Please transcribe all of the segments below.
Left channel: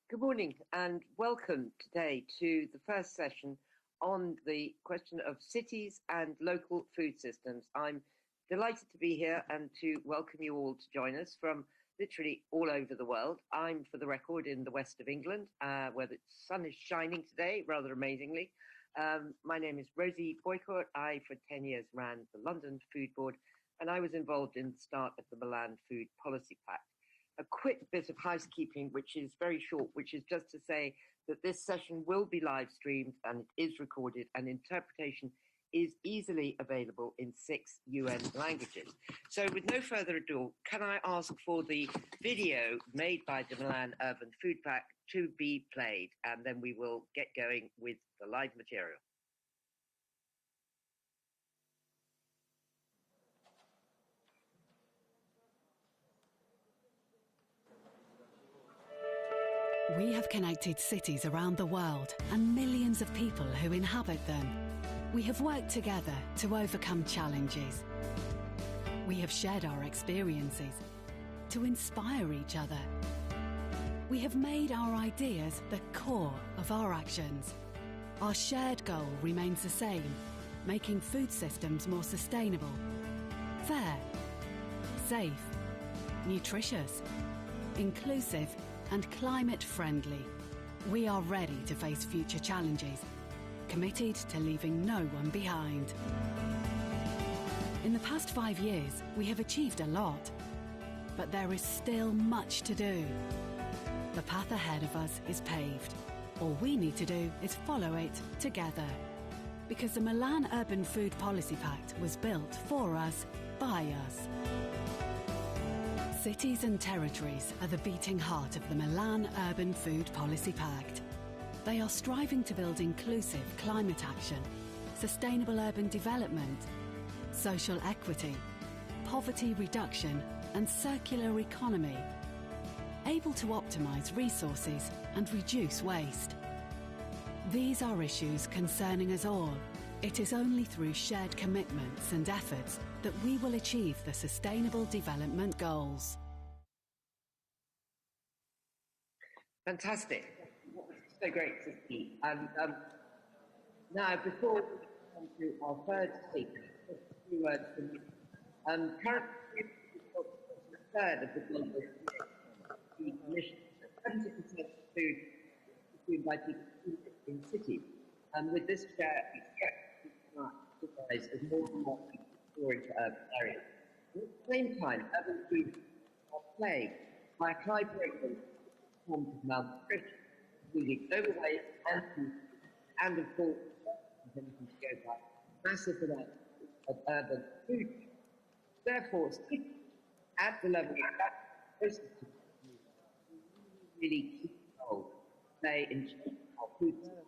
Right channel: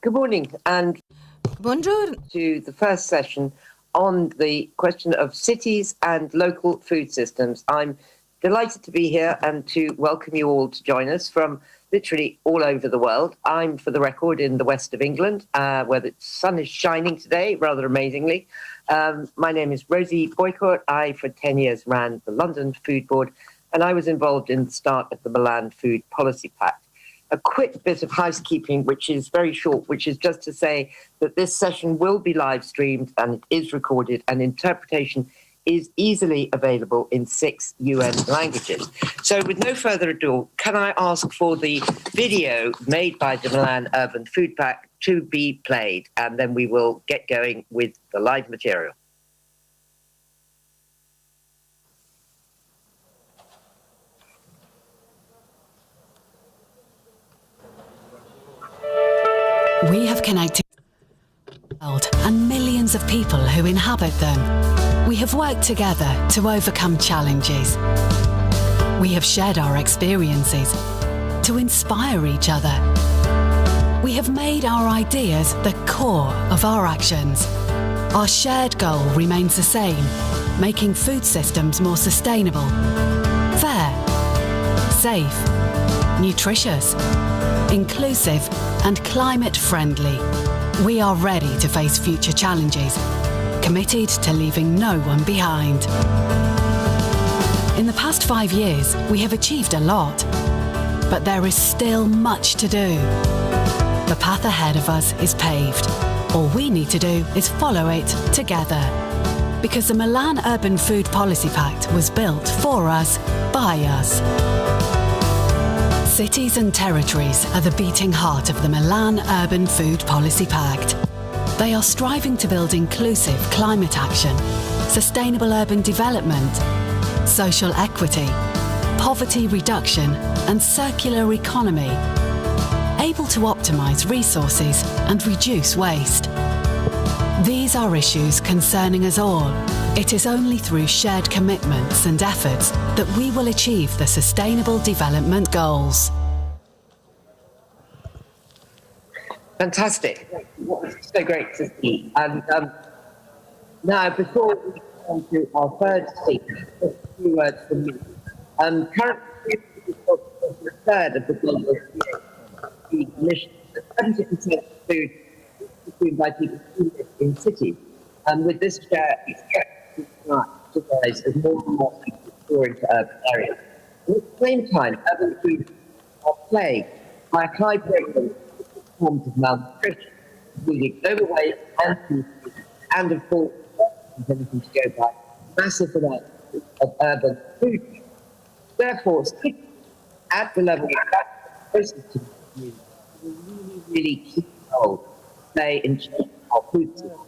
Good morning and welcome Bonjour. to the first session on the question of cities and local food systems. I'm delighted to be here and to welcome you all to join us from literally all over the world. I'm, for the record, in the west of England, where the sun is shining today, rather amazingly. My name is Rosie Boycott. I, for 10 years, ran the London Food Board, and I was involved in the start of the Milan Food Policy Pact. A quick bit of housekeeping, which is very short, which is just to say that this session will be live streamed and it is recorded, and interpretation is easily available in 6 UN languages. So with no further ado, can I ask for the video made by the Milan Urban Food Pact to be played, and then we will get going with the live material. We have connected cities around the world and millions of people who inhabit them. We have worked together to overcome challenges. We have shared our experiences to inspire each other. We have made our ideas the core of our actions. Our shared goal remains the same, making food systems more sustainable, fair, safe, nutritious, inclusive and climate friendly. We are ready to face future challenges, committed to leaving no one behind. In the past 5 years, we have achieved a lot, but there is still much to do. The path ahead of us is paved. All we need to do is follow it together. Because the Milan Urban Food Policy Pact was built for us, by us. Cities and territories are the beating heart of the Milan Urban Food Policy Pact. They are striving to build inclusive climate action, sustainable urban development, social equity, poverty reduction and circular economy, able to optimise resources and reduce waste. These are issues concerning us all. It is only through shared commitments and efforts that we will achieve the Sustainable Development Goals. Fantastic. So great to see. And now, before we come to our third speaker, just a few words from me. Currently, a third of the global food emissions, 70% of food is consumed by people who live in cities. And with this share, expected to rise as more and more people store into urban areas. And at the same time, urban foods are plagued by a high prevalence of forms of malnutrition, including overweight and food, and of course, anything to go by, massive amounts of urban food. Therefore, cities at the level of that closest to the community will really key role to play in shaping our food system.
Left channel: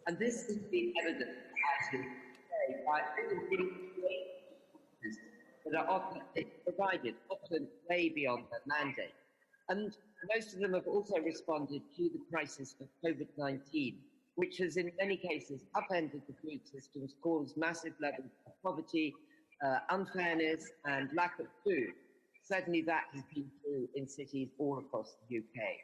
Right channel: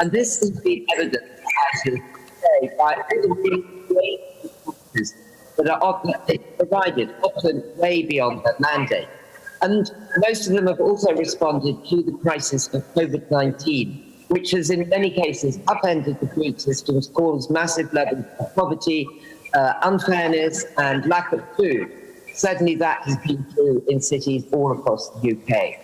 And this has been evident by all the resources that are provided, often way beyond their mandate. And most of them have also responded to the crisis of COVID-19, which has in many cases upended the food systems, caused massive levels of poverty, unfairness and lack of food. Certainly that has been true in cities all across the UK.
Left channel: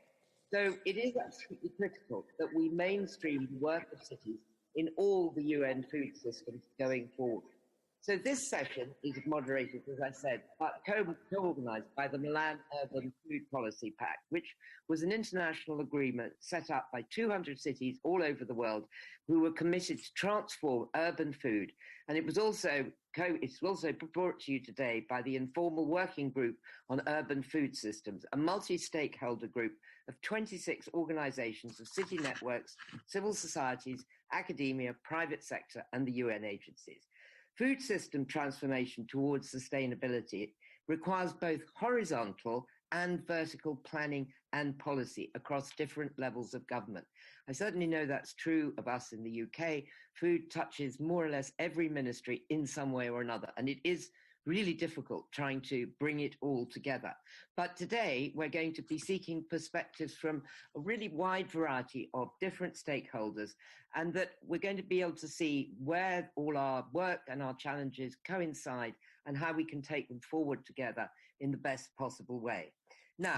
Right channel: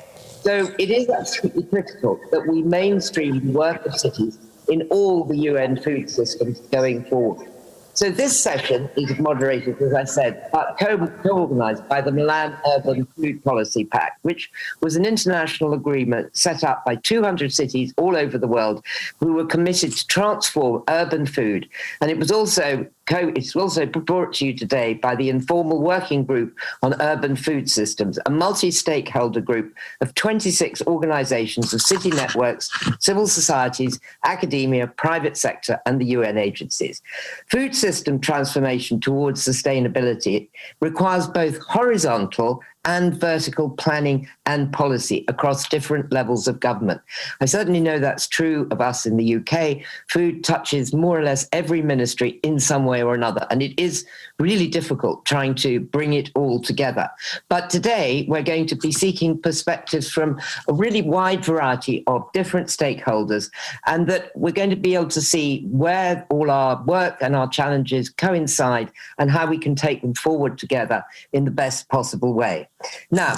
So it is absolutely critical that we mainstream the work of cities in all the UN food systems going forward. So this session is moderated, as I said, co-organised by the Milan Urban Food Policy Pact, which was an international agreement set up by 200 cities all over the world who were committed to transform urban food. And it was also it's also brought to you today by the Informal Working Group on Urban Food Systems, a multi-stakeholder group of 26 organisations of city networks, civil societies, academia, private sector and the UN agencies. Food system transformation towards sustainability requires both horizontal and vertical planning and policy across different levels of government. I certainly know that's true of us in the UK. Food touches more or less every ministry in some way or another, and it is really difficult trying to bring it all together. But today we're going to be seeking perspectives from a really wide variety of different stakeholders, and that we're going to be able to see where all our work and our challenges coincide and how we can take them forward together in the best possible way. Now,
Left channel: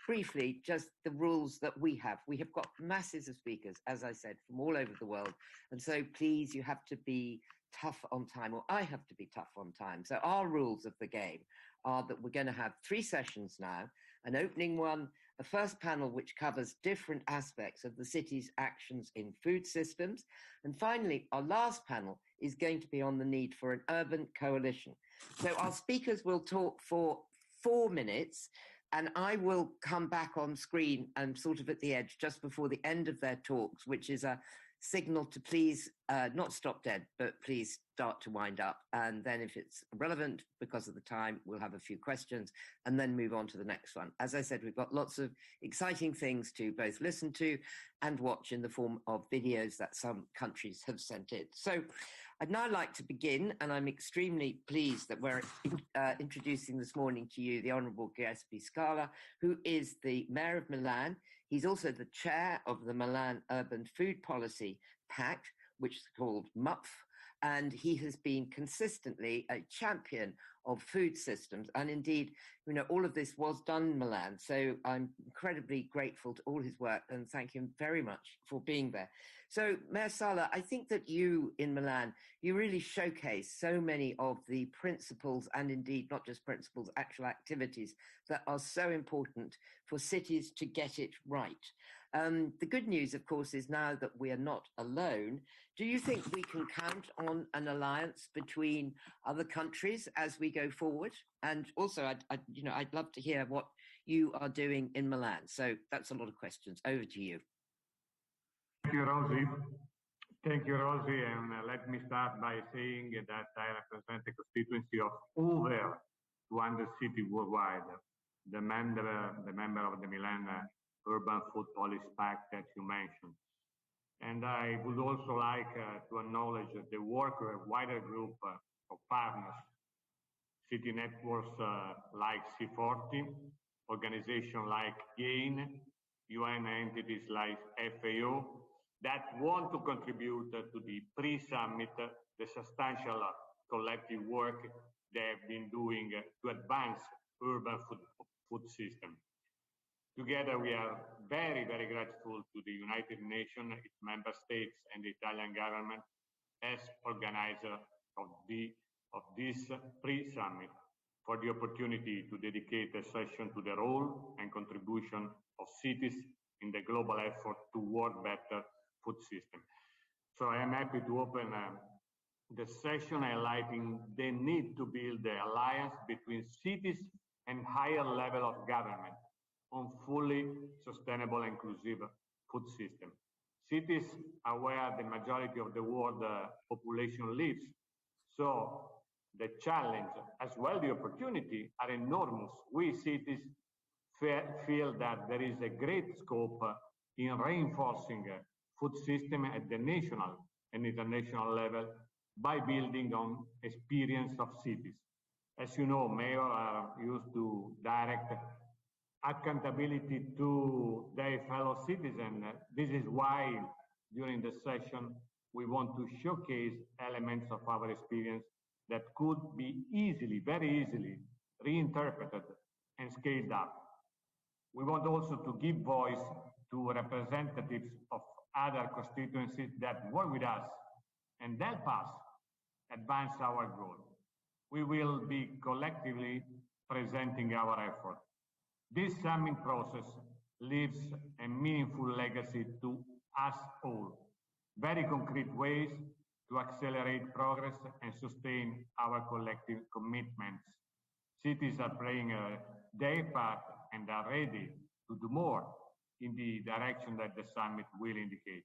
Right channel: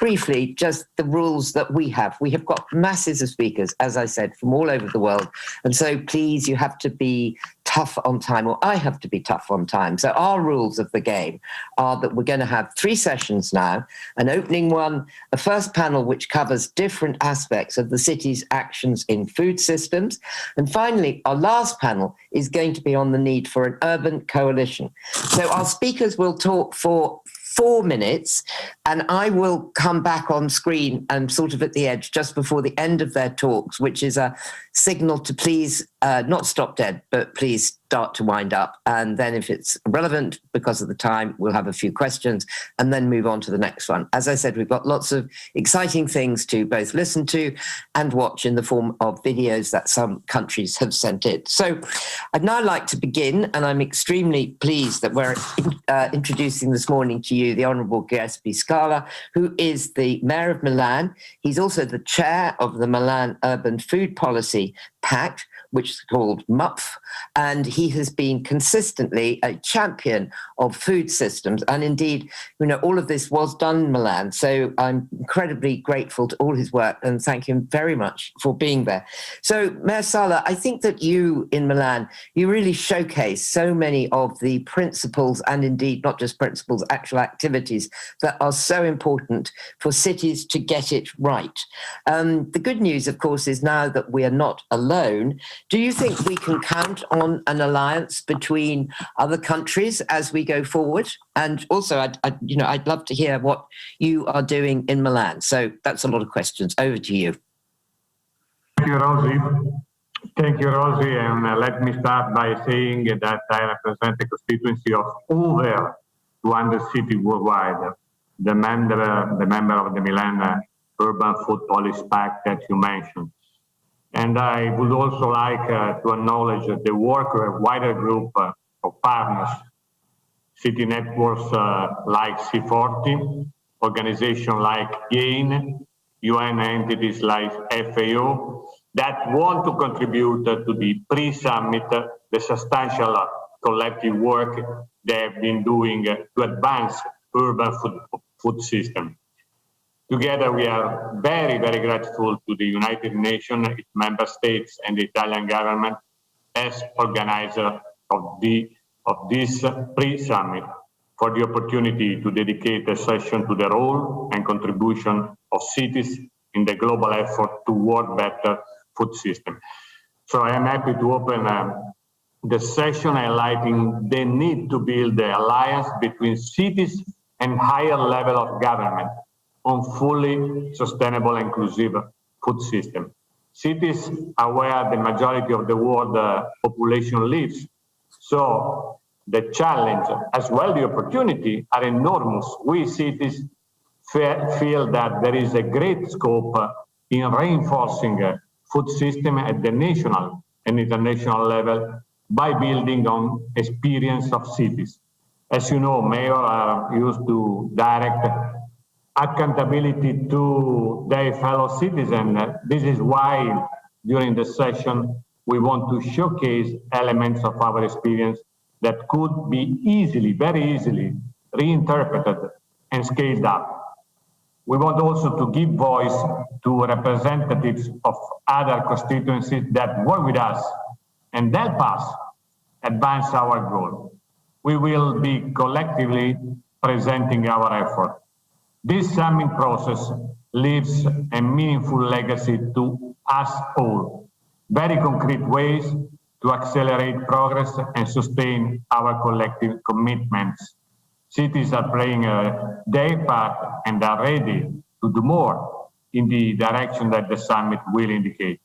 briefly, just the rules that we have. We have got masses of speakers, as I said, from all over the world. And so please, you have to be tough on time, or I have to be tough on time. So our rules of the game are that we're going to have 3 sessions now, an opening one, a first panel which covers different aspects of the city's actions in food systems. And finally, our last panel is going to be on the need for an urban coalition. So our speakers will talk for 4 minutes, and I will come back on screen and sort of at the edge just before the end of their talks, which is a signal to please not stop dead, but please start to wind up. And then if it's relevant because of the time, we'll have a few questions and then move on to the next one. As I said, we've got lots of exciting things to both listen to and watch in the form of videos that some countries have sent in. So I'd now like to begin, and I'm extremely pleased that we're introducing this morning to you the Honourable Giuseppe Scala, who is the Mayor of Milan. He's also the chair of the Milan Urban Food Policy Pact, which is called MUPF, and he has been consistently a champion of food systems. And indeed, you know, all of this was done in Milan. So I'm incredibly grateful to all his work and thank him very much for being there. So Mayor Sala, I think that you in Milan, you really showcase so many of the principles and indeed not just principles, actual activities that are so important for cities to get it right. The good news, of course, is now that we are not alone. Do you think we can count on an alliance between other countries as we go forward? And also, I'd love to hear what you are doing in Milan. So that's a lot of questions. Over to you. Thank you, Rosie. Thank you, Rosie. And let me start by saying that I represent a constituency of over 200 cities worldwide. The member of the Milan Urban Food Policy Pact that you mentioned. And I would also like to acknowledge the work of a wider group of partners, city networks like C40, organizations like GAIN, UN entities like FAO, that want to contribute to the pre-summit, the substantial collective work they have been doing to advance urban food system. Together, we are very, very grateful to the United Nations, its member states, and the Italian government as organizer of this pre-summit for the opportunity to dedicate a session to the role and contribution of cities in the global effort toward better food system. So I am happy to open the session highlighting the need to build the alliance between cities and higher level of government on fully sustainable, inclusive food system. Cities are where the majority of the world population lives. So the challenge, as well the opportunity, are enormous. We cities feel that there is a great scope in reinforcing food system at the national and international level by building on experience of cities. As you know, mayors are used to direct accountability to their fellow citizens. This is why during the session we want to showcase elements of our experience that could be easily, very easily reinterpreted and scaled up. We want also to give voice to representatives of other constituencies that work with us and help us advance our goal. We will be collectively presenting our effort. This summit process leaves a meaningful legacy to us all, very concrete ways to accelerate progress and sustain our collective commitments. Cities are playing their part and are ready to do more in the direction that the summit will indicate.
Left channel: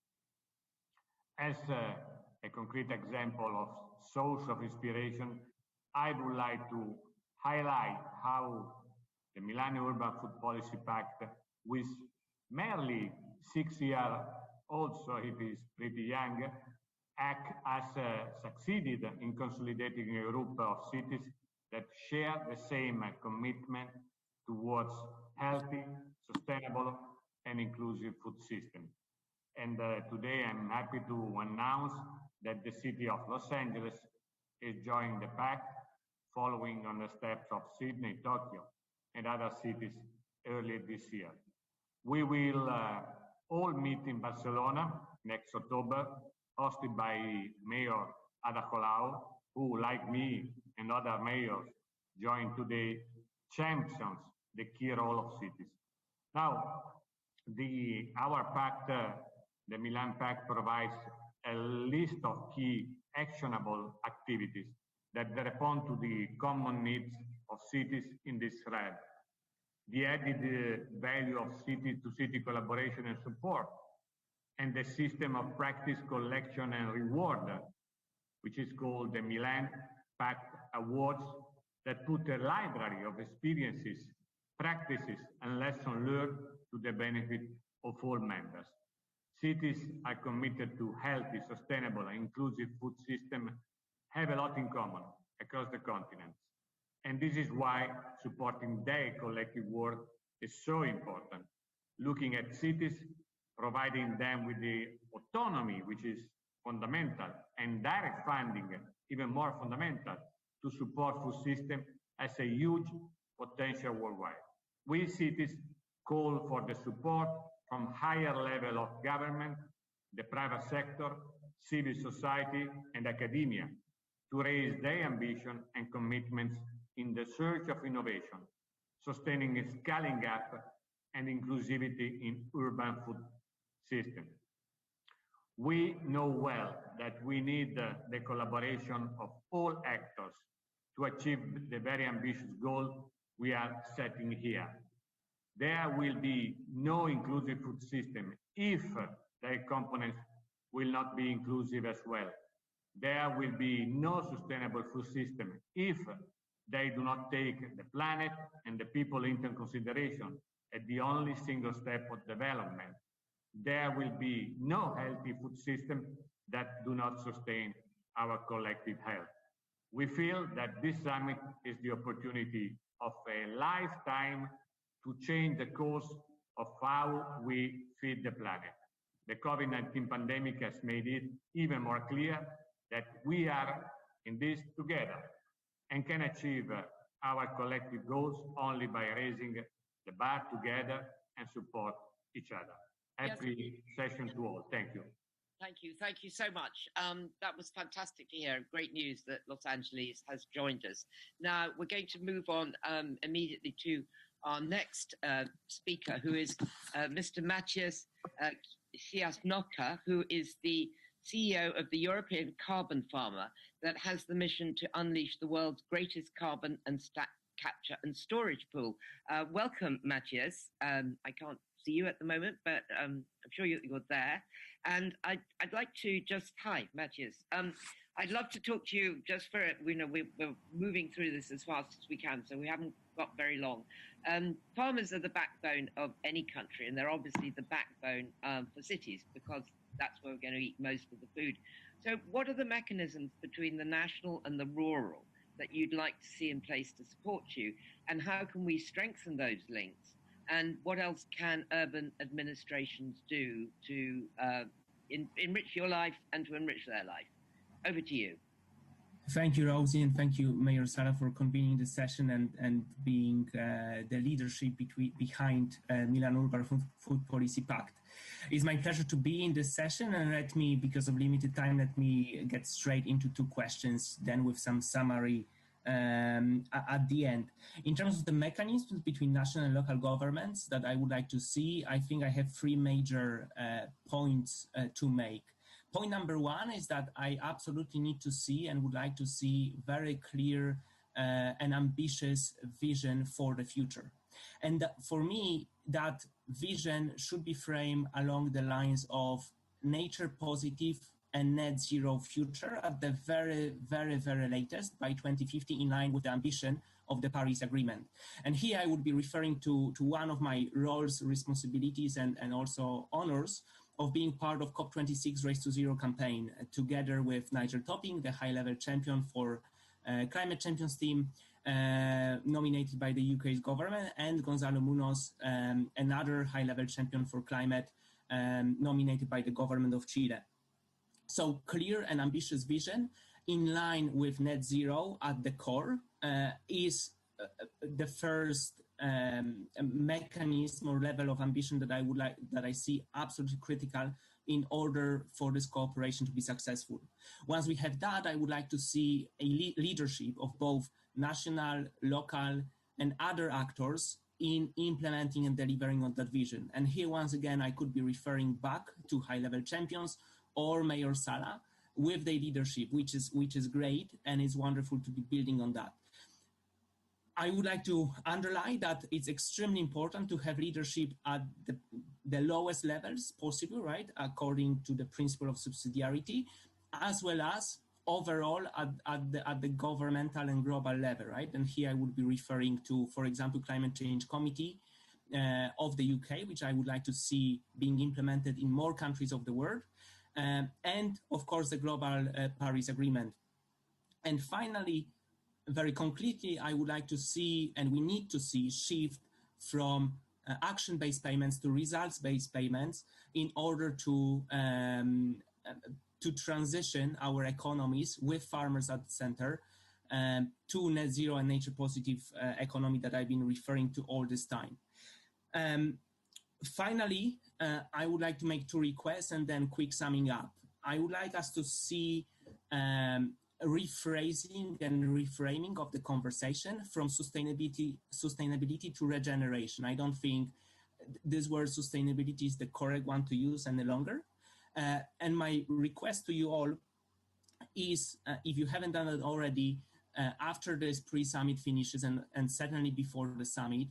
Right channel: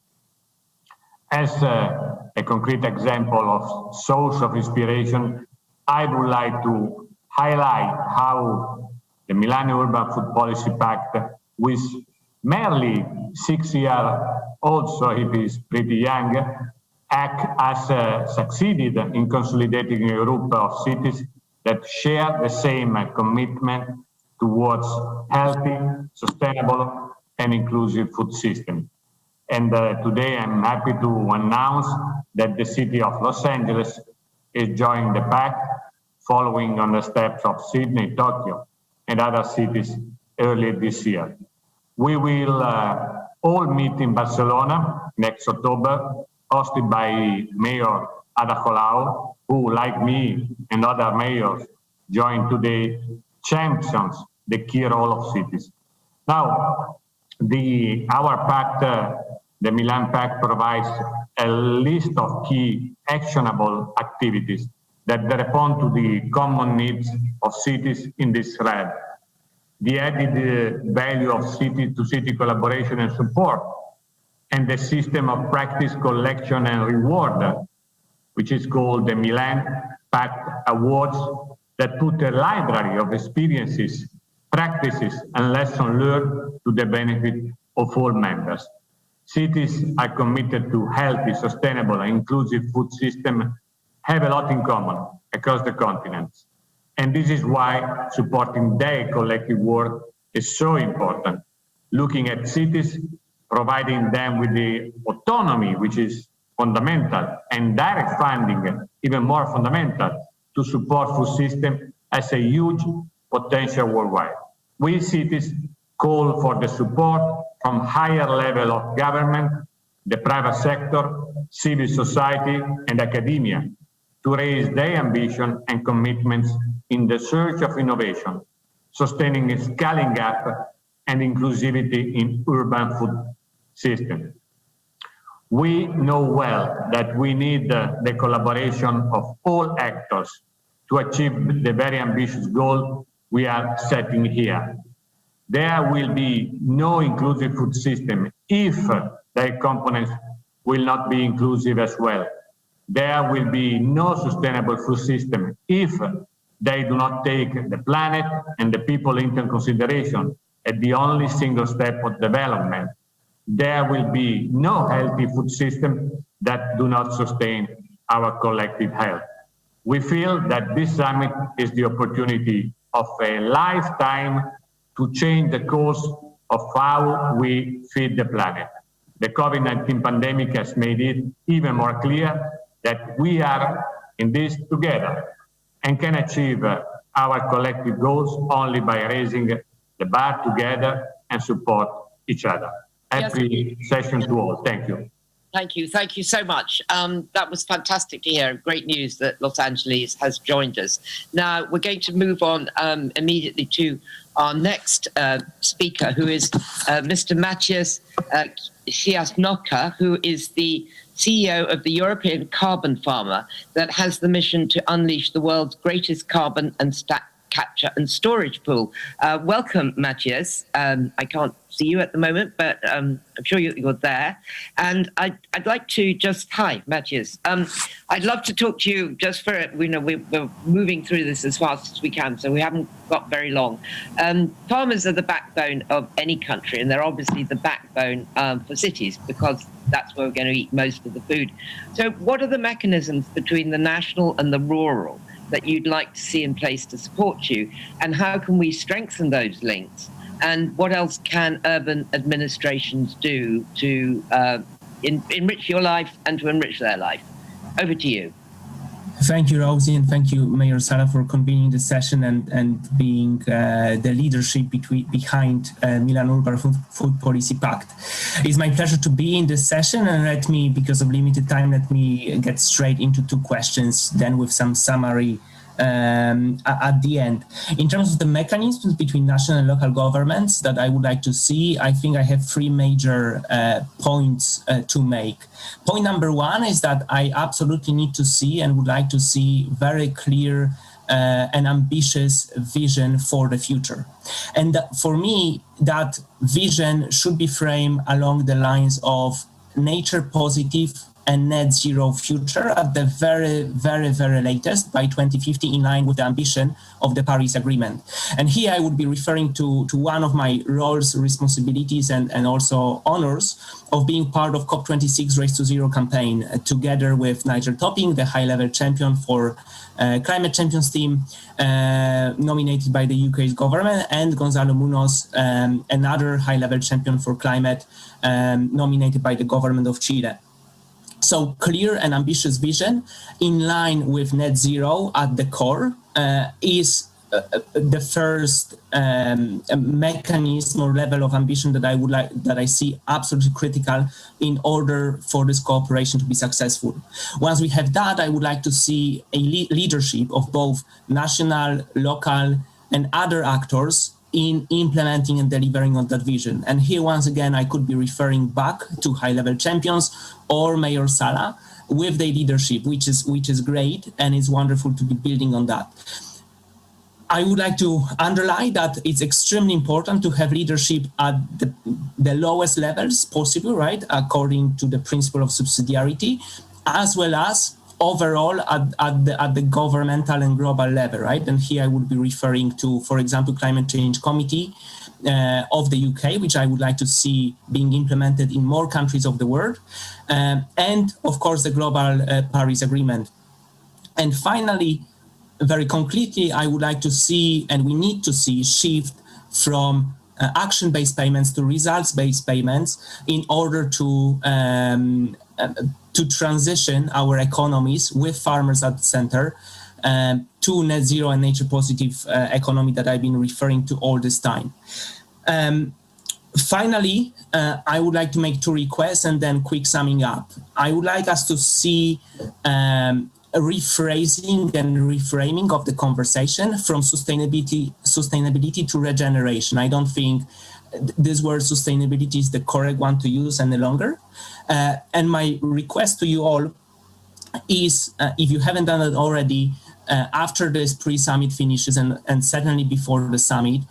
As a concrete example of source of inspiration, I would like to highlight how the Milan Urban Food Policy Pact, with merely 6 years old, so it is pretty young, has succeeded in consolidating a group of cities that share the same commitment towards healthy, sustainable, and inclusive food system. And today I'm happy to announce that the city of Los Angeles is joining the pact, following on the steps of Sydney, Tokyo, and other cities early this year. We will all meet in Barcelona next October, hosted by Mayor Ada Colau, who, like me and other mayors, joined today, champions the key role of cities. Now, our pact, the Milan Pact, provides a list of key actionable activities that respond to the common needs of cities in this thread. The added value of city-to-city collaboration and support, and the system of practice collection and reward, which is called the Milan Pact Awards, that put a library of experiences, practices, and lessons learned to the benefit of all members. Cities are committed to healthy, sustainable, and inclusive food systems, have a lot in common across the continents. And this is why supporting their collective work is so important. Looking at cities, providing them with the autonomy, which is fundamental, and direct funding, even more fundamental, to support food system as a huge potential worldwide. We cities call for the support from higher level of government, the private sector, civil society, and academia to raise their ambition and commitments in the search of innovation, sustaining a scaling up and inclusivity in urban food system. We know well that we need the collaboration of all actors to achieve the very ambitious goal we are setting here. There will be no inclusive food system if their components will not be inclusive as well. There will be no sustainable food system if they do not take the planet and the people into consideration at the only single step of development. There will be no healthy food system that do not sustain our collective health. We feel that this summit is the opportunity of a lifetime to change the course of how we feed the planet. The COVID-19 pandemic has made it even more clear that we are in this together and can achieve our collective goals only by raising the bar together and support each other. Happy session to all. Thank you. Thank you. Thank you so much. That was fantastic to hear. Great news that Los Angeles has joined us. Now, we're going to move on immediately to our next speaker, who is Mr. Maciej Ciasnowka, who is the CEO of the European Carbon Farmer that has the mission to unleash the world's greatest carbon and capture and storage pool. Welcome, Maciej. I can't see you at the moment, but I'm sure you're there. And I'd like to just, hi, Maciej. I'd love to talk to you just for, we're moving through this as fast as we can, so we haven't got very long. Farmers are the backbone of any country, and they're obviously the backbone for cities because that's where we're going to eat most of the food. So what are the mechanisms between the national and the rural that you'd like to see in place to support you, and how can we strengthen those links? And what else can urban administrations do to enrich your life and to enrich their life? Over to you. Thank you, Rosie, and thank you, Mayor Sara, for convening the session and being the leadership behind Milan Urban Food Policy Pact. It's my pleasure to be in this session, and let me, because of limited time, let me get straight into two questions, then with some summary at the end. In terms of the mechanisms between national and local governments that I would like to see, I think I have three major points to make. Point number one is that I absolutely need to see and would like to see very clear and ambitious vision for the future. And for me, that vision should be framed along the lines of nature positive and net zero future at the very, very, very latest by 2050, in line with the ambition of the Paris Agreement. And here I would be referring to one of my roles, responsibilities, and also honors of being part of COP26 Race to Zero campaign, together with Nigel Topping, the high-level champion for Climate Champions team, nominated by the UK's government, and Gonzalo Munoz, another high-level champion for climate, nominated by the government of Chile. So clear and ambitious vision in line with net zero at the core is the first mechanism or level of ambition that I see absolutely critical in order for this cooperation to be successful. Once we have that, I would like to see a leadership of both national, local, and other actors in implementing and delivering on that vision. And here, once again, I could be referring back to high-level champions or Mayor Sala with their leadership, which is great, and it's wonderful to be building on that. I would like to underline that it's extremely important to have leadership at the lowest levels possible, right, according to the principle of subsidiarity, as well as overall at the governmental and global level, right? And here I would be referring to, for example, Climate Change Committee of the UK, which I would like to see being implemented in more countries of the world, and of course the Global Paris Agreement. And finally, very concretely, I would like to see, and we need to see, shift from action-based payments to results-based payments in order to transition our economies with farmers at the center to net zero and nature positive economy that I've been referring to all this time. Finally, I would like to make two requests and then quick summing up. I would like us to see a rephrasing and reframing of the conversation from sustainability to regeneration. I don't think this word sustainability is the correct one to use any longer. And my request to you all is, if you haven't done it already, after this pre-summit finishes and certainly before the summit,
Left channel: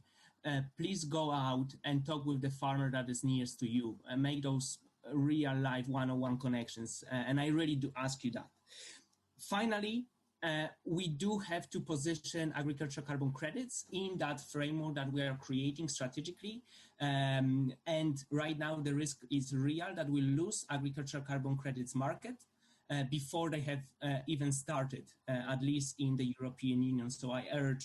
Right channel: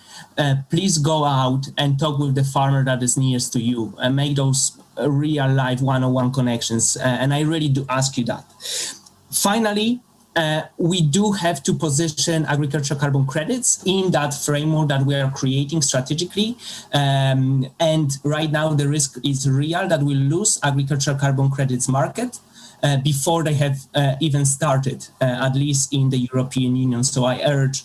please go out and talk with the farmer that is nearest to you and make those real life one-on-one connections. And I really do ask you that. Finally, we do have to position agricultural carbon credits in that framework that we are creating strategically. And right now, the risk is real that we'll lose agricultural carbon credits market before they have even started, at least in the European Union. So I urge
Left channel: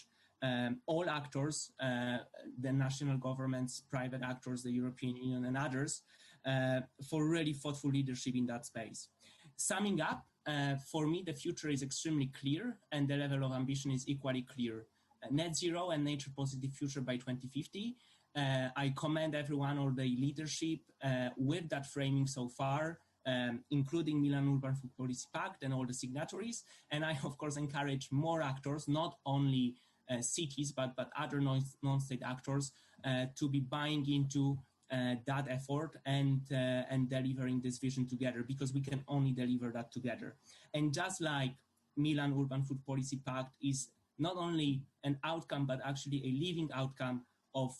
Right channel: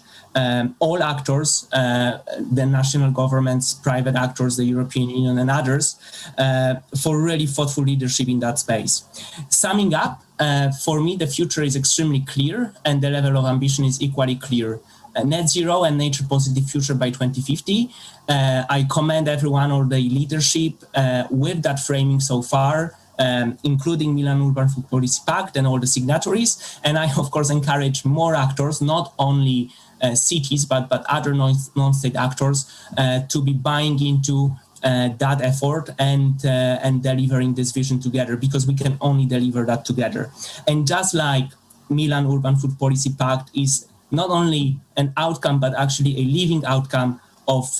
all actors, the national governments, private actors, the European Union and others, for really thoughtful leadership in that space. Summing up, for me, the future is extremely clear and the level of ambition is equally clear. Net zero and nature positive future by 2050. I commend everyone on the leadership with that framing so far, including Milan Urban Food Policy Pact and all the signatories. And I, of course, encourage more actors, not only cities, but other non-state actors to be buying into that effort and delivering this vision together, because we can only deliver that together. And just like Milan Urban Food Policy Pact is not only an outcome, but actually a living outcome of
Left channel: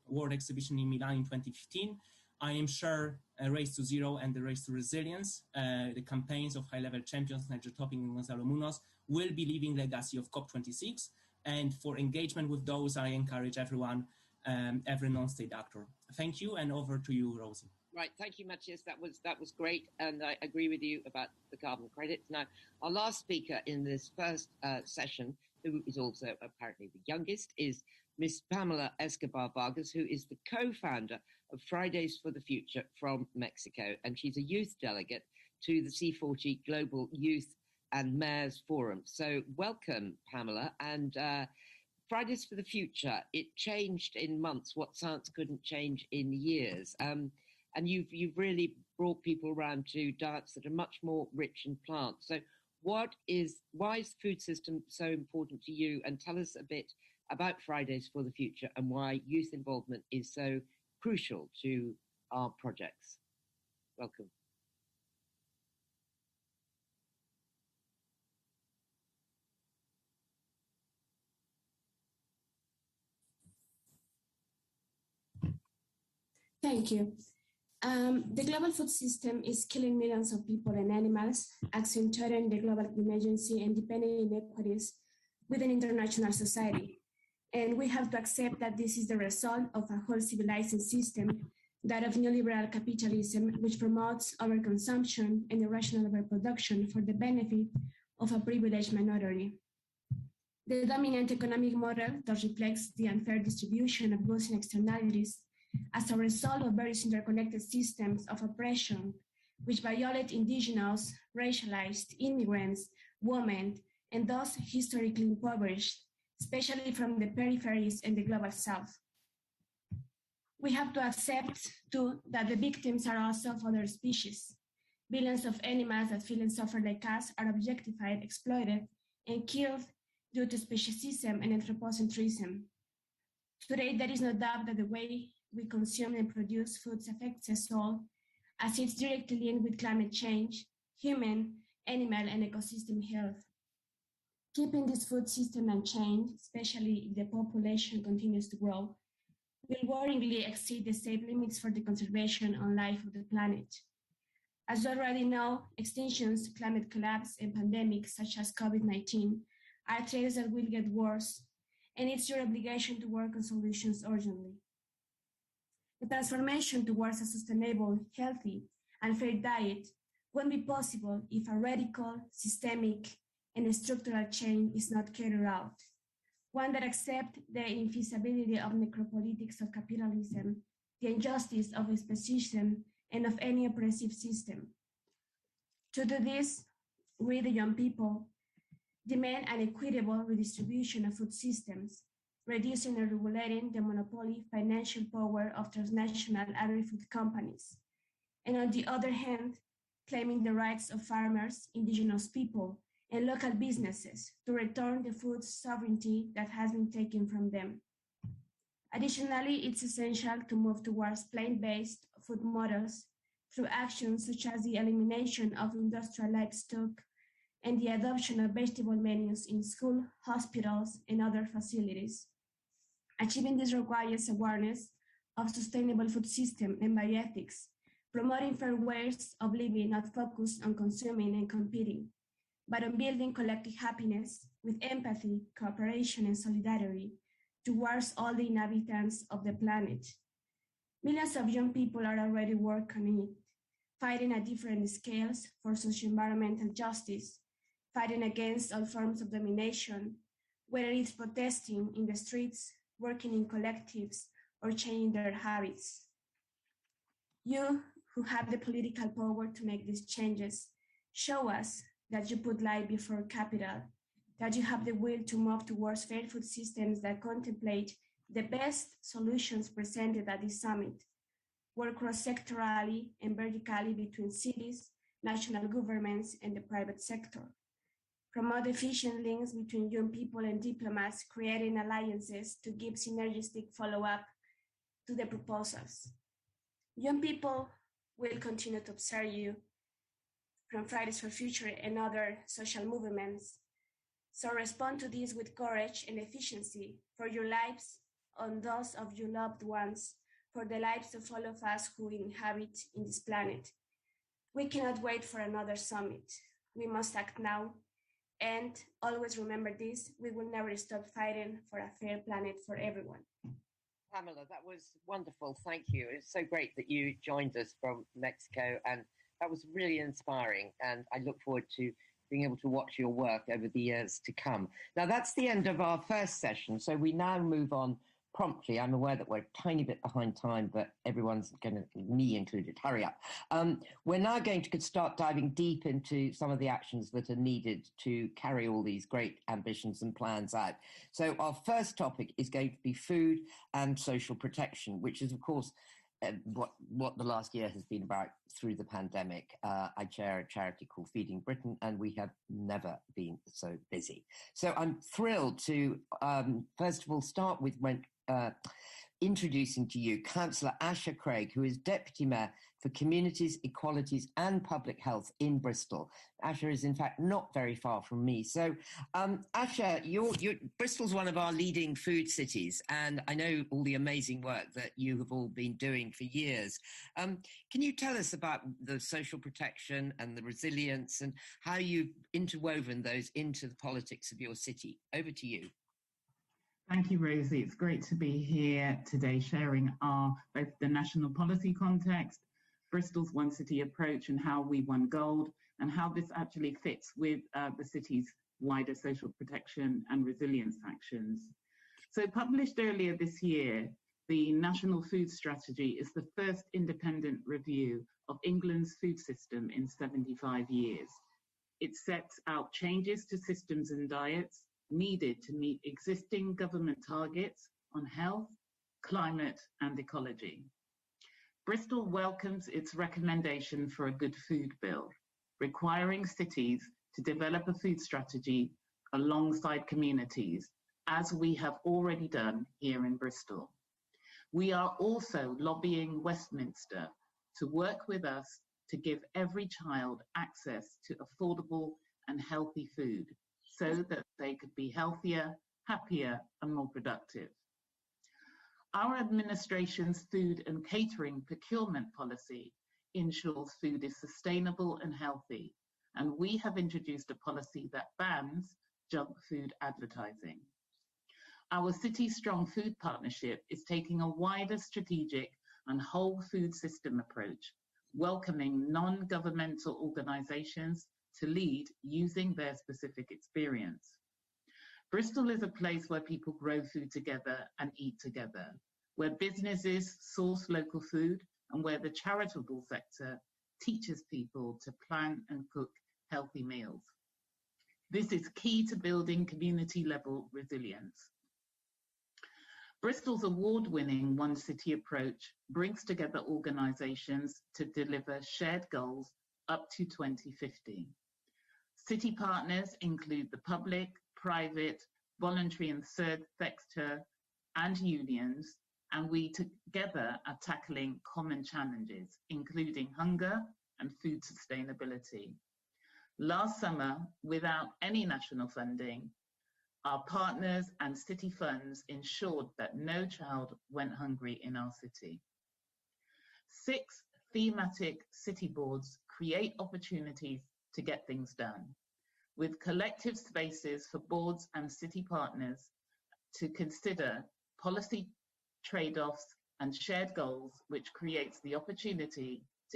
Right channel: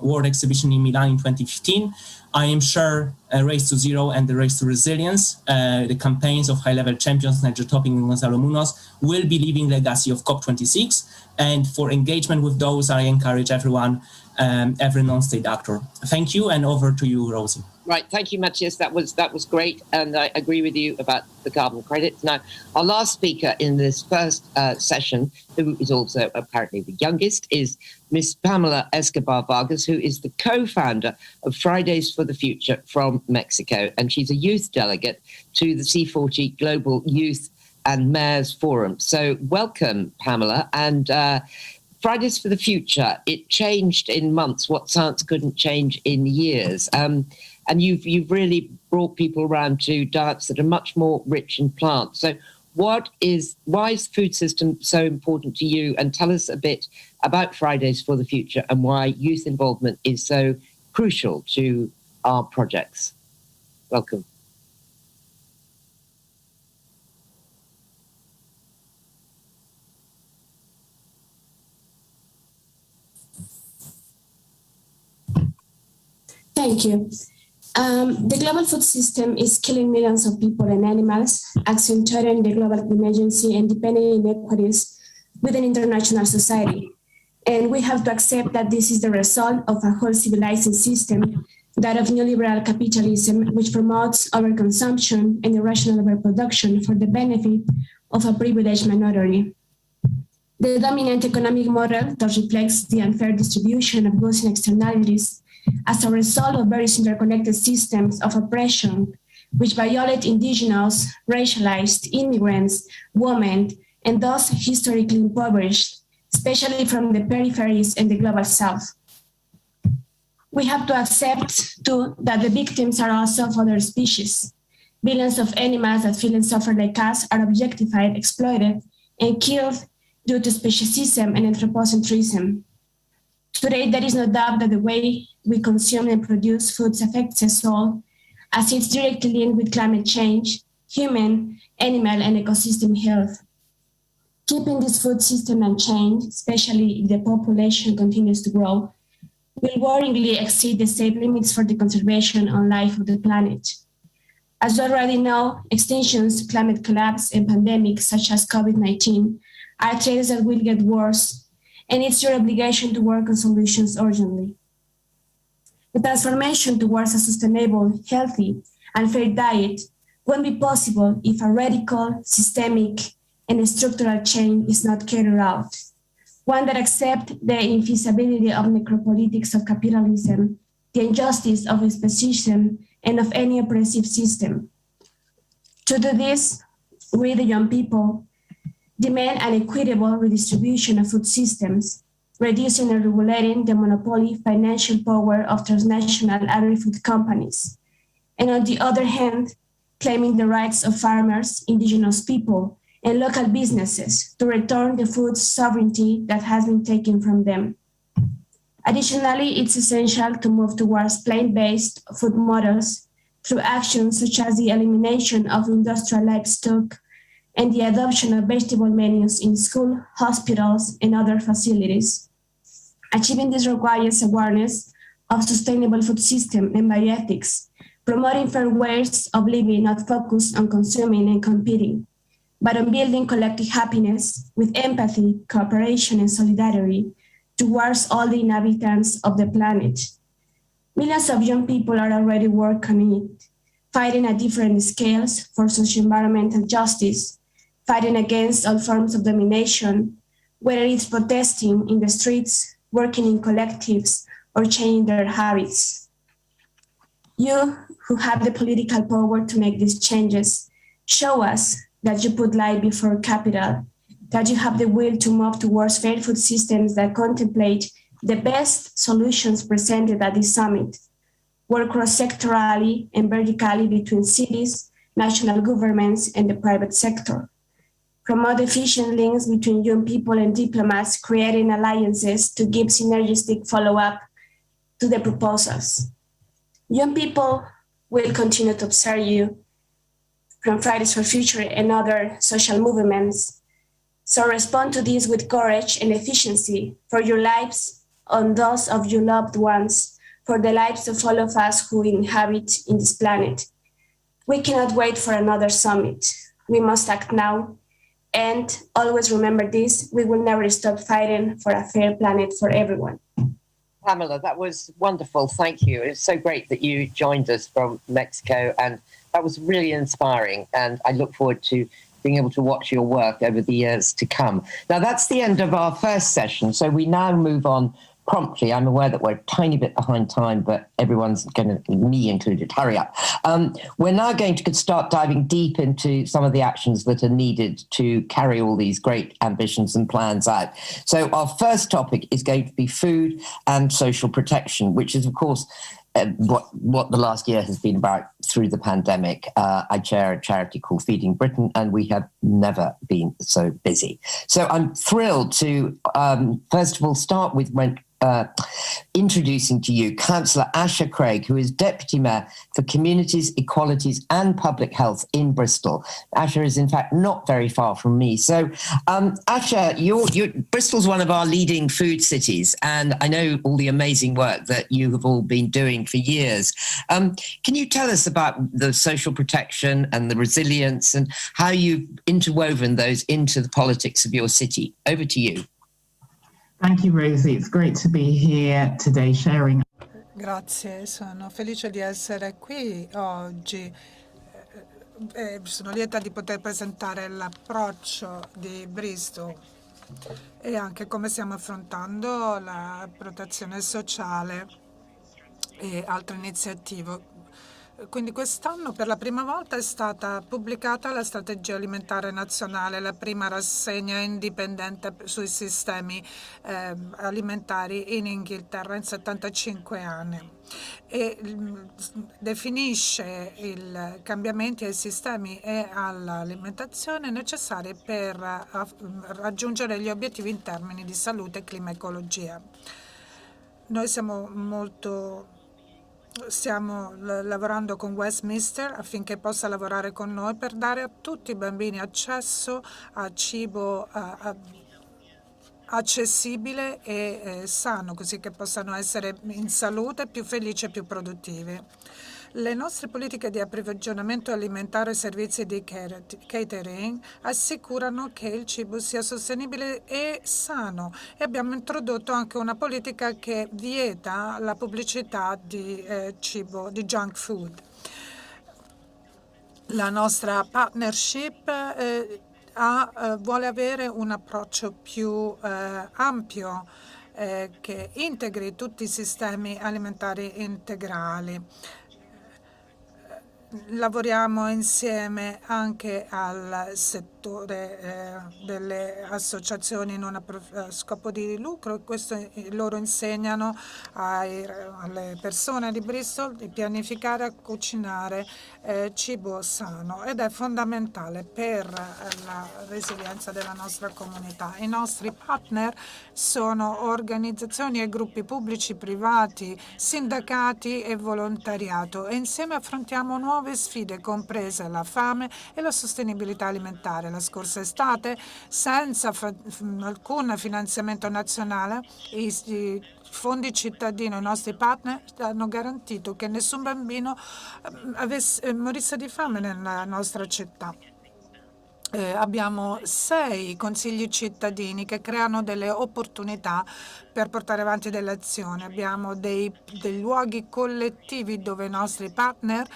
World Exhibition in Milan in 2015, I am sure Race to Zero and the Race to Resilience, the campaigns of high-level champions Nigel Topping and Gonzalo Munoz, will be leaving legacy of COP26. And for engagement with those, I encourage everyone, every non-state actor. Thank you, and over to you, Rosie. Right, thank you, Matthias. That was great, and I agree with you about the carbon credits. Now, our last speaker in this first session, who is also apparently the youngest, is Ms. Pamela Escobar Vargas, who is the co-founder of Fridays for the Future from Mexico, and she's a youth delegate to the C40 Global Youth and Mayors Forum. So welcome, Pamela, and Fridays for the Future, it changed in months what science couldn't change in years. And you've really brought people around to diets that are much more rich in plants. So why is food system so important to you? And tell us a bit about Fridays for the Future and why youth involvement is so crucial to our projects. Welcome. Thank you. The global food system is killing millions of people and animals, accentuating the global emergency and deepening inequities within international society. And we have to accept that this is the result of a whole civilized system, that of neoliberal capitalism, which promotes overconsumption and irrational overproduction for the benefit of a privileged minority. The dominant economic model that reflects the unfair distribution of goods and externalities as a result of various interconnected systems of oppression, which violate indigenous, racialized, immigrants, women, and thus historically impoverished, especially from the peripheries and the global south. We have to accept, too, that the victims are also of other species. Billions of animals that feel and suffer like us are objectified, exploited, and killed due to speciesism and anthropocentrism. Today, there is no doubt that the way we consume and produce foods affects us all, as it's directly linked with climate change, human, animal, and ecosystem health. Keeping this food system unchanged, especially if the population continues to grow, will worryingly exceed the safe limits for the conservation of life of the planet. As you already know, extinctions, climate collapse, and pandemics such as COVID-19 are threats that will get worse, and it's your obligation to work on solutions urgently. The transformation towards a sustainable, healthy, and fair diet won't be possible if a radical, systemic, and structural change is not carried out. One that accepts the infeasibility of necropolitics of capitalism, the injustice of its position, and of any oppressive system. To do this, we, the young people, demand an equitable redistribution of food systems, reducing and regulating the monopoly financial power of transnational agri-food companies, and on the other hand, claiming the rights of farmers, indigenous people, and local businesses to return the food sovereignty that has been taken from them. Additionally, it's essential to move towards plant-based food models through actions such as the elimination of industrial livestock and the adoption of vegetable menus in school, hospitals, and other facilities. Achieving this requires awareness of sustainable food system and bioethics, promoting fair ways of living not focused on consuming and competing, but on building collective happiness with empathy, cooperation, and solidarity towards all the inhabitants of the planet. Millions of young people are already working on it, fighting at different scales for socio-environmental justice, fighting against all forms of domination, whether it's protesting in the streets, working in collectives, or changing their habits. You, who have the political power to make these changes, show us that you put life before capital, that you have the will to move towards fair food systems that contemplate the best solutions presented at this summit, work cross-sectorally and vertically between cities, national governments, and the private sector. Promote efficient links between young people and diplomats, creating alliances to give synergistic follow-up to the proposals. Young people will continue to observe you from Fridays for Future and other social movements. So respond to this with courage and efficiency for your lives and those of your loved ones, for the lives of all of us who inhabit in this planet. We cannot wait for another summit. We must act now. And always remember this, we will never stop fighting for a fair planet for everyone. Pamela, that was wonderful. Thank you. It's so great that you joined us from Mexico, and that was really inspiring. And I look forward to being able to watch your work over the years to come. Now, that's the end of our first session. So we now move on promptly. I'm aware that we're a tiny bit behind time, but everyone's going to, me included, hurry up. We're now going to start diving deep into some of the actions that are needed to carry all these great ambitions and plans out. So our first topic is going to be food and social protection, which is, of course, what the last year has been about through the pandemic. I chair a charity called Feeding Britain, and we have never been so busy. So I'm thrilled to, first of all, start with introducing to you Councillor Asha Craig, who is Deputy Mayor for Communities, Equalities and Public Health in Bristol. Asha is, in fact, not very far from me. So, Asha, Bristol's one of our leading food cities, and I know all the amazing work that you have all been doing for years. Can you tell us about the social protection and the resilience and how you've interwoven those into the politics of your city? Over to you. Thank you, Rosie. It's great to be here today sharing our Grazie, sono felice di essere qui oggi. Sono lieta di poter presentare l'approccio di Bristol e anche come stiamo affrontando la protezione sociale e altre iniziative. Quindi quest'anno per la prima volta è stata pubblicata la strategia alimentare nazionale, la prima rassegna indipendente sui sistemi alimentari in Inghilterra in 75 anni e definisce i cambiamenti ai sistemi e all'alimentazione necessari per raggiungere gli obiettivi in termini di salute, clima e ecologia. Noi stiamo lavorando con Westminster affinché possa lavorare con noi per dare a tutti i bambini accesso a cibo accessibile e sano, così che possano essere in salute, più felici e più produttivi. Le nostre politiche di approvvigionamento alimentare e servizi di catering assicurano che il cibo sia sostenibile e sano e abbiamo introdotto anche una politica che vieta la pubblicità di cibo, di junk food. La nostra partnership vuole avere un approccio più ampio che integri tutti i sistemi alimentari integrali. Lavoriamo insieme anche al settore delle associazioni non a scopo di lucro e questo loro insegnano alle persone di Bristol di pianificare e cucinare cibo sano ed è fondamentale per la resilienza della nostra comunità. I nostri partner sono organizzazioni e gruppi pubblici, privati, sindacati e volontariato e insieme affrontiamo nuove sfide, comprese la fame e la sostenibilità alimentare. La scorsa estate, senza alcun finanziamento nazionale, i fondi cittadini, i nostri partner, hanno garantito che nessun bambino morisse di fame nella nostra città. Abbiamo 6 consigli cittadini che creano delle opportunità per portare avanti delle azioni. Abbiamo dei luoghi collettivi dove i nostri partner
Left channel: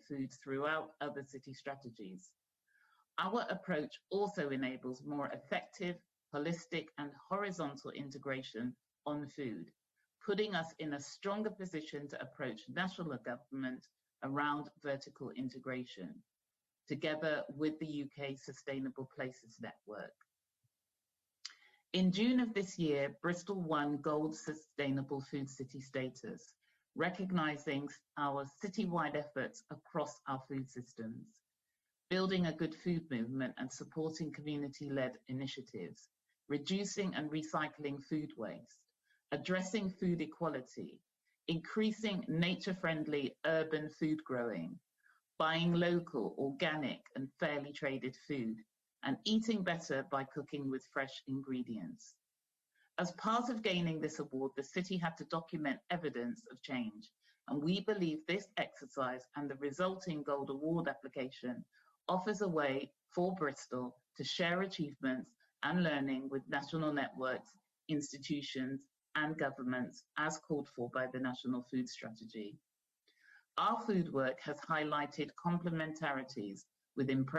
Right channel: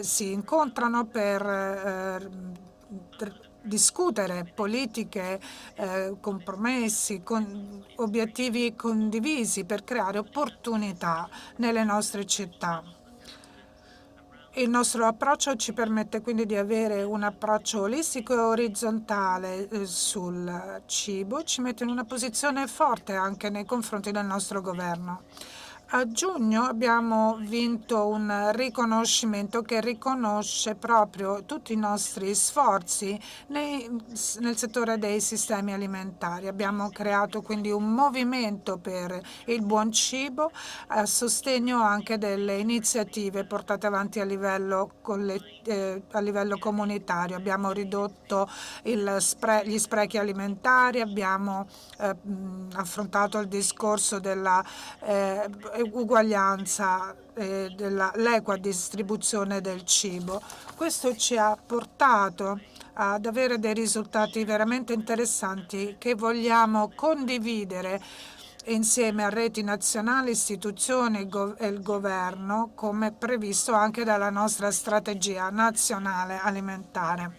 si incontrano per discutere politiche, compromessi, obiettivi condivisi per creare opportunità nelle nostre città. Il nostro approccio ci permette quindi di avere un approccio olistico e orizzontale sul cibo, ci mette in una posizione forte anche nei confronti del nostro governo. A giugno abbiamo vinto un riconoscimento che riconosce proprio tutti i nostri sforzi nel settore dei sistemi alimentari. Abbiamo creato quindi un movimento per il buon cibo a sostegno anche delle iniziative portate avanti a livello comunitario. Abbiamo ridotto gli sprechi alimentari, abbiamo affrontato il discorso della uguaglianza e dell'equa distribuzione del cibo. Questo ci ha portato ad avere dei risultati veramente interessanti che vogliamo condividere insieme a reti nazionali, istituzioni e il governo, come previsto anche dalla nostra strategia nazionale alimentare.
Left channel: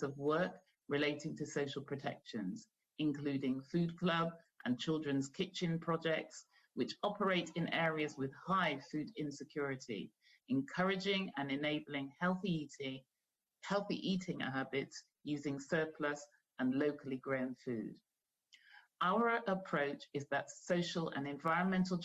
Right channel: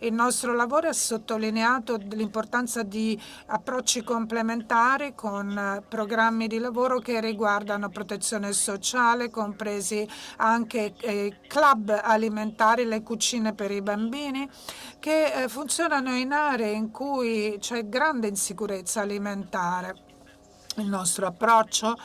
Il nostro lavoro ha sottolineato l'importanza di approcci complementari con programmi di lavoro che riguardano protezione sociale, compresi anche i club alimentari, le cucine per i bambini, che funzionano in aree in cui c'è grande insicurezza alimentare. Il nostro approccio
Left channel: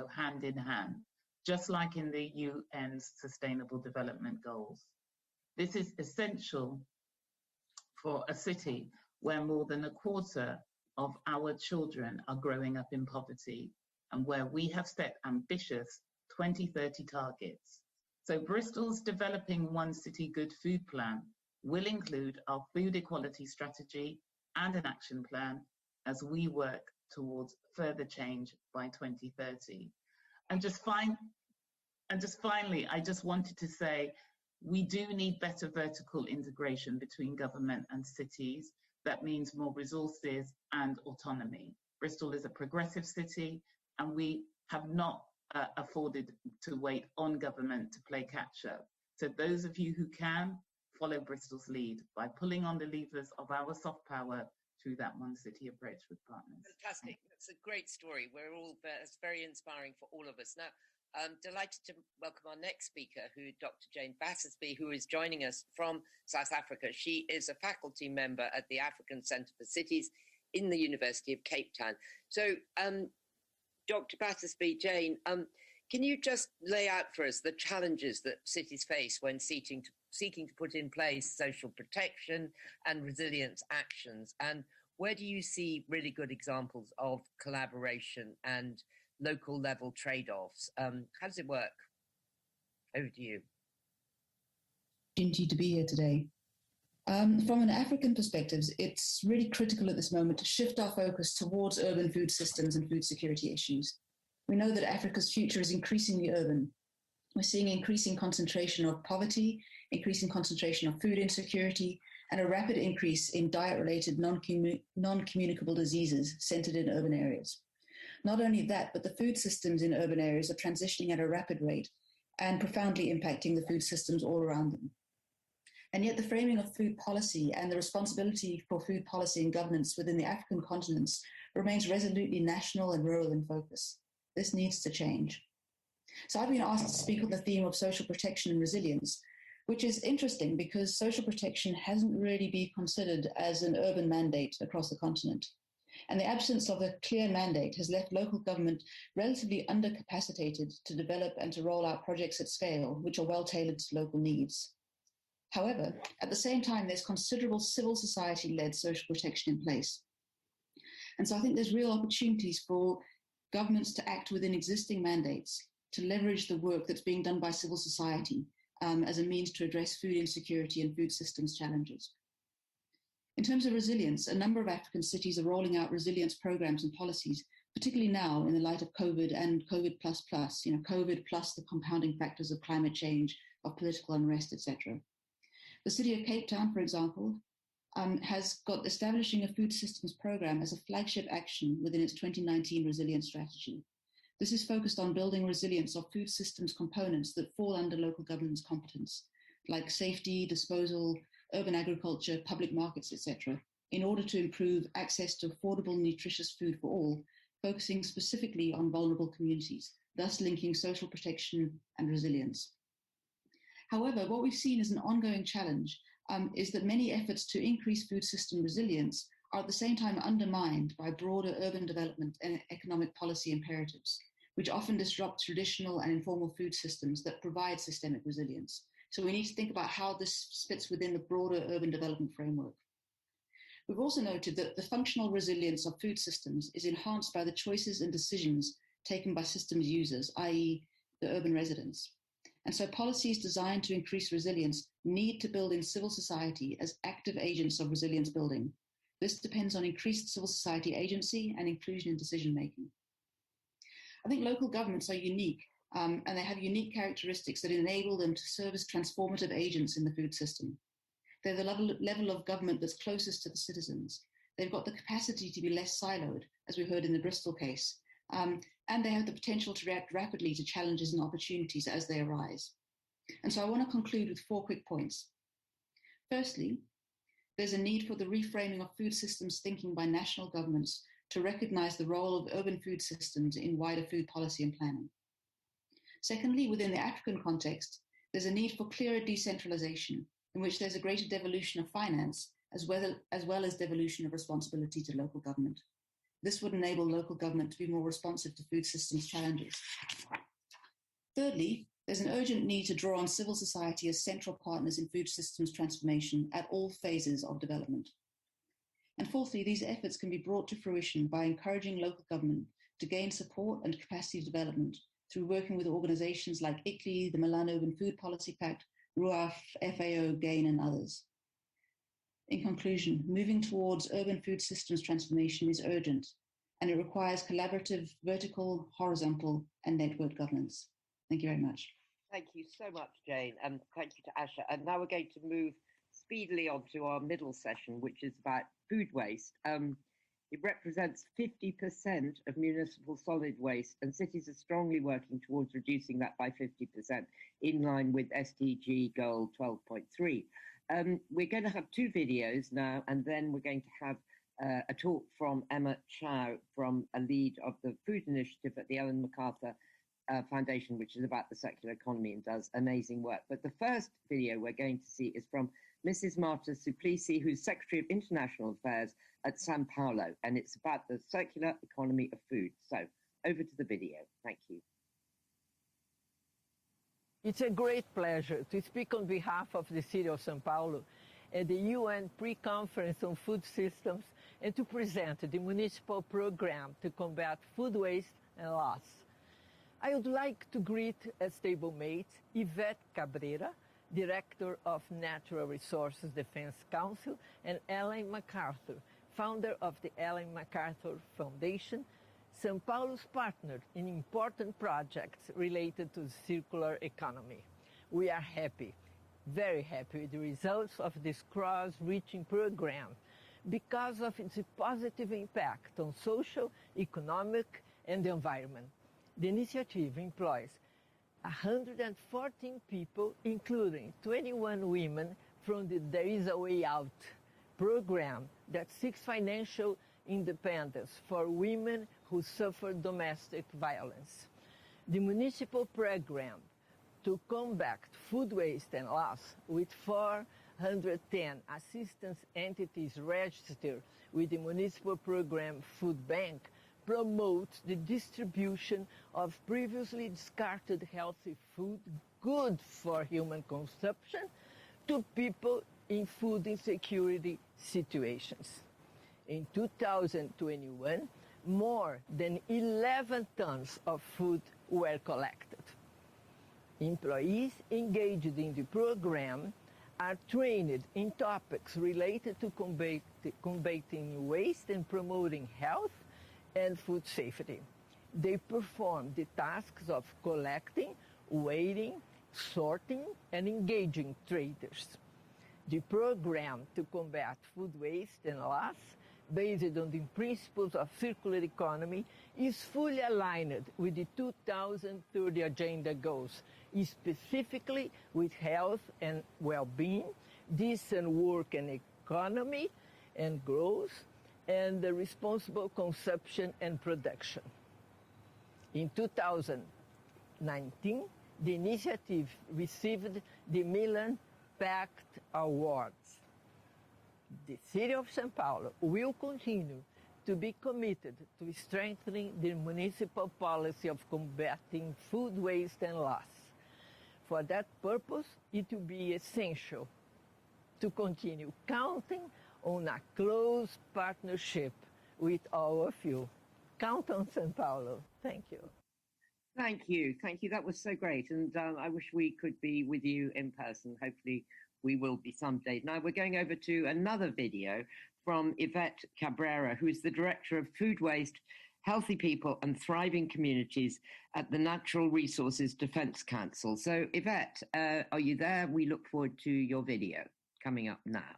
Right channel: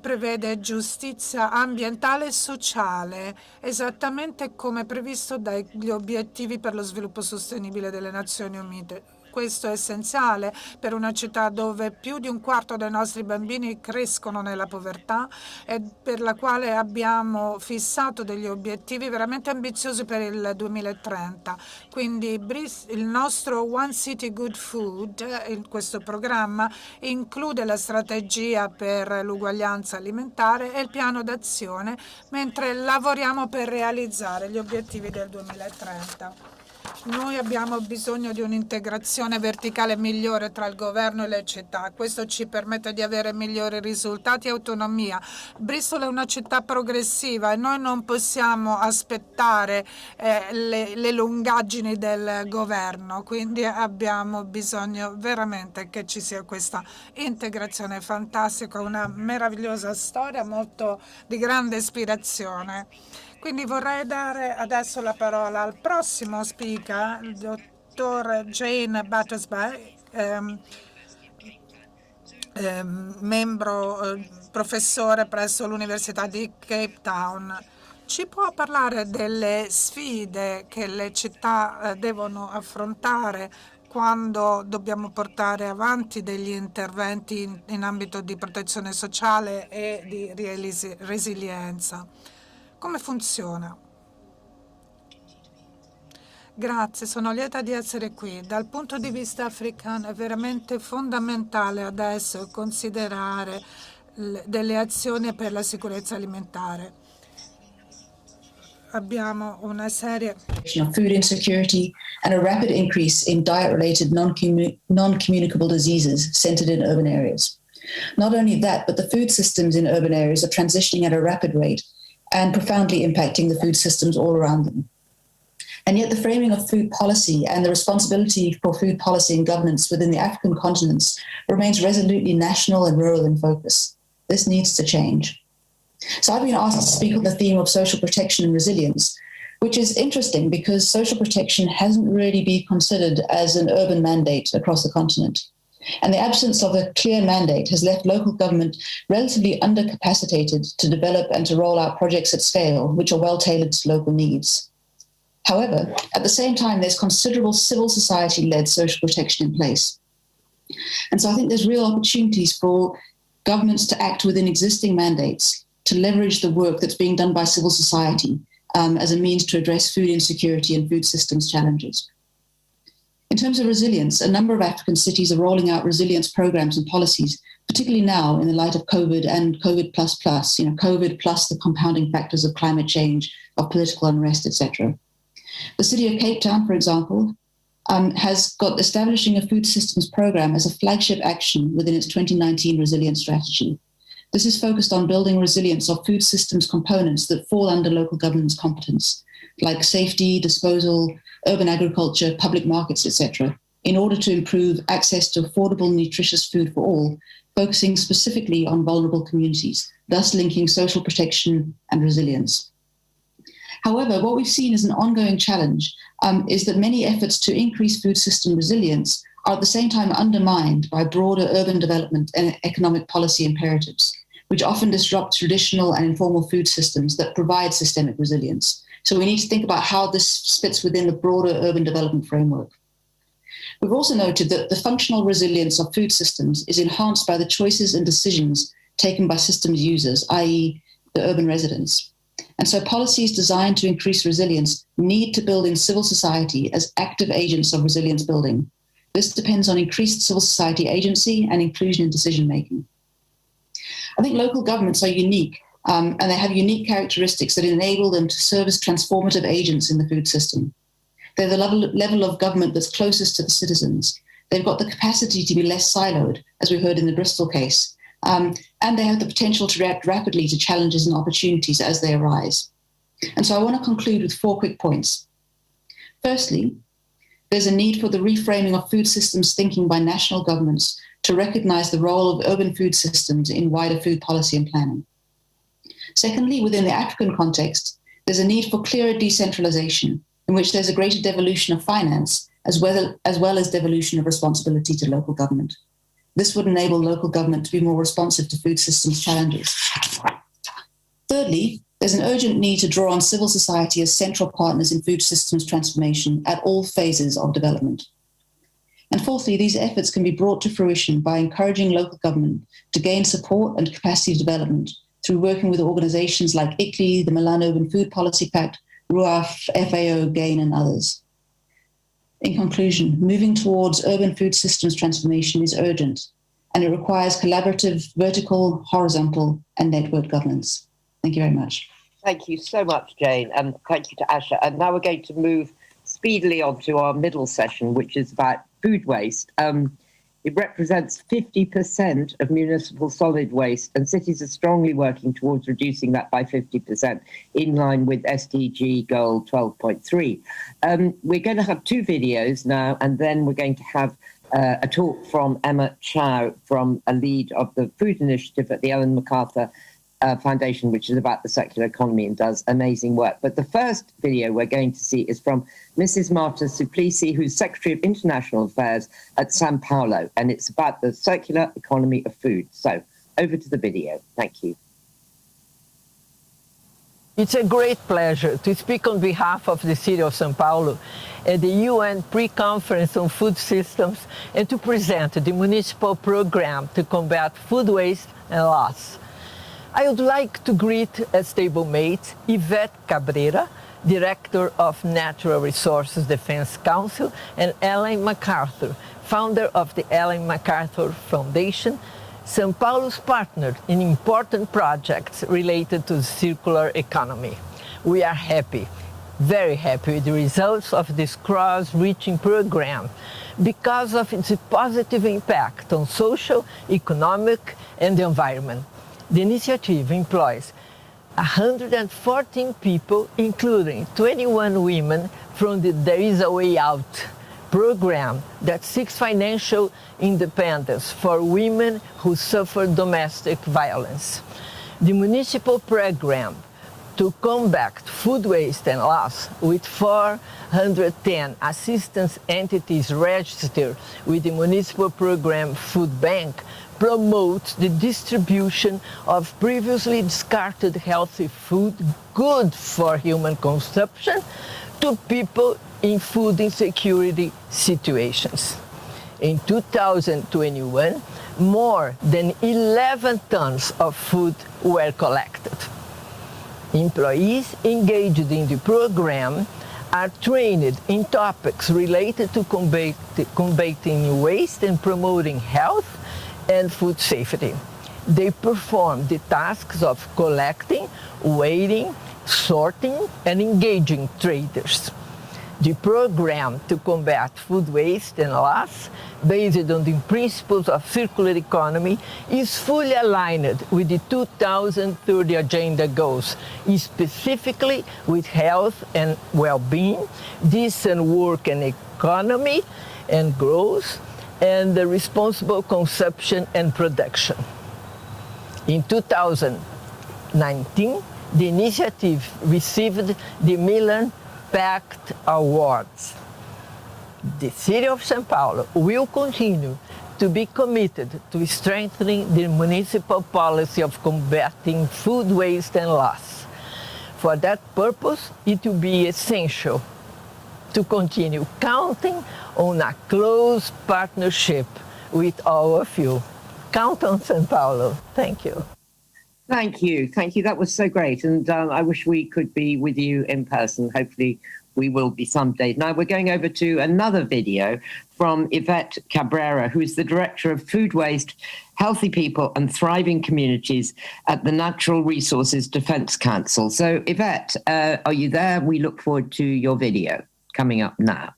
prevede giustizia ambientale e sociale, esattamente come previsto dagli obiettivi per lo sviluppo sostenibile delle Nazioni Unite. Questo è essenziale per una città dove più di un quarto dei nostri bambini crescono nella povertà e per la quale abbiamo fissato degli obiettivi veramente ambiziosi per il 2030. Quindi il nostro One City Good Food, questo programma, include la strategia strategia per l'uguaglianza alimentare e il piano d'azione, mentre lavoriamo per realizzare gli obiettivi del 2030. Noi abbiamo bisogno di un'integrazione verticale migliore tra il governo e le città. Questo ci permette di avere migliori risultati e autonomia. Bristol è una città progressiva e noi non possiamo aspettare le lungaggini del governo, quindi abbiamo bisogno veramente che ci sia questa integrazione fantastica, una meravigliosa storia molto di grande ispirazione. Quindi vorrei dare adesso la parola al prossimo speaker, il dottor Jane Battersby, professore presso l'Università di Cape Town. Ci può parlare delle sfide che le città devono affrontare quando dobbiamo portare avanti degli interventi in ambito di protezione sociale e di resilienza? Come funziona? Grazie, sono lieta di essere qui. Dal punto di vista africano è veramente fondamentale adesso considerare delle azioni per la sicurezza alimentare. Abbiamo una serie of food insecurity and a rapid increase in diet-related non-communicable diseases centered in urban areas. Not only that, but the food systems in urban areas are transitioning at a rapid rate and profoundly impacting the food systems all around them. And yet the framing of food policy and the responsibility for food policy and governance within the African continents remains resolutely national and rural in focus. This needs to change. So I've been asked to speak on the theme of social protection and resilience, which is interesting because social protection hasn't really been considered as an urban mandate across the continent. And the absence of a clear mandate has left local government relatively undercapacitated to develop and to roll out projects at scale, which are well tailored to local needs. However, at the same time, there's considerable civil society-led social protection in place. And so I think there's real opportunities for governments to act within existing mandates to leverage the work that's being done by civil society as a means to address food insecurity and food systems challenges. In terms of resilience, a number of African cities are rolling out resilience programs and policies, particularly now in the light of COVID and COVID++, COVID plus the compounding factors of climate change, of political unrest, etc. The city of Cape Town, for example, has got establishing a food systems program as a flagship action within its 2019 resilience strategy. This is focused on building resilience of food systems components that fall under local government's competence, like safety, disposal, urban agriculture, public markets, etc., in order to improve access to affordable, nutritious food for all, focusing specifically on vulnerable communities, thus linking social protection and resilience. However, what we've seen as an ongoing challenge is that many efforts to increase food system resilience are at the same time undermined by broader urban development and economic policy imperatives, which often disrupt traditional and informal food systems that provide systemic resilience. So we need to think about how this fits within the broader urban development framework. We've also noted that the functional resilience of food systems is enhanced by the choices and decisions taken by systems users, i.e. the urban residents. And so policies designed to increase resilience need to build in civil society as active agents of resilience building. This depends on increased civil society agency and inclusion in decision-making. I think local governments are unique, and they have unique characteristics that enable them to serve as transformative agents in the food system. They're the level of government that's closest to the citizens. They've got the capacity to be less siloed, as we heard in the Bristol case, and they have the potential to react rapidly to challenges and opportunities as they arise. And so I want to conclude with 4 quick points. Firstly, there's a need for the reframing of food systems thinking by national governments to recognize the role of urban food systems in wider food policy and planning. Secondly, within the African context, there's a need for clearer decentralization in which there's a greater devolution of finance as well as devolution of responsibility to local government. This would enable local government to be more responsive to food systems challenges. Thirdly, there's an urgent need to draw on civil society as central partners in food systems transformation at all phases of development. And fourthly, these efforts can be brought to fruition by encouraging local government to gain support and capacity development through working with organizations like ICLEI, the Milan Urban Food Policy Pact, RUAF, FAO, GAIN, and others. In conclusion, moving towards urban food systems transformation is urgent, and it requires collaborative, vertical, horizontal, and network governance. Thank you very much. Thank you so much, Jane, and thank you to Asha. And now we're going to move speedily on to our middle session, which is about food waste. It represents 50% of municipal solid waste, and cities are strongly working towards reducing that by 50%, in line with SDG goal 12.3. We're going to have two videos now, and then we're going to have a talk from Emma Chow, from a lead of the food initiative at the Ellen MacArthur Foundation, which is about the circular economy and does amazing work. But the first video we're going to see is from Mrs. Marta Suplicy, who's Secretary of International Affairs at Sao Paulo, and it's about the circular economy of food. So over to the video. Thank you. It's a great pleasure to speak on behalf of the City of Sao Paulo at the UN Pre-Conference on Food Systems and to present the municipal program to combat food waste and loss. I would like to greet as stablemate Yvette Cabrera, Director of Natural Resources Defense Council, and Ellen MacArthur, founder of the Ellen MacArthur Foundation, São Paulo's partner in important projects related to the circular economy. We are happy, very happy with the results of this cross-reaching program because of its positive impact on social, economic, and the environment. The initiative employs 114 people, including 21 women from the There Is a Way Out program that seeks financial independence for women who suffer domestic violence. The municipal program to combat food waste and loss, with 410 assistance entities registered with the municipal program Food Bank, promotes the distribution of previously discarded healthy food good for human consumption to people in food insecurity situations. In 2021, more than 11 tons of food were collected. Employees engaged in the program are trained in topics related to combating waste and promoting health and food safety. They perform the tasks of collecting, weighing, sorting, and engaging traders. The program to combat food waste and loss, based on the principles of circular economy, is fully aligned with the 2030 Agenda goals, specifically with health and well-being, decent work and economy and growth, and the responsible consumption and production. In 2019, the initiative received the Milan Pact Awards. The City of Sao Paulo will continue to be committed to strengthening the municipal policy of combating food waste and loss. For that purpose, it will be essential to continue counting on a close partnership with all of you. Count on Sao Paulo. Thank you. Thank you. Thank you. That was so great. And I wish we could be with you in person. Hopefully we will be someday. Now we're going over to another video from Yvette Cabrera, who's the Director of Food Waste, Healthy People and Thriving Communities at the Natural Resources Defense Council. So Yvette, are you there? We look forward to your video coming up now.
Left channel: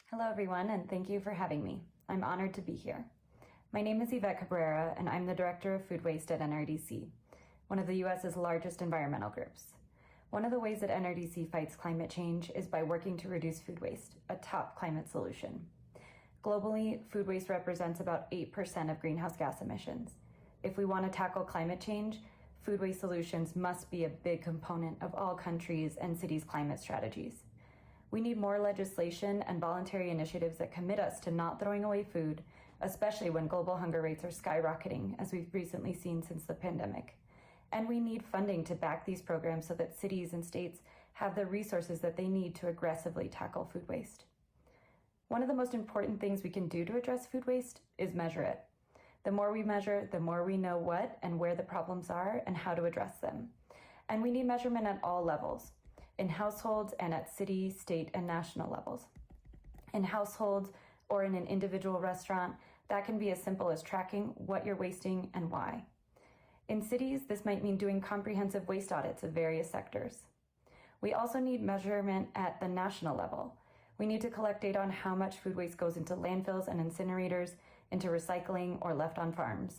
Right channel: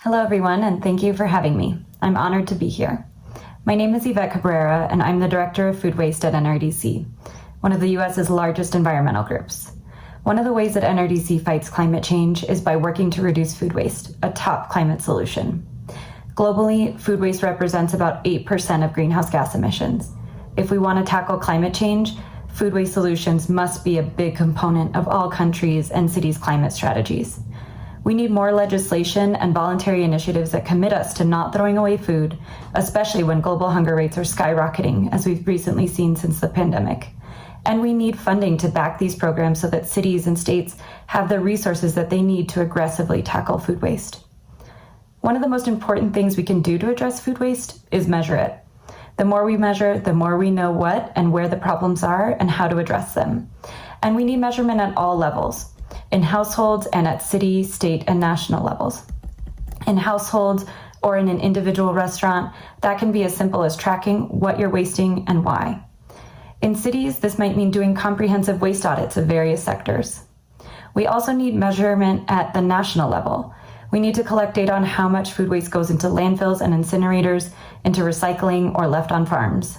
Hello, everyone, and thank you for having me. I'm honored to be here. My name is Yvette Cabrera, and I'm the Director of Food Waste at NRDC, one of the U.S.'s largest environmental groups. One of the ways that NRDC fights climate change is by working to reduce food waste, a top climate solution. Globally, food waste represents about 8% of greenhouse gas emissions. If we want to tackle climate change, food waste solutions must be a big component of all countries' and cities' climate strategies. We need more legislation and voluntary initiatives that commit us to not throwing away food, especially when global hunger rates are skyrocketing, as we've recently seen since the pandemic. And we need funding to back these programs so that cities and states have the resources that they need to aggressively tackle food waste. One of the most important things we can do to address food waste is measure it. The more we measure, the more we know what and where the problems are and how to address them. And we need measurement at all levels, in households and at city, state, and national levels. In households, or in an individual restaurant, that can be as simple as tracking what you're wasting and why. In cities, this might mean doing comprehensive waste audits of various sectors. We also need measurement at the national level. We need to collect data on how much food waste goes into landfills and incinerators, into recycling, or left on farms.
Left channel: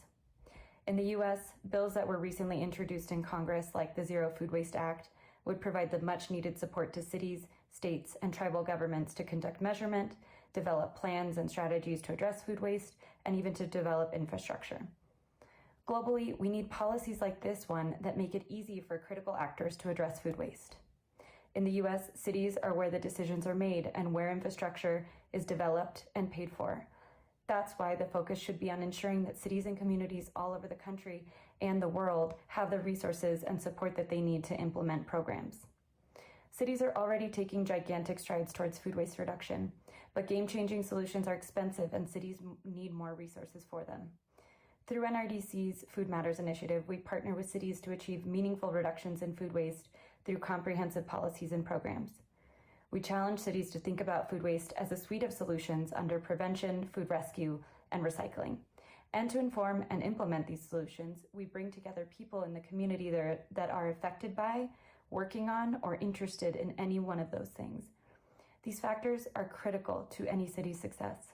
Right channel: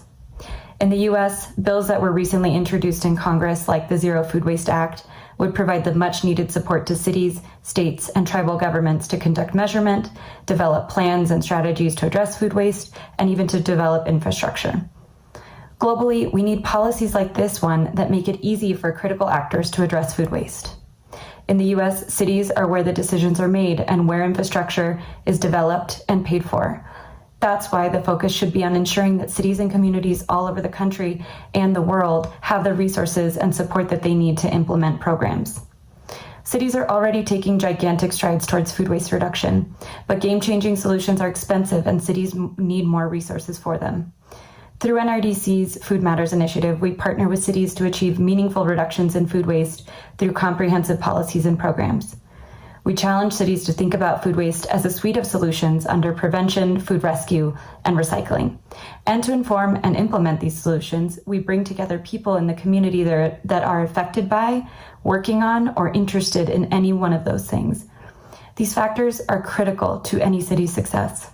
In the US, bills that were recently introduced in Congress, like the Zero Food Waste Act, would provide the much needed support to cities, states, and tribal governments to conduct measurement, develop plans and strategies to address food waste, and even to develop infrastructure. Globally, we need policies like this one that make it easy for critical actors to address food waste. In the US, cities are where the decisions are made and where infrastructure is developed and paid for. That's why the focus should be on ensuring that cities and communities all over the country and the world have the resources and support that they need to implement programs. Cities are already taking gigantic strides towards food waste reduction, but game-changing solutions are expensive and cities need more resources for them. Through NRDC's Food Matters initiative, we partner with cities to achieve meaningful reductions in food waste through comprehensive policies and programs. We challenge cities to think about food waste as a suite of solutions under prevention, food rescue, and recycling. And to inform and implement these solutions, we bring together people in the community that are affected by, working on, or interested in any one of those things. These factors are critical to any city's success.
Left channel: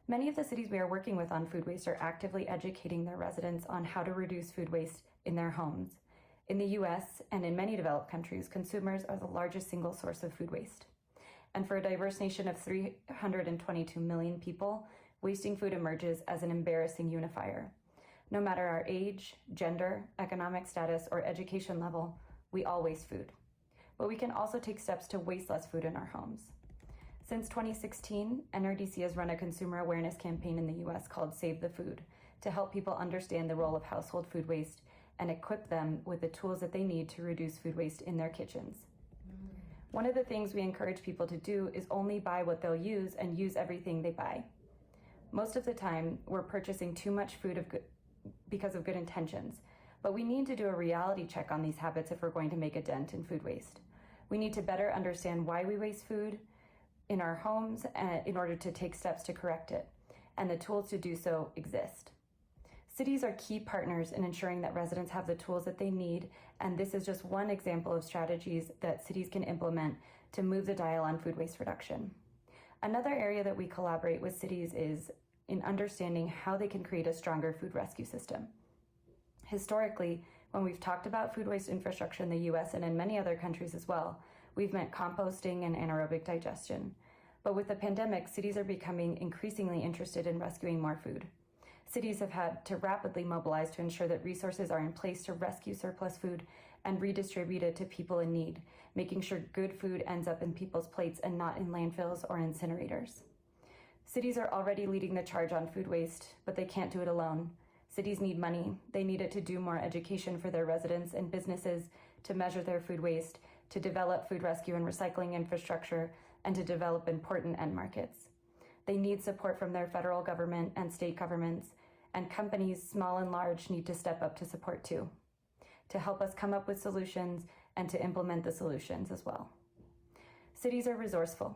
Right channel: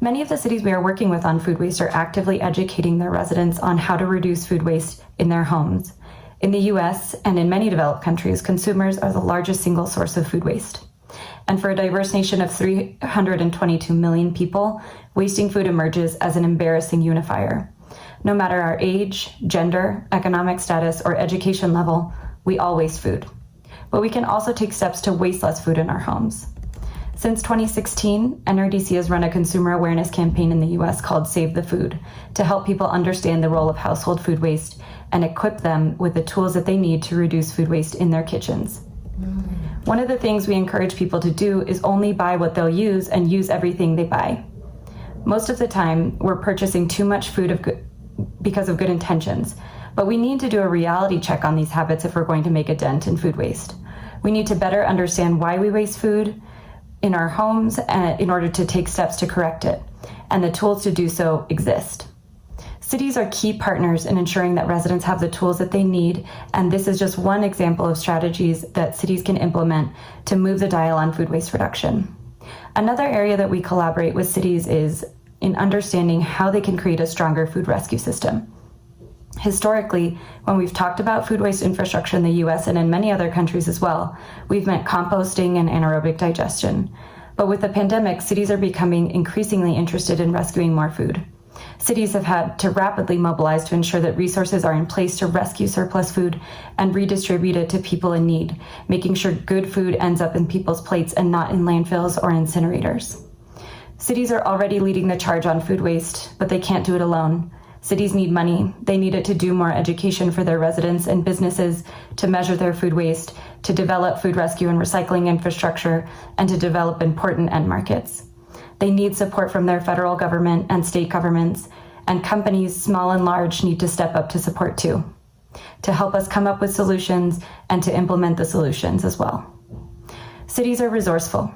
Many of the cities we are working with on food waste are actively educating their residents on how to reduce food waste in their homes. In the US and in many developed countries, consumers are the largest single source of food waste. And for a diverse nation of 322 million people, wasting food emerges as an embarrassing unifier. No matter our age, gender, economic status, or education level, we all waste food. But we can also take steps to waste less food in our homes. Since 2016, NRDC has run a consumer awareness campaign in the US called Save the Food to help people understand the role of household food waste and equip them with the tools that they need to reduce food waste in their kitchens. One of the things we encourage people to do is only buy what they'll use and use everything they buy. Most of the time, we're purchasing too much food because of good intentions, but we need to do a reality check on these habits if we're going to make a dent in food waste. We need to better understand why we waste food in our homes in order to take steps to correct it, and the tools to do so exist. Cities are key partners in ensuring that residents have the tools that they need, and this is just one example of strategies that cities can implement to move the dial on food waste reduction. Another area that we collaborate with cities is in understanding how they can create a stronger food rescue system. Historically, when we've talked about food waste infrastructure in the US and in many other countries as well, we've meant composting and anaerobic digestion. But with the pandemic, cities are becoming increasingly interested in rescuing more food. Cities have had to rapidly mobilize to ensure that resources are in place to rescue surplus food and redistribute it to people in need, making sure good food ends up in people's plates and not in landfills or incinerators. Cities are already leading the charge on food waste, but they can't do it alone. Cities need money. They need it to do more education for their residents and businesses, to measure their food waste, to develop food rescue and recycling infrastructure, and to develop important end markets. They need support from their federal government and state governments, and companies, small and large, need to step up to support too, to help us come up with solutions and to implement the solutions as well. Cities are resourceful.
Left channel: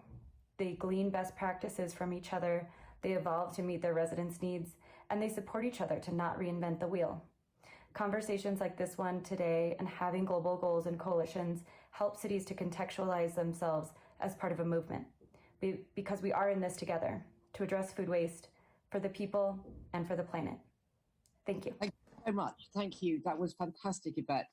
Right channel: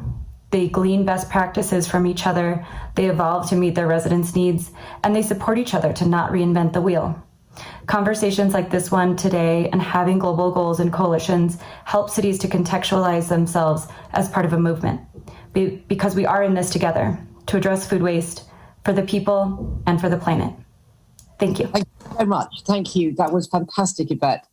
They glean best practices from each other, they evolve to meet their residents' needs, and they support each other to not reinvent the wheel. Conversations like this one today and having global goals and coalitions help cities to contextualize themselves as part of a movement, because we are in this together to address food waste for the people and for the planet. Thank you. Thank you so much. Thank you. That was fantastic, Yvette.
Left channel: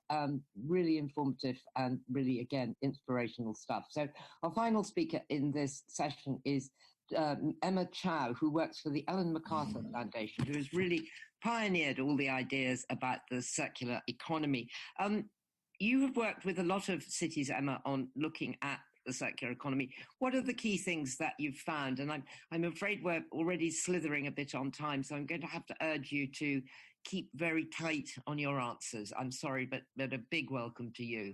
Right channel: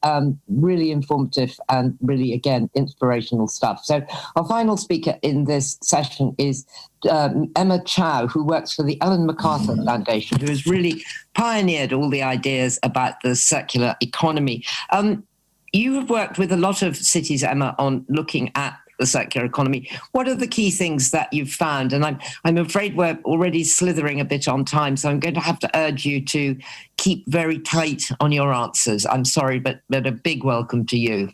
Really informative and really, again, inspirational stuff. So our final speaker in this session is Emma Chow, who works for the Ellen MacArthur Foundation, who has really pioneered all the ideas about the circular economy. You have worked with a lot of cities, Emma, on looking at the circular economy. What are the key things that you've found? And I'm afraid we're already slithering a bit on time, so I'm going to have to urge you to keep very tight on your answers. I'm sorry, but a big welcome to you.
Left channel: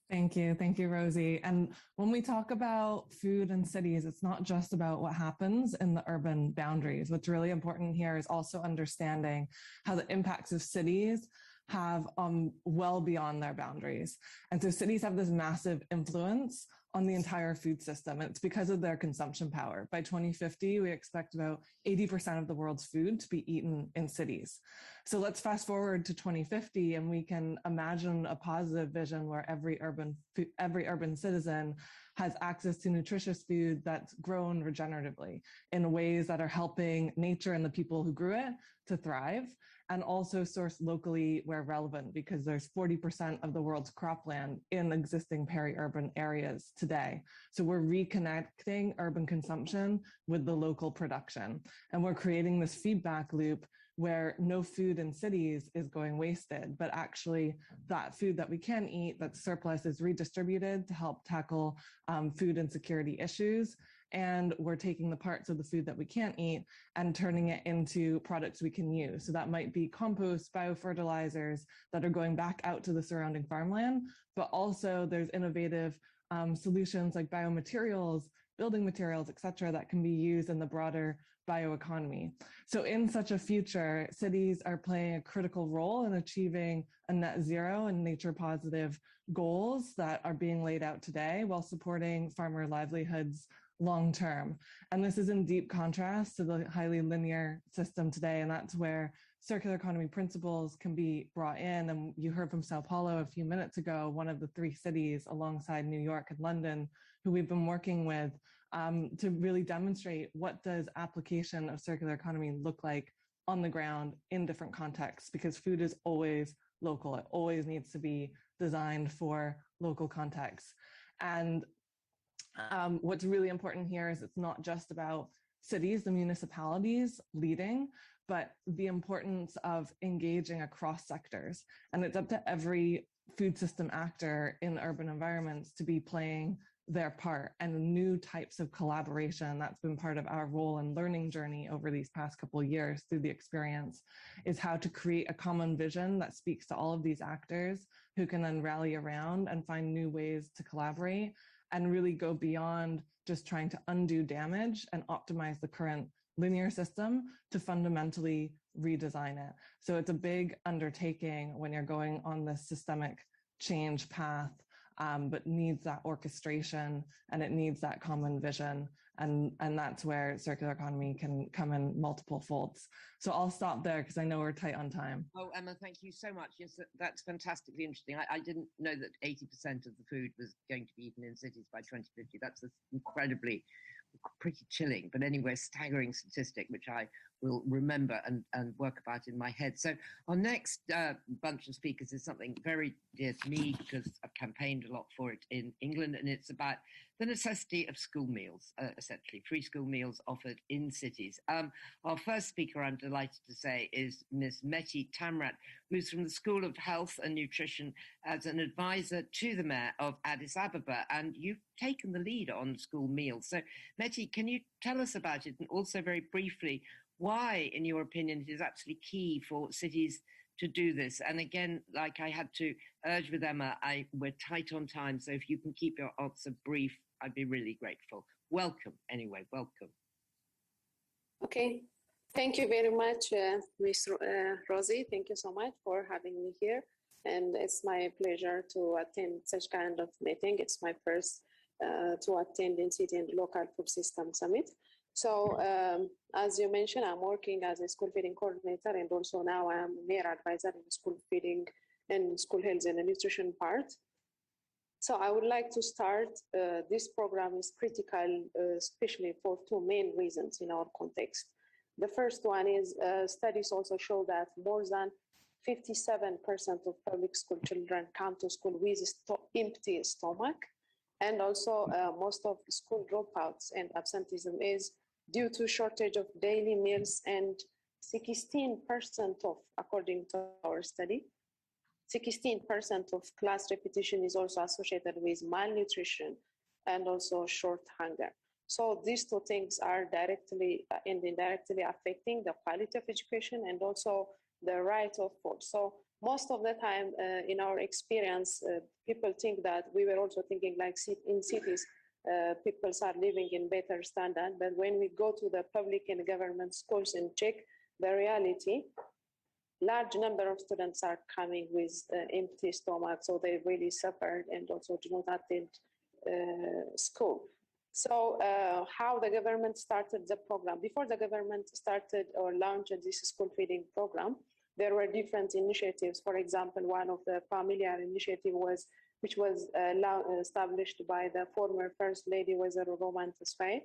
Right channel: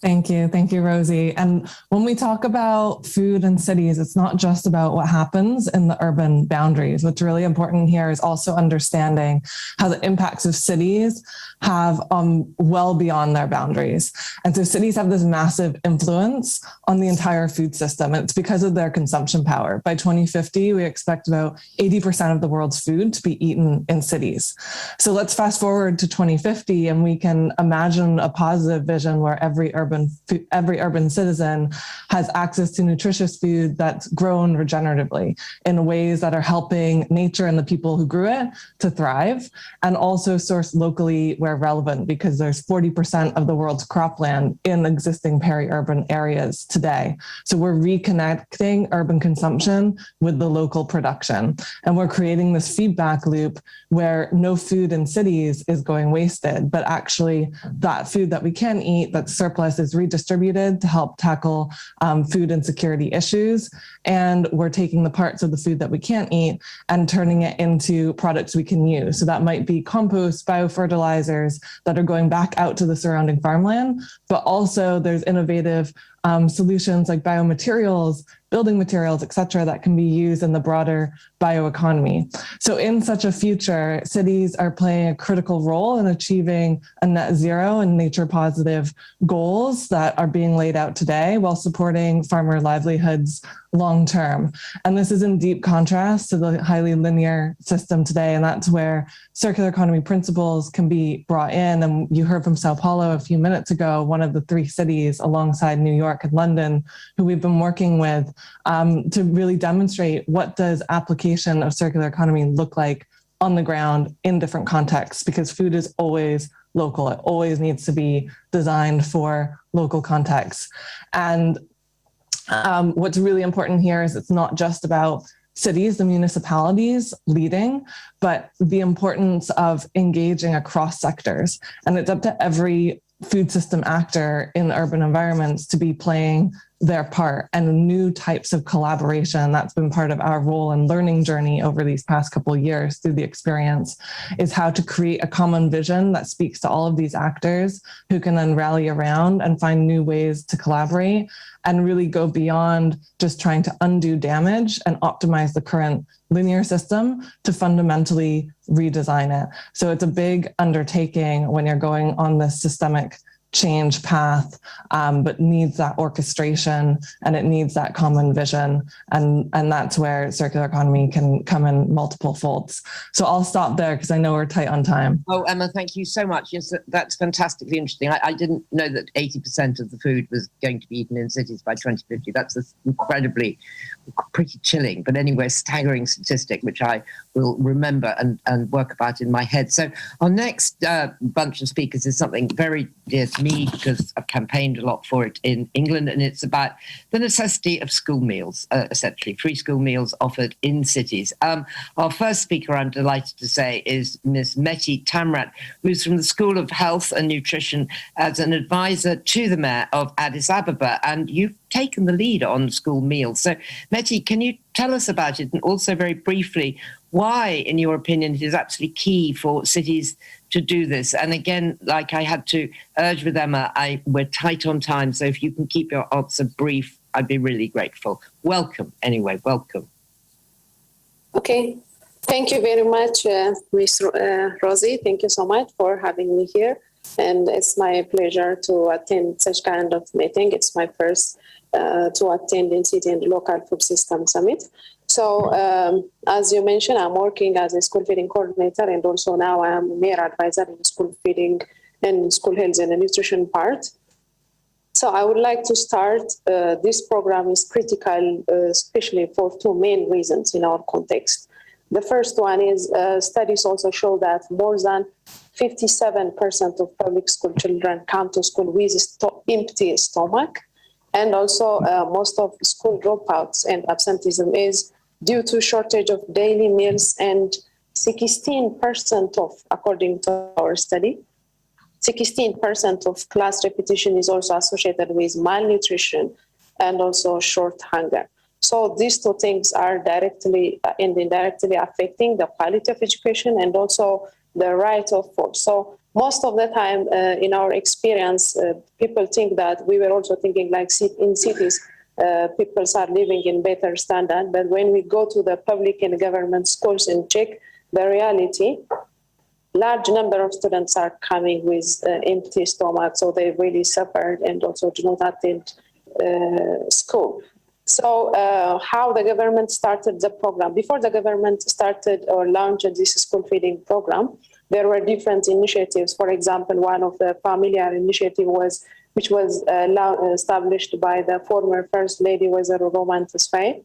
Thank you, Rosie. And when we talk about food in cities, it's not just about what happens in the urban boundaries. What's really important here is also understanding how the impacts of cities have well beyond their boundaries. And so cities have this massive influence on the entire food system. And it's because of their consumption power. By 2050, we expect about 80% of the world's food to be eaten in cities. So let's fast forward to 2050 and we can imagine a positive vision where every urban citizen has access to nutritious food that's grown regeneratively in ways that are helping nature and the people who grew it to thrive, and also sourced locally where relevant, because there's 40% of the world's cropland in existing peri-urban areas today. So we're reconnecting urban consumption with the local production. And we're creating this feedback loop where no food in cities is going wasted, but actually that food that we can eat, that surplus, is redistributed to help tackle food insecurity issues. And we're taking the parts of the food that we can't eat and turning it into products we can use. So that might be compost, biofertilizers that are going back out to the surrounding farmland, but also there's innovative solutions like biomaterials, building materials, et cetera, that can be used in the broader bioeconomy. So in such a future, cities are playing a critical role in achieving a net zero and nature positive goals that are being laid out today while supporting farmer livelihoods long term. And this is in deep contrast to the highly linear system today. And that's where circular economy principles can be brought in. And you heard from Sao Paulo a few minutes ago, one of the 3 cities alongside New York and London, who we've been working with to really demonstrate what does application of circular economy look like on the ground in different contexts, because food is always local. It always needs to be designed for local contexts. And what's really important here is it's not just about cities, the municipalities leading, but the importance of engaging across sectors. And it's up to every food system actor in urban environments to be playing their part, and new types of collaboration. That's been part of our role and learning journey over these past couple of years through the experience, is how to create a common vision that speaks to all of these actors who can then rally around and find new ways to collaborate and really go beyond just trying to undo damage and optimize the current linear system to fundamentally redesign it. So it's a big undertaking when you're going on this systemic change path, but needs that orchestration and it needs that common vision. And that's where circular economy can come in multiple folds. So I'll stop there because I know we're tight on time. Oh, Emma, thank you so much. Yes, that's fantastically interesting. I didn't know that 80% of the food was going to be eaten in cities by 2050. That's incredibly, pretty chilling, but anyway, staggering statistic, which I will remember and work about in my head. So our next bunch of speakers is something very dear to me because I've campaigned a lot for it in England, and it's about the necessity of school meals, essentially, free school meals offered in cities. Our first speaker, I'm delighted to say, is Ms. Meti Tamrat, who's from the School of Health and Nutrition as an advisor to the mayor of Addis Ababa, and you've taken the lead on school meals. So, Meti, can you tell us about it, and also very briefly, why, in your opinion, it is absolutely key for cities to do this? And again, like I had to urge with Emma, we're tight on time, so if you can keep your answer brief, I'd be really grateful. Welcome, anyway, welcome. Okay, thank you very much, Ms. Rosie. Thank you so much for having me here. And it's my pleasure to attend such kind of meeting. It's my first to attend in City and Local Food System Summit. So as you mentioned, I'm working as a school feeding coordinator, and also now I'm mayor advisor in school feeding and school health and nutrition part. So I would like to start, this program is critical, especially for 2 main reasons in our context. The first one is studies also show that more than 57% of public school children come to school with empty stomach. And also most of school dropouts and absenteeism is due to shortage of daily meals, and 16% of, according to our study, 16% of class repetition is also associated with malnutrition and also short hunger. So these 2 things are directly and indirectly affecting the quality of education and also the right of food. So most of the time in our experience, people think that we were also thinking like in cities, people are living in better standard. But when we go to the public and government schools and check the reality, large number of students are coming with empty stomach, so they really suffered and also do not attend school. So how the government started the program? Before the government started or launched this school feeding program, there were different initiatives. For example, one of the familiar initiative which was established by the former First Lady, Wazir Roman Tesfaye.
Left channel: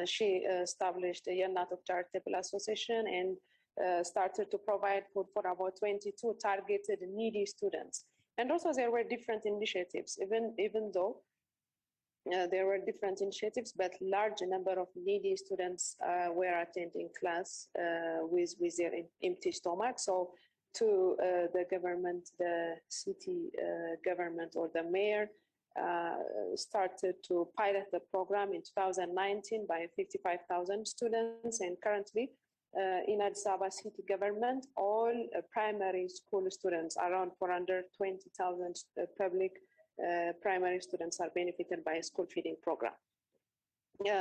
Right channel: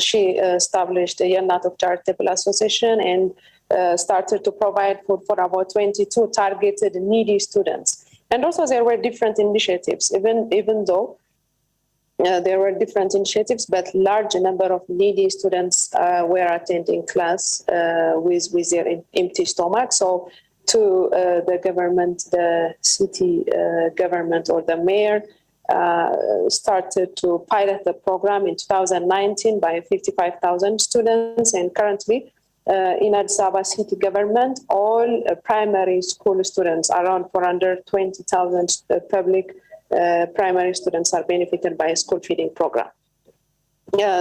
She established a Yannat Charitable Association and started to provide food for about 22 targeted needy students. And also there were different initiatives, even though there were different initiatives, but large number of needy students were attending class with their empty stomach. So to the government, the city government or the mayor started to pilot the program in 2019 by 55,000 students, and currently in Addis Ababa city government, all primary school students, around 420,000 public primary students are benefited by a school feeding program.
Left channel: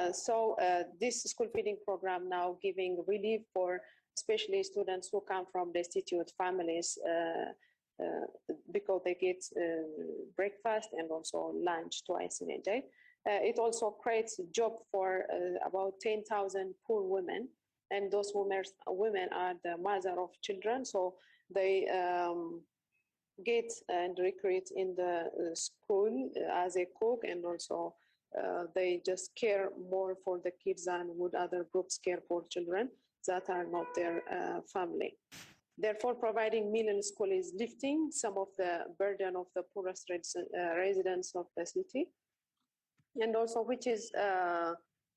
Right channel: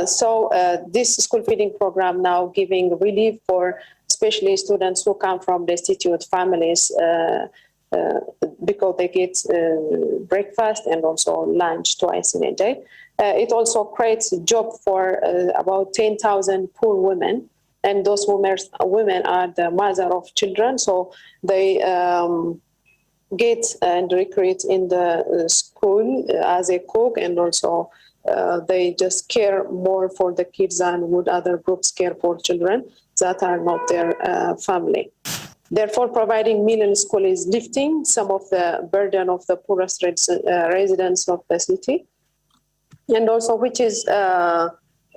So this school feeding program now giving relief for especially students who come from destitute families because they get breakfast and also lunch twice in a day. It also creates a job for about 10,000 poor women, and those women are the mother of children, so they get and recruit in the school as a cook, and also they just care more for the kids than would other groups care for children that are not their family. Therefore, providing meal in school is lifting some of the burden of the poorest residents of the city, and also which is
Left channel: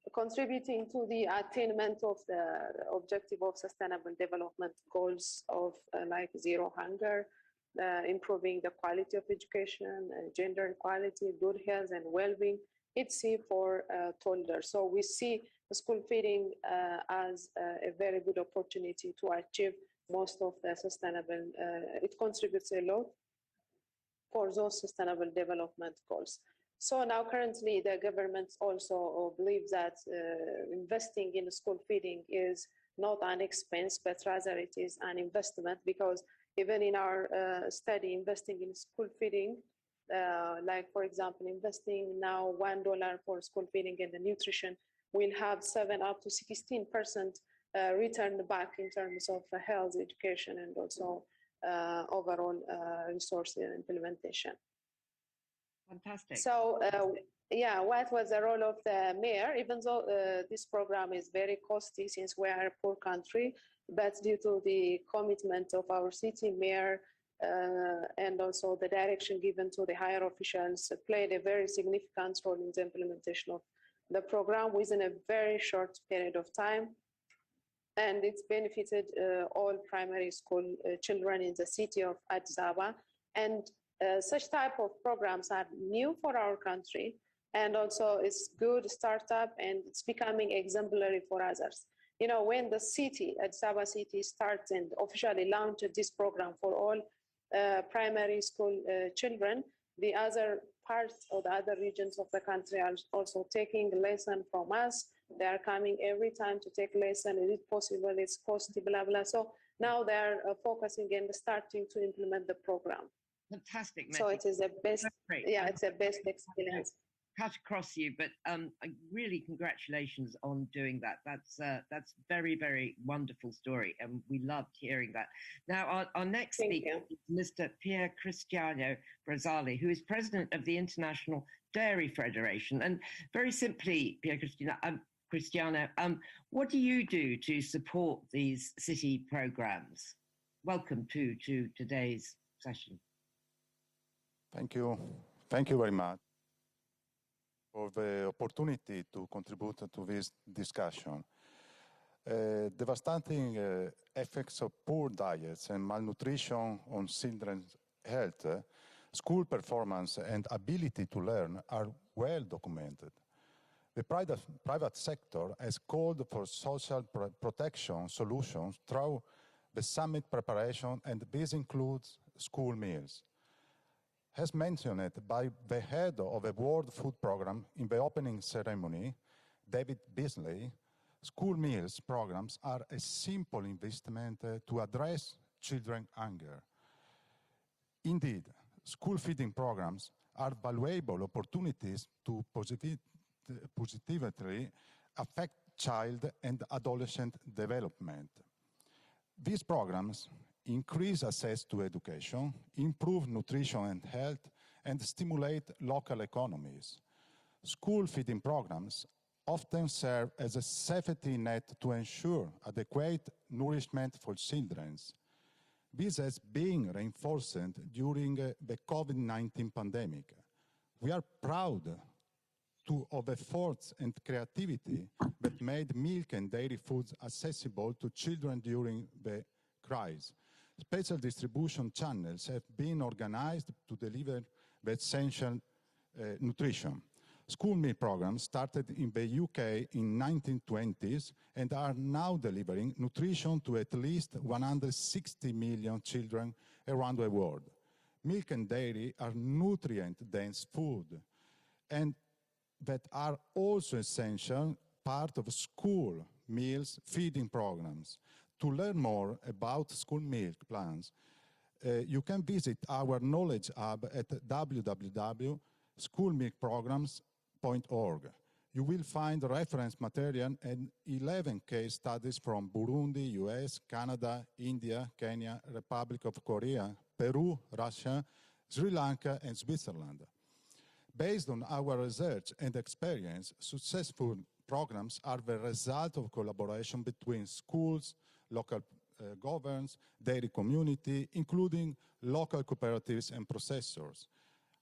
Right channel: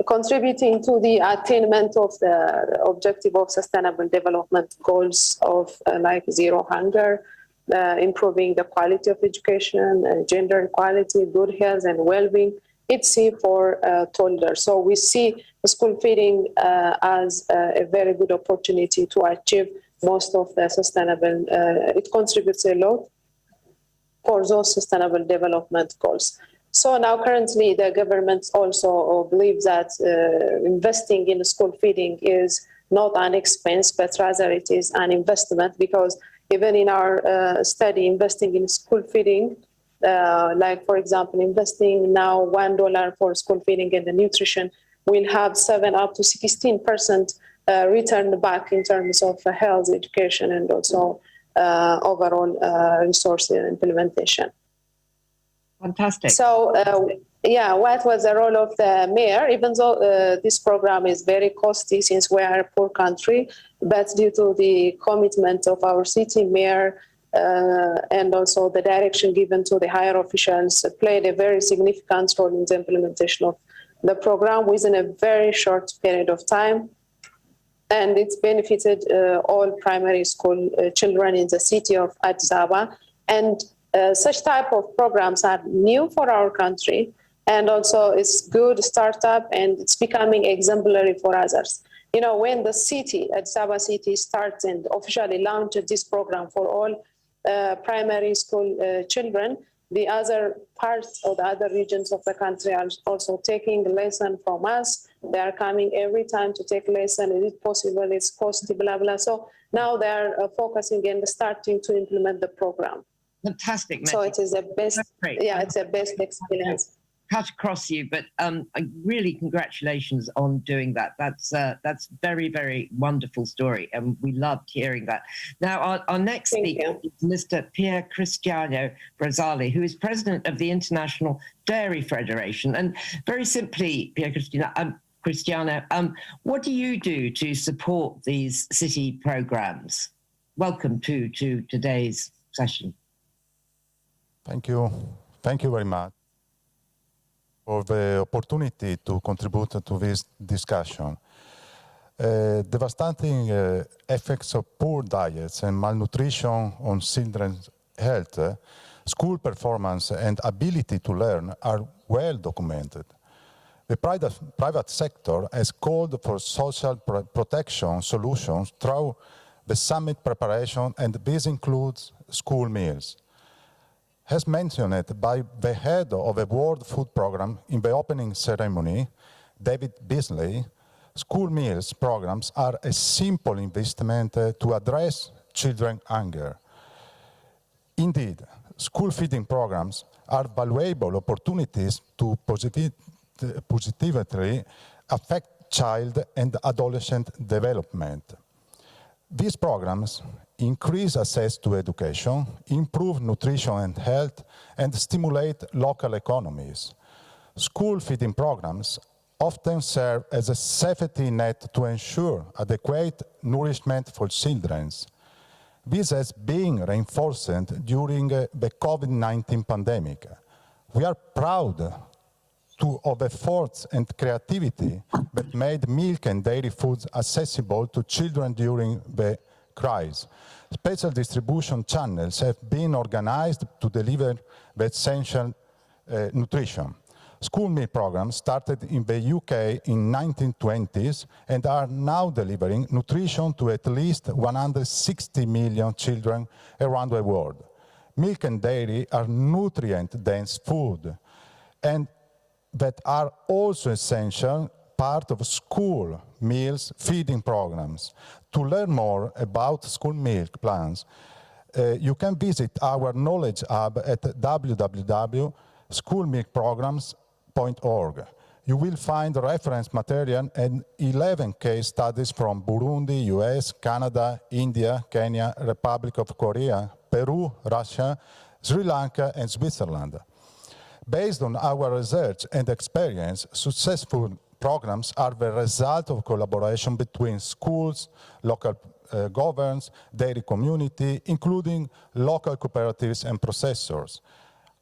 contributing to the attainment of the objective of sustainable development goals of like zero hunger, improving the quality of education, gender equality, good health and well-being, etc. for toddlers. So we see school feeding as a very good opportunity to achieve most of the sustainable, it contributes a lot for those sustainable development goals. So now currently the government also believes that investing in school feeding is not an expense, but rather it is an investment, because even in our study, investing in school feeding, like for example, investing now $1 for school feeding and the nutrition will have 7 up to 16% return back in terms of health, education, and also overall resource implementation. Fantastic. So, what was the role of the mayor? Even though this program is very costly since we are a poor country, but due to the commitment of our city mayor and also the direction given to the higher officials, played a very significant role in the implementation of the program within a very short period of time. And it's benefited all primary school children in the city of Addis Ababa. And such type of programs are new for our country, and also it's good startup, and it's becoming exemplary for others. You know, when the city, Addis Ababa city, starts and officially launched this program for all primary school children, the other parts or the other regions of the country are also taking a lesson from us. They are coming every time to take lesson. Is it possible? It's costly, blah, blah. So now they are focusing and starting to implement the program. Fantastic. So it is the best, it's a best experience. Cut across you, but really congratulations on doing that. That's very, very wonderful story, and we loved hearing that. Now, our next speaker is Mr. Pier Cristiano Brazzali, who is president of the International Dairy Federation. And very simply, Pier Cristiano, what do you do to support these city programs? Welcome to today's session. Thank you. Thank you very much for the opportunity to contribute to this discussion. Devastating effects of poor diets and malnutrition on children's health, school performance, and ability to learn are well documented. The private sector has called for social protection solutions through the summit preparation, and this includes school meals. As mentioned by the head of the World Food Programme in the opening ceremony, David Beasley, School meals programs are a simple investment to address children's hunger. Indeed, school feeding programs are valuable opportunities to positively affect child and adolescent development. These programs increase access to education, improve nutrition and health, and stimulate local economies. School feeding programs often serve as a safety net to ensure adequate nourishment for children. This has been reinforced during the COVID-19 pandemic. We are proud of efforts and creativity that made milk and dairy foods accessible to children during the crisis. Special distribution channels have been organized to deliver the essential nutrition. School meal programs started in the UK in 1920s and are now delivering nutrition to at least 160 million children around the world. Milk and dairy are nutrient-dense food and that are also essential part of school meals feeding programs. To learn more about school milk plans, you can visit our Knowledge Hub at www.schoolmilkprograms.org. You will find reference material and 11 case studies from Burundi, US, Canada, India, Kenya, Republic of Korea, Peru, Russia, Sri Lanka, and Switzerland. Based on our research and experience, successful programs are the result of collaboration between schools, local governments, dairy community, including local cooperatives and processors.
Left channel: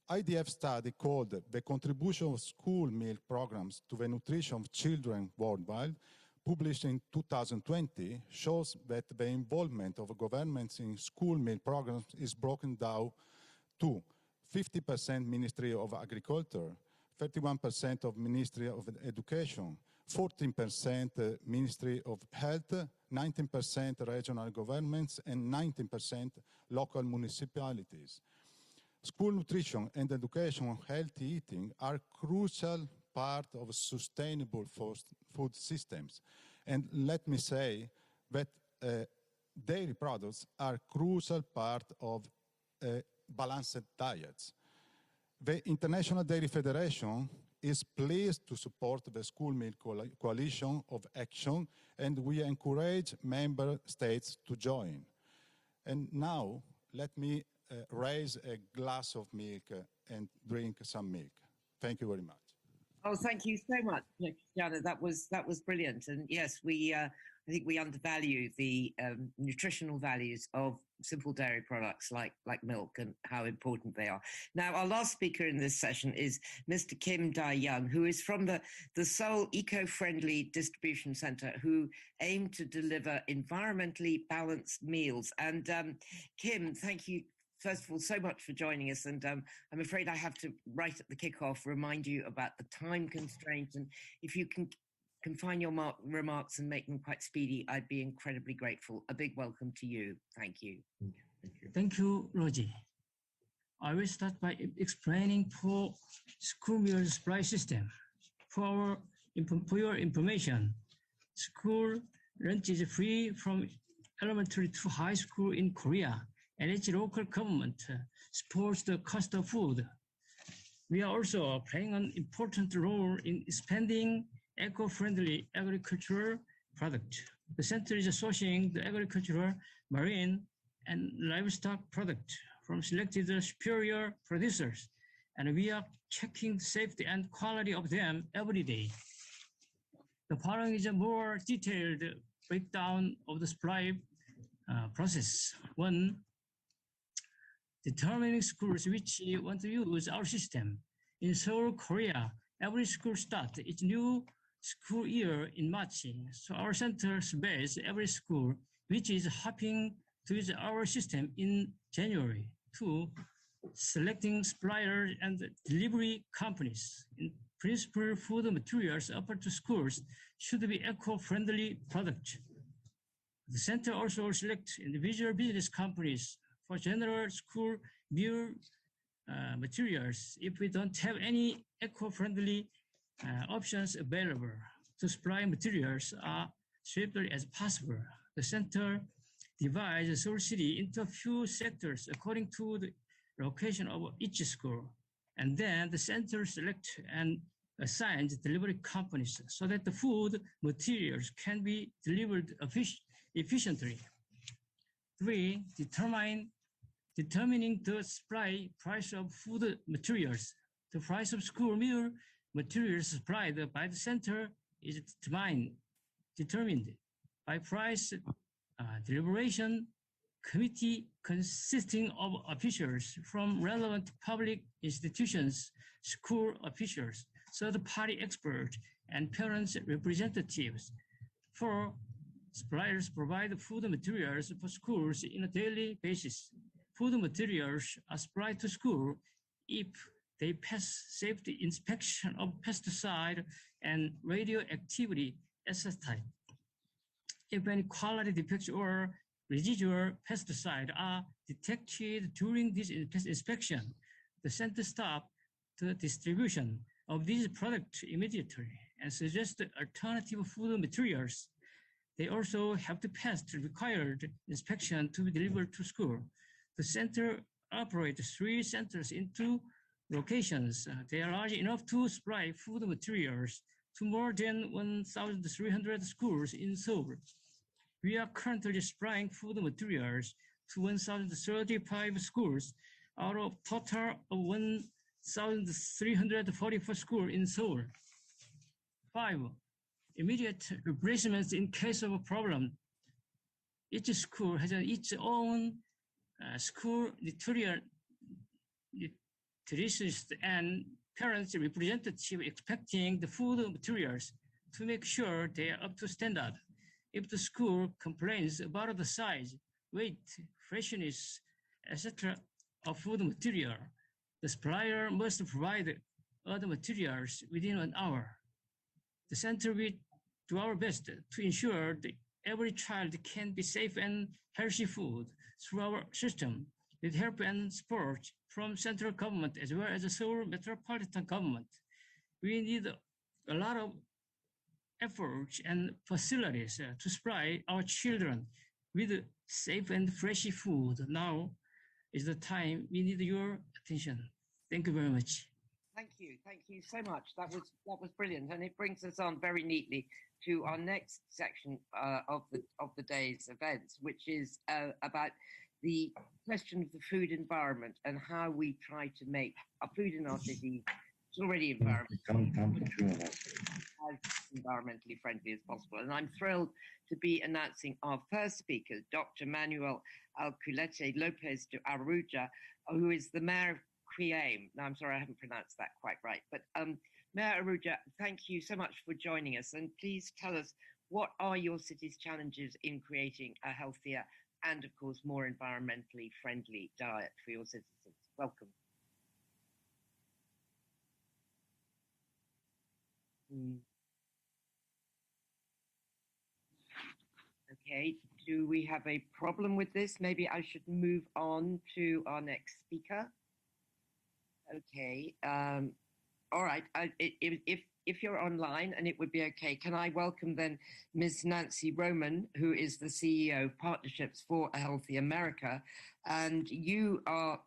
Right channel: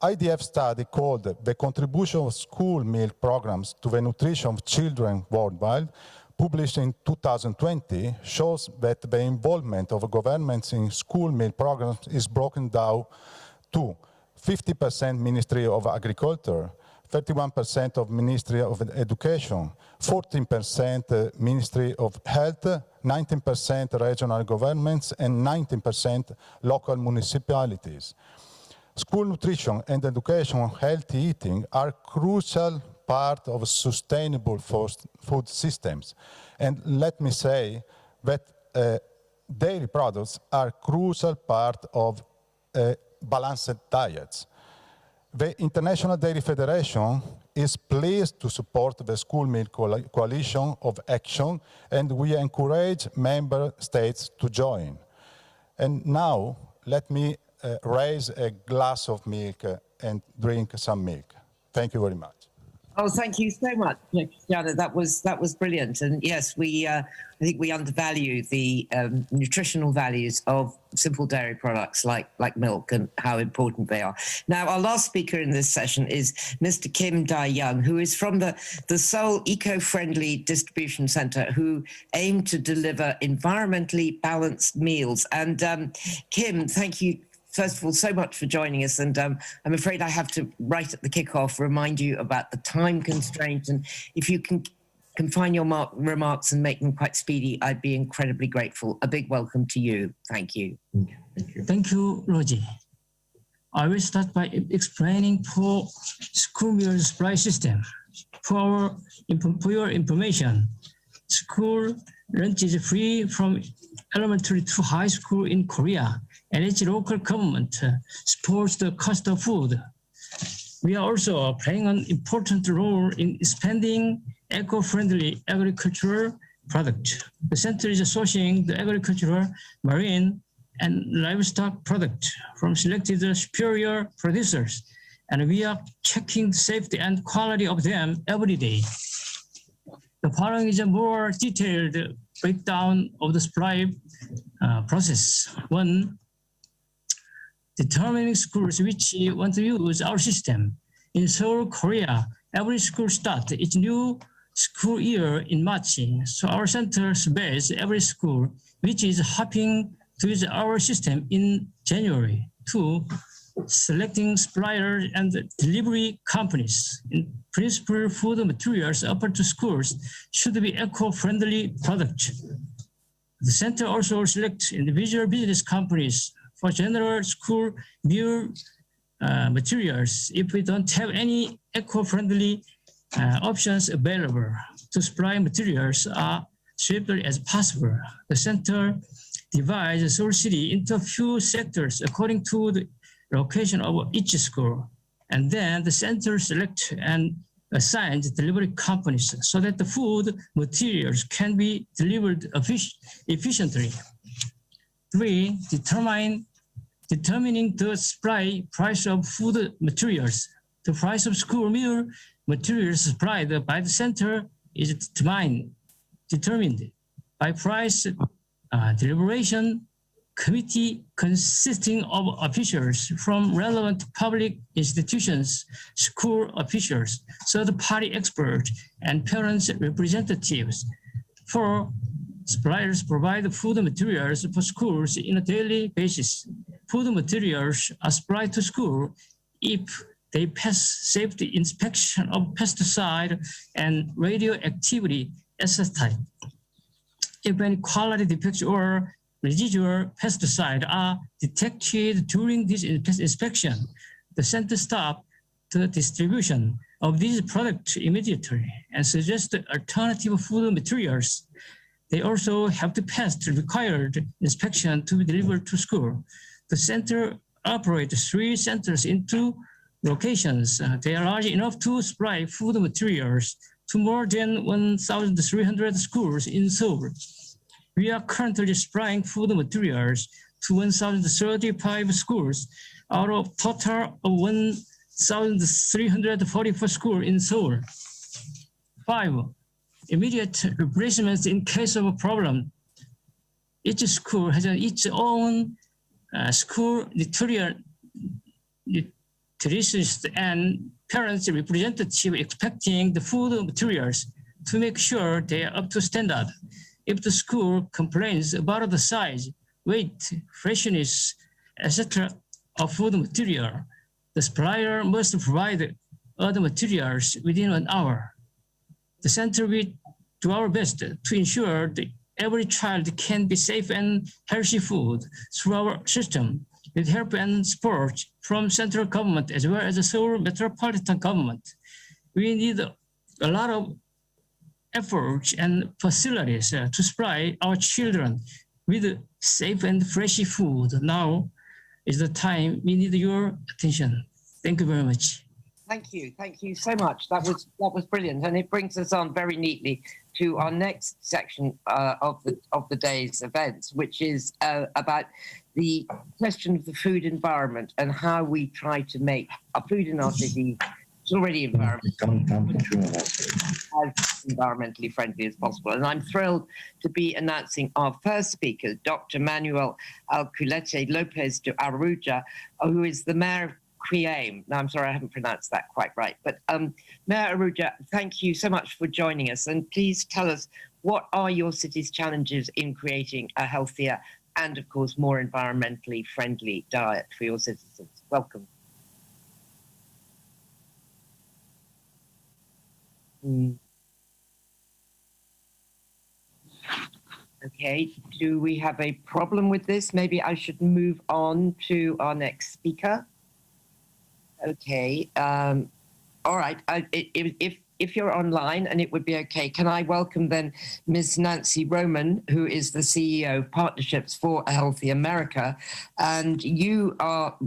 IDF study called The Contribution of School Milk Programs to the Nutrition of Children Worldwide, published in 2020, shows that the involvement of governments in school milk programs is broken down to 50% Ministry of Agriculture, 31% of Ministry of Education, 14% Ministry of Health, 19% regional governments, and 19% local municipalities. School nutrition and education healthy eating are crucial part of sustainable food systems. And let me say that dairy products are crucial part of balanced diets. The International Dairy Federation is pleased to support the School Milk Coalition of Action, and we encourage member states to join. And now, let me raise a glass of milk and drink some milk. Thank you very much. Oh, thank you so much, Cristiano. That was brilliant. And yes, I think we undervalue the nutritional values of simple dairy products like milk and how important they are. Now, our last speaker in this session is Mr. Kim Dae-young, who is from the Seoul Eco-Friendly Distribution Center, who aim to deliver environmentally balanced meals. And Kim, thank you first of all, so much for joining us. And I'm afraid I have to, right at the kickoff, remind you about the time constraint. And if you can confine your remarks and make them quite speedy, I'd be incredibly grateful. A big welcome to you. Thank you. Thank you, Rosie. I will start by explaining for school meal supply system. For your information, school lunch is free from elementary to high school in Korea, and its local government supports the cost of food. We are also playing an important role in expanding eco-friendly agricultural products. The center is sourcing the agricultural, marine, and livestock products from selected superior producers, and we are checking the safety and quality of them every day. The following is a more detailed breakdown of the supply process. 1, determining schools which want to use our system. In Seoul, Korea, every school starts its new school year in March. So our center surveys every school which is hoping to use our system in January. 2, selecting suppliers and delivery companies. In principle, food materials offered to schools should be eco-friendly products. The center also selects individual business companies for general school meal materials if we don't have any eco-friendly options available to supply materials are swiftly as possible. The center divides Seoul City into a few sectors according to the location of each school. And then the center selects and assigns delivery companies so that the food materials can be delivered efficiently. 3, determining the supply price of food materials. The price of school meal materials supplied by the center is determined by price deliberation committee consisting of officials from relevant public institutions, school officials, third-party experts, and parents' representatives. 4, suppliers provide food materials for schools on a daily basis. Food materials are supplied to school if they pass safety inspection of pesticide and radioactivity assessment. If any quality defects or residual pesticide are detected during this inspection, the center stops the distribution of these products immediately and suggests alternative food materials. They also have to pass the required inspection to be delivered to school. The center operates 3 centers in 2 locations. They are large enough to supply food materials to more than 1,300 schools in Seoul. We are currently supplying food materials to 1,035 schools out of total of 1,344 schools in Seoul. 5, immediate replacements in case of a problem. Each school has its own school nutritionist and parents representative expecting the food materials to make sure they are up to standard. If the school complains about the size, weight, freshness, etc. of food material, the supplier must provide other materials within 1 hour. The center will do our best to ensure that every child can be safe and healthy food through our system with help and support from central government as well as the Seoul metropolitan government. We need a lot of efforts and facilities to supply our children with safe and fresh food. Now is the time we need your attention. Thank you very much. Thank you so much. That was brilliant, and it brings us on very neatly to our next section of the day's events, which is about the question of the food environment and how we try to make our food in our city already as environmentally friendly as possible. And I'm thrilled to be announcing our first speaker, Dr. Manuel Alculete Lopez de Aruja, who is the mayor of Quiem. Now, I'm sorry, I haven't pronounced that quite right. But Mayor Aruja, thank you so much for joining us. And please tell us, what are your city's challenges in creating a healthier and, of course, more environmentally friendly diet for your citizens? Welcome. Okay, do we have a problem with this? Maybe I should move on to our next speaker. Okay, all right, if you're online and it would be okay, can I welcome then Ms. Nancy Roman, who is the CEO of Partnerships for a Healthy America, and you are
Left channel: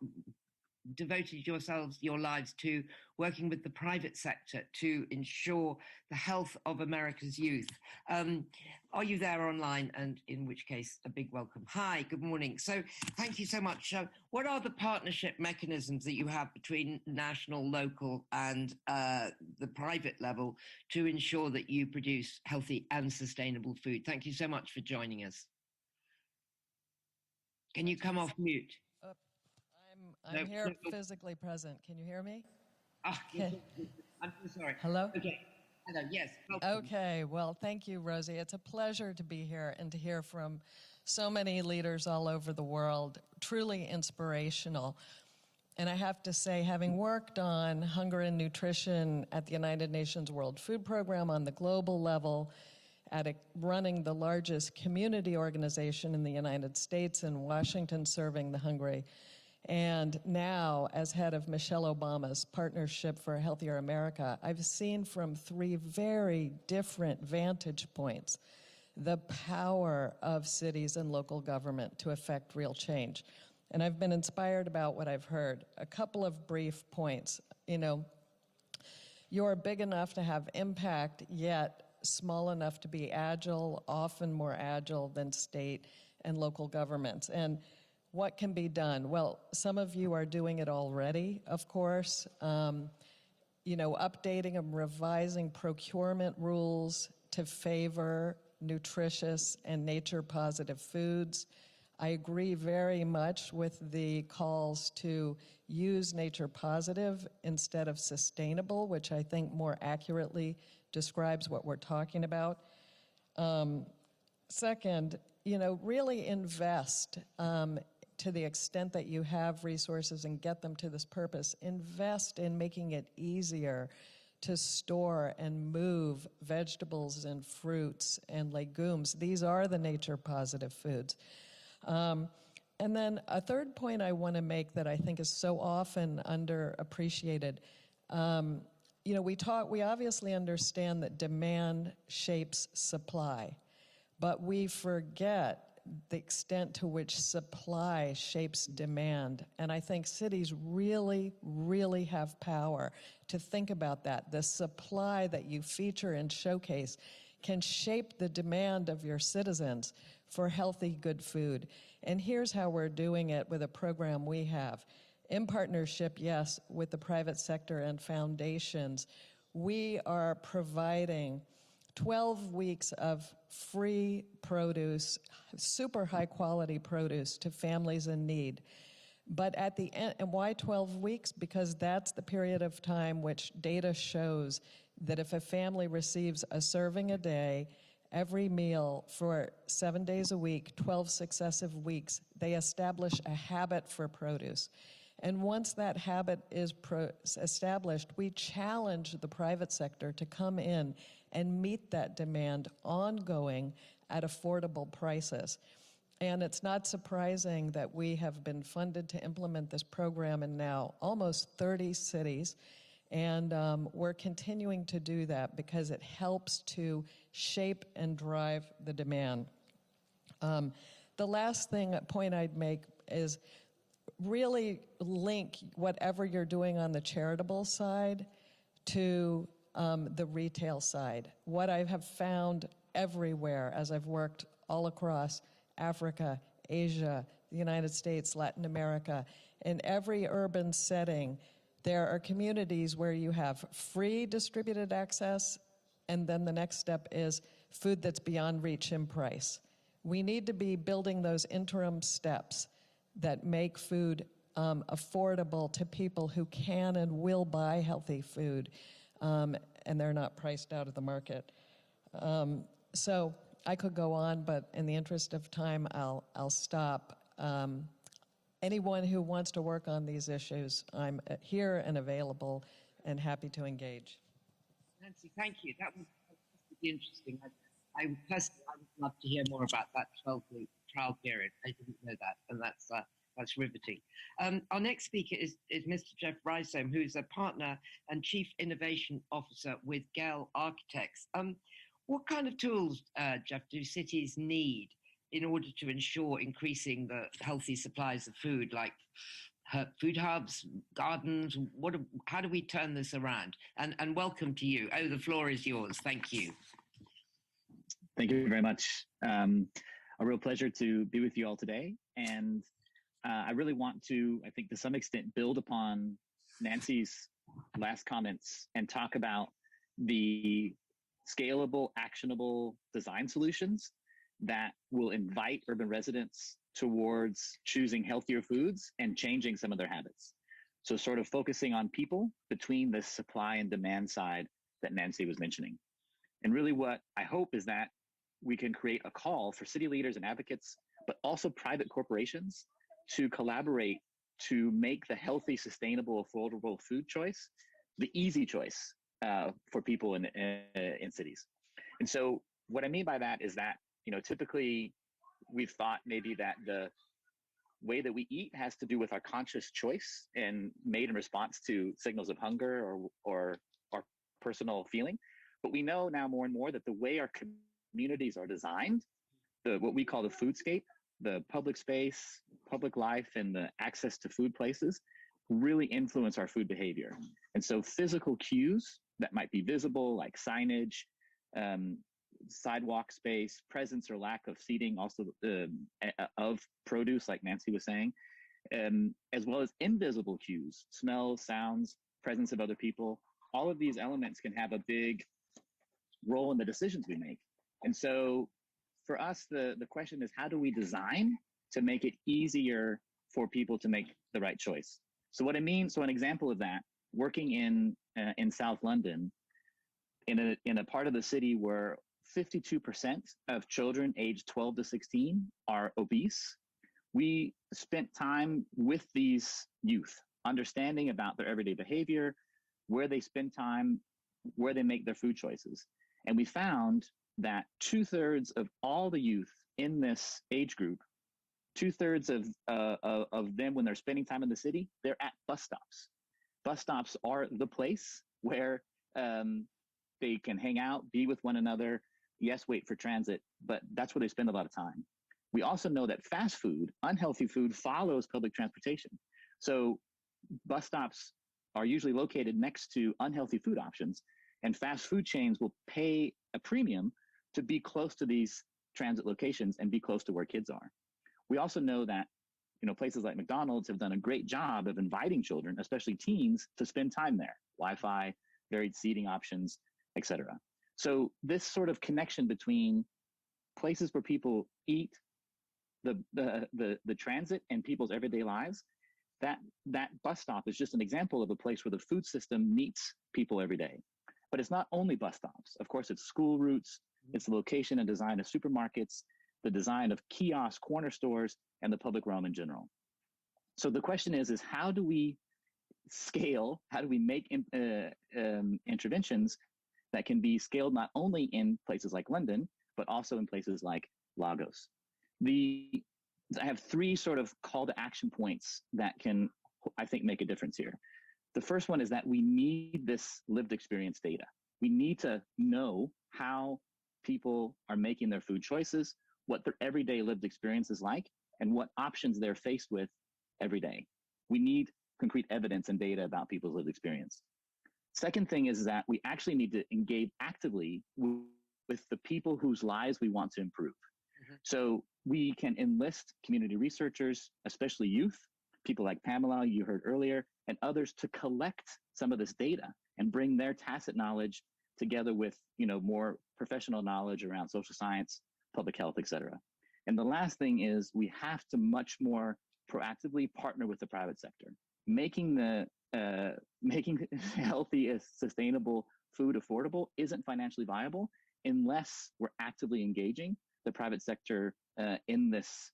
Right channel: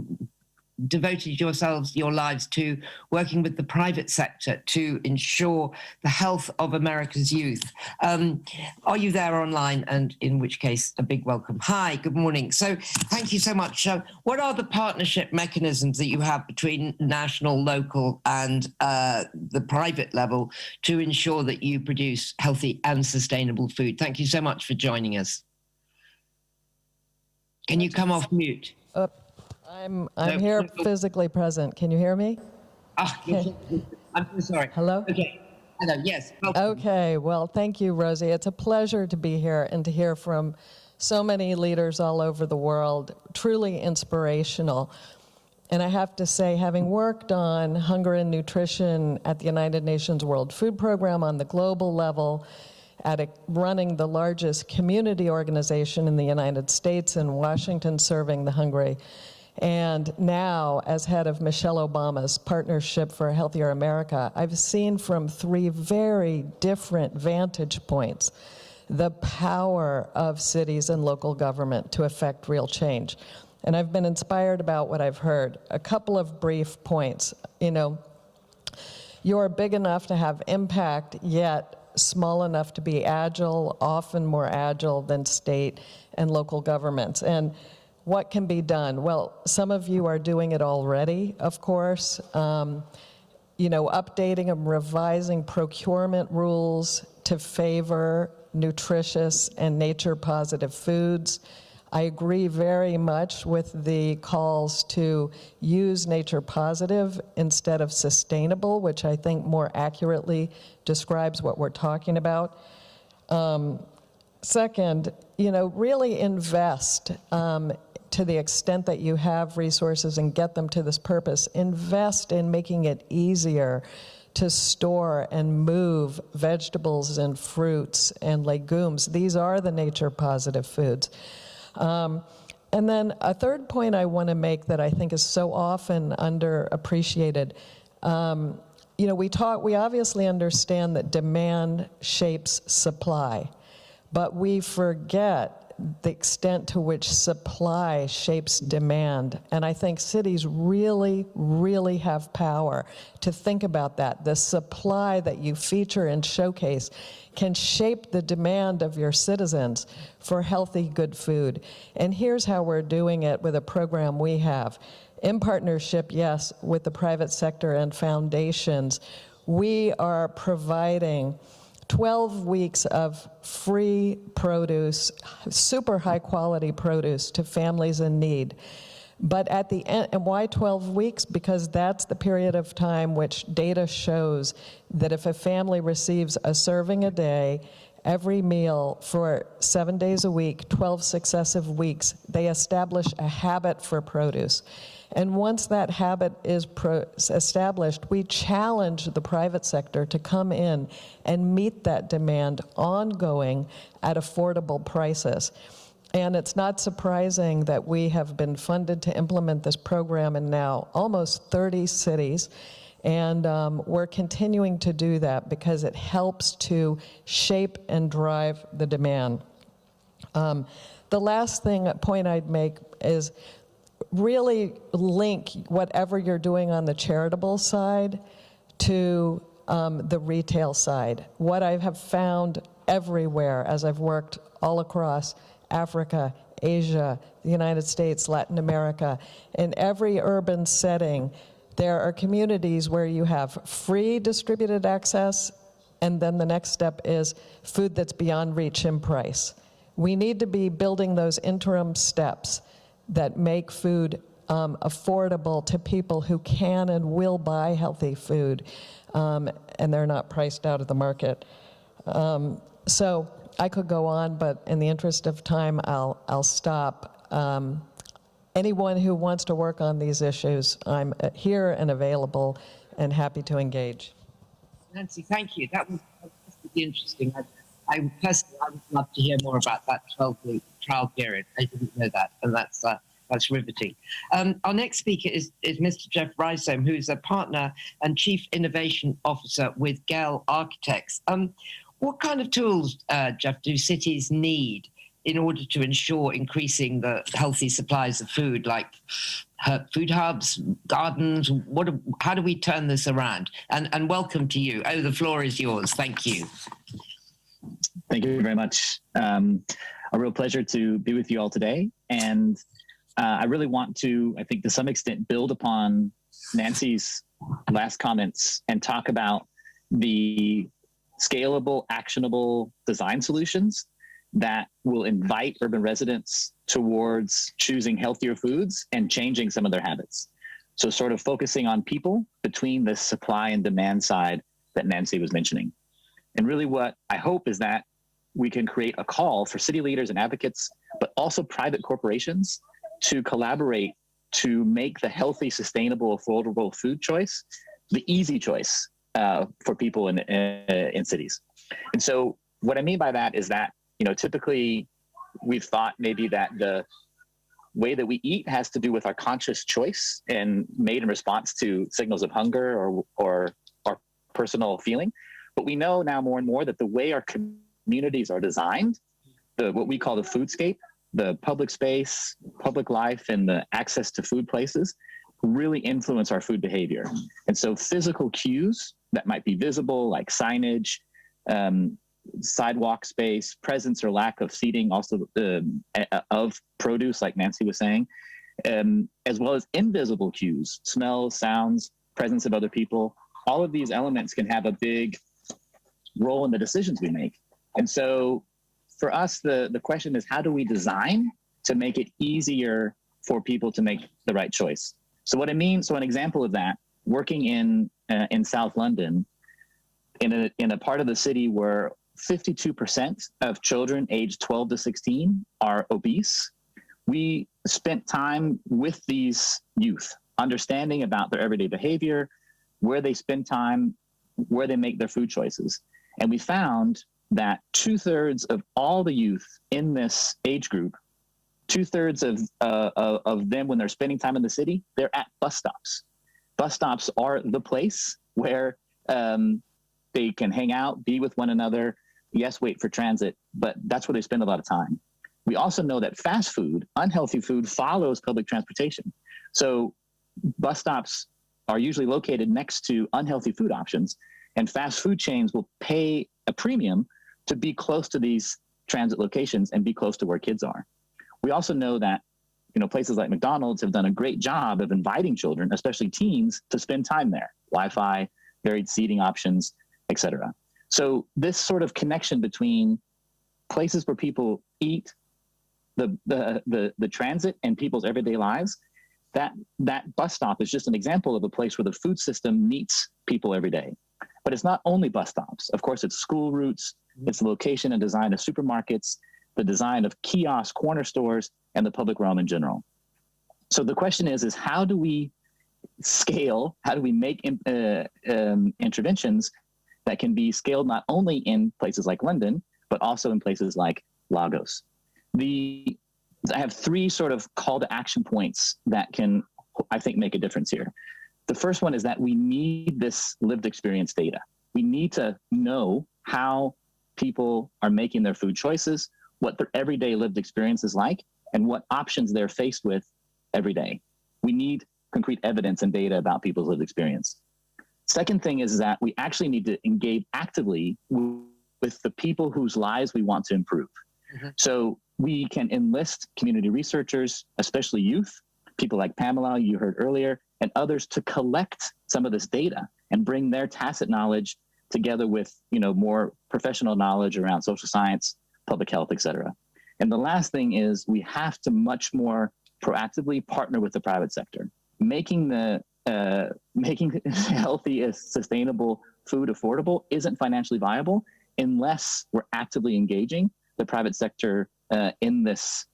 devoted your lives to working with the private sector to ensure the health of America's youth. Are you there online? And in which case, a big welcome. Hi, good morning. So thank you so much. What are the partnership mechanisms that you have between national, local, and the private level to ensure that you produce healthy and sustainable food? Thank you so much for joining us. Can you come off mute? I'm here physically present. Can you hear me? Okay. I'm so sorry. Hello? Okay. Hello, yes. Welcome. Okay, well, thank you, Rosie. It's a pleasure to be here and to hear from so many leaders all over the world, truly inspirational. And I have to say, having worked on hunger and nutrition at the United Nations World Food Program on the global level, running the largest community organization in the United States in Washington, serving the hungry, And now, as head of Michelle Obama's Partnership for a Healthier America, I've seen from 3 very different vantage points the power of cities and local government to affect real change. And I've been inspired about what I've heard. A couple of brief points. You know, you're big enough to have impact, yet small enough to be agile, often more agile than state and local governments. And what can be done? Well, some of you are doing it already, of course. You know, updating and revising procurement rules to favor nutritious and nature-positive foods. I agree very much with the calls to use nature-positive instead of sustainable, which I think more accurately describes what we're talking about. Second, you know, really invest to the extent that you have resources and get them to this purpose. Invest in making it easier to store and move vegetables and fruits and legumes. These are the nature-positive foods. And then a third point I want to make that I think is so often underappreciated. You know, we obviously understand that demand shapes supply, but we forget the extent to which supply shapes demand. And I think cities really, really have power to think about that. The supply that you feature and showcase can shape the demand of your citizens for healthy, good food. And here's how we're doing it with a program we have. In partnership, yes, with the private sector and foundations, we are providing 12 weeks of free produce, super high quality produce to families in need. But at the end, and why 12 weeks? Because that's the period of time which data shows that if a family receives a serving a day, every meal for 7 days a week, 12 successive weeks, they establish a habit for produce. And once that habit is established, we challenge the private sector to come in and meet that demand ongoing at affordable prices. And it's not surprising that we have been funded to implement this program in now almost 30 cities. And we're continuing to do that because it helps to shape and drive the demand. The last point I'd make is really link whatever you're doing on the charitable side to the retail side. What I have found everywhere as I've worked all across Africa, Asia, the United States, Latin America, in every urban setting, there are communities where you have free distributed access, and then the next step is food that's beyond reach in price. We need to be building those interim steps that make food affordable to people who can and will buy healthy food, and they're not priced out of the market. So I could go on, but in the interest of time, I'll stop. Anyone who wants to work on these issues, I'm here and available and happy to engage. Nancy, thank you. That was really interesting. I personally, I would love to hear more about that 12-week trial period. I didn't know that, and that's riveting. Our next speaker is Mr. Jeff Risom, who's a partner and Chief Innovation Officer with Gell Architects. What kind of tools, Jeff, do cities need in order to ensure increasing the healthy supplies of food, like food hubs, gardens? How do we turn this around? And welcome to you. Oh, the floor is yours. Thank you. Thank you very much. A real pleasure to be with you all today. And I really want to, I think to some extent, build upon Nancy's last comments and talk about the scalable, actionable design solutions that will invite urban residents towards choosing healthier foods and changing some of their habits. So sort of focusing on people between the supply and demand side that Nancy was mentioning. And really what I hope is that we can create a call for city leaders and advocates, but also private corporations to collaborate to make the healthy, sustainable, affordable food choice the easy choice for people in cities. And so what I mean by that is that, you know, typically we've thought maybe that way that we eat has to do with our conscious choice and made in response to signals of hunger or personal feeling. But we know now more and more that the way our communities are designed, what we call the foodscape, the public space, public life, and the access to food places really influence our food behavior. And so physical cues that might be visible, like signage, sidewalk space, presence or lack of seating, also of produce, like Nancy was saying, as well as invisible cues, smells, sounds, presence of other people. All of these elements can have a big role in the decisions we make. And so for us, the question is, how do we design to make it easier for people to make the right choice? So what it means, so an example of that, working in South London, in a part of the city where 52% of children aged 12 to 16 are obese, we spent time with these youth, understanding about their everyday behavior, where they spend time, where they make their food choices. And we found that 2/3 of all the youth in this age group, 2/3 of them, when they're spending time in the city, they're at bus stops. Bus stops are the place where they can hang out, be with one another, yes, wait for transit, but that's where they spend a lot of time. We also know that fast food, unhealthy food, follows public transportation. So bus stops are usually located next to unhealthy food options, and fast food chains will pay a premium to be close to these transit locations and be close to where kids are. We also know that places like McDonald's have done a great job of inviting children, especially teens, to spend time there. Wi-Fi, varied seating options, etc. So this sort of connection between places where people eat, the transit, and people's everyday lives, that bus stop is just an example of a place where the food system meets people every day. But it's not only bus stops. Of course, it's school routes, it's the location and design of supermarkets, the design of kiosks, corner stores, and the public realm in general. So the question is how do we scale, how do we make interventions that can be scaled not only in places like London, but also in places like Lagos? I have 3 sort of call to action points that can, I think, make a difference here. The first one is that we need this lived experience data. We need to know how people are making their food choices, what their everyday lived experience is like, and what options they're faced with every day. We need concrete evidence and data about people's lived experience. Second thing is that we actually need to engage actively with the people whose lives we want to improve. So we can enlist community researchers, especially youth, people like Pamela, you heard earlier, and others to collect some of this data and bring their tacit knowledge together with more professional knowledge around social science, public health, et cetera. And the last thing is we have to much more proactively partner with the private sector. Making healthy, sustainable food affordable isn't financially viable unless we're actively engaging the private sector in this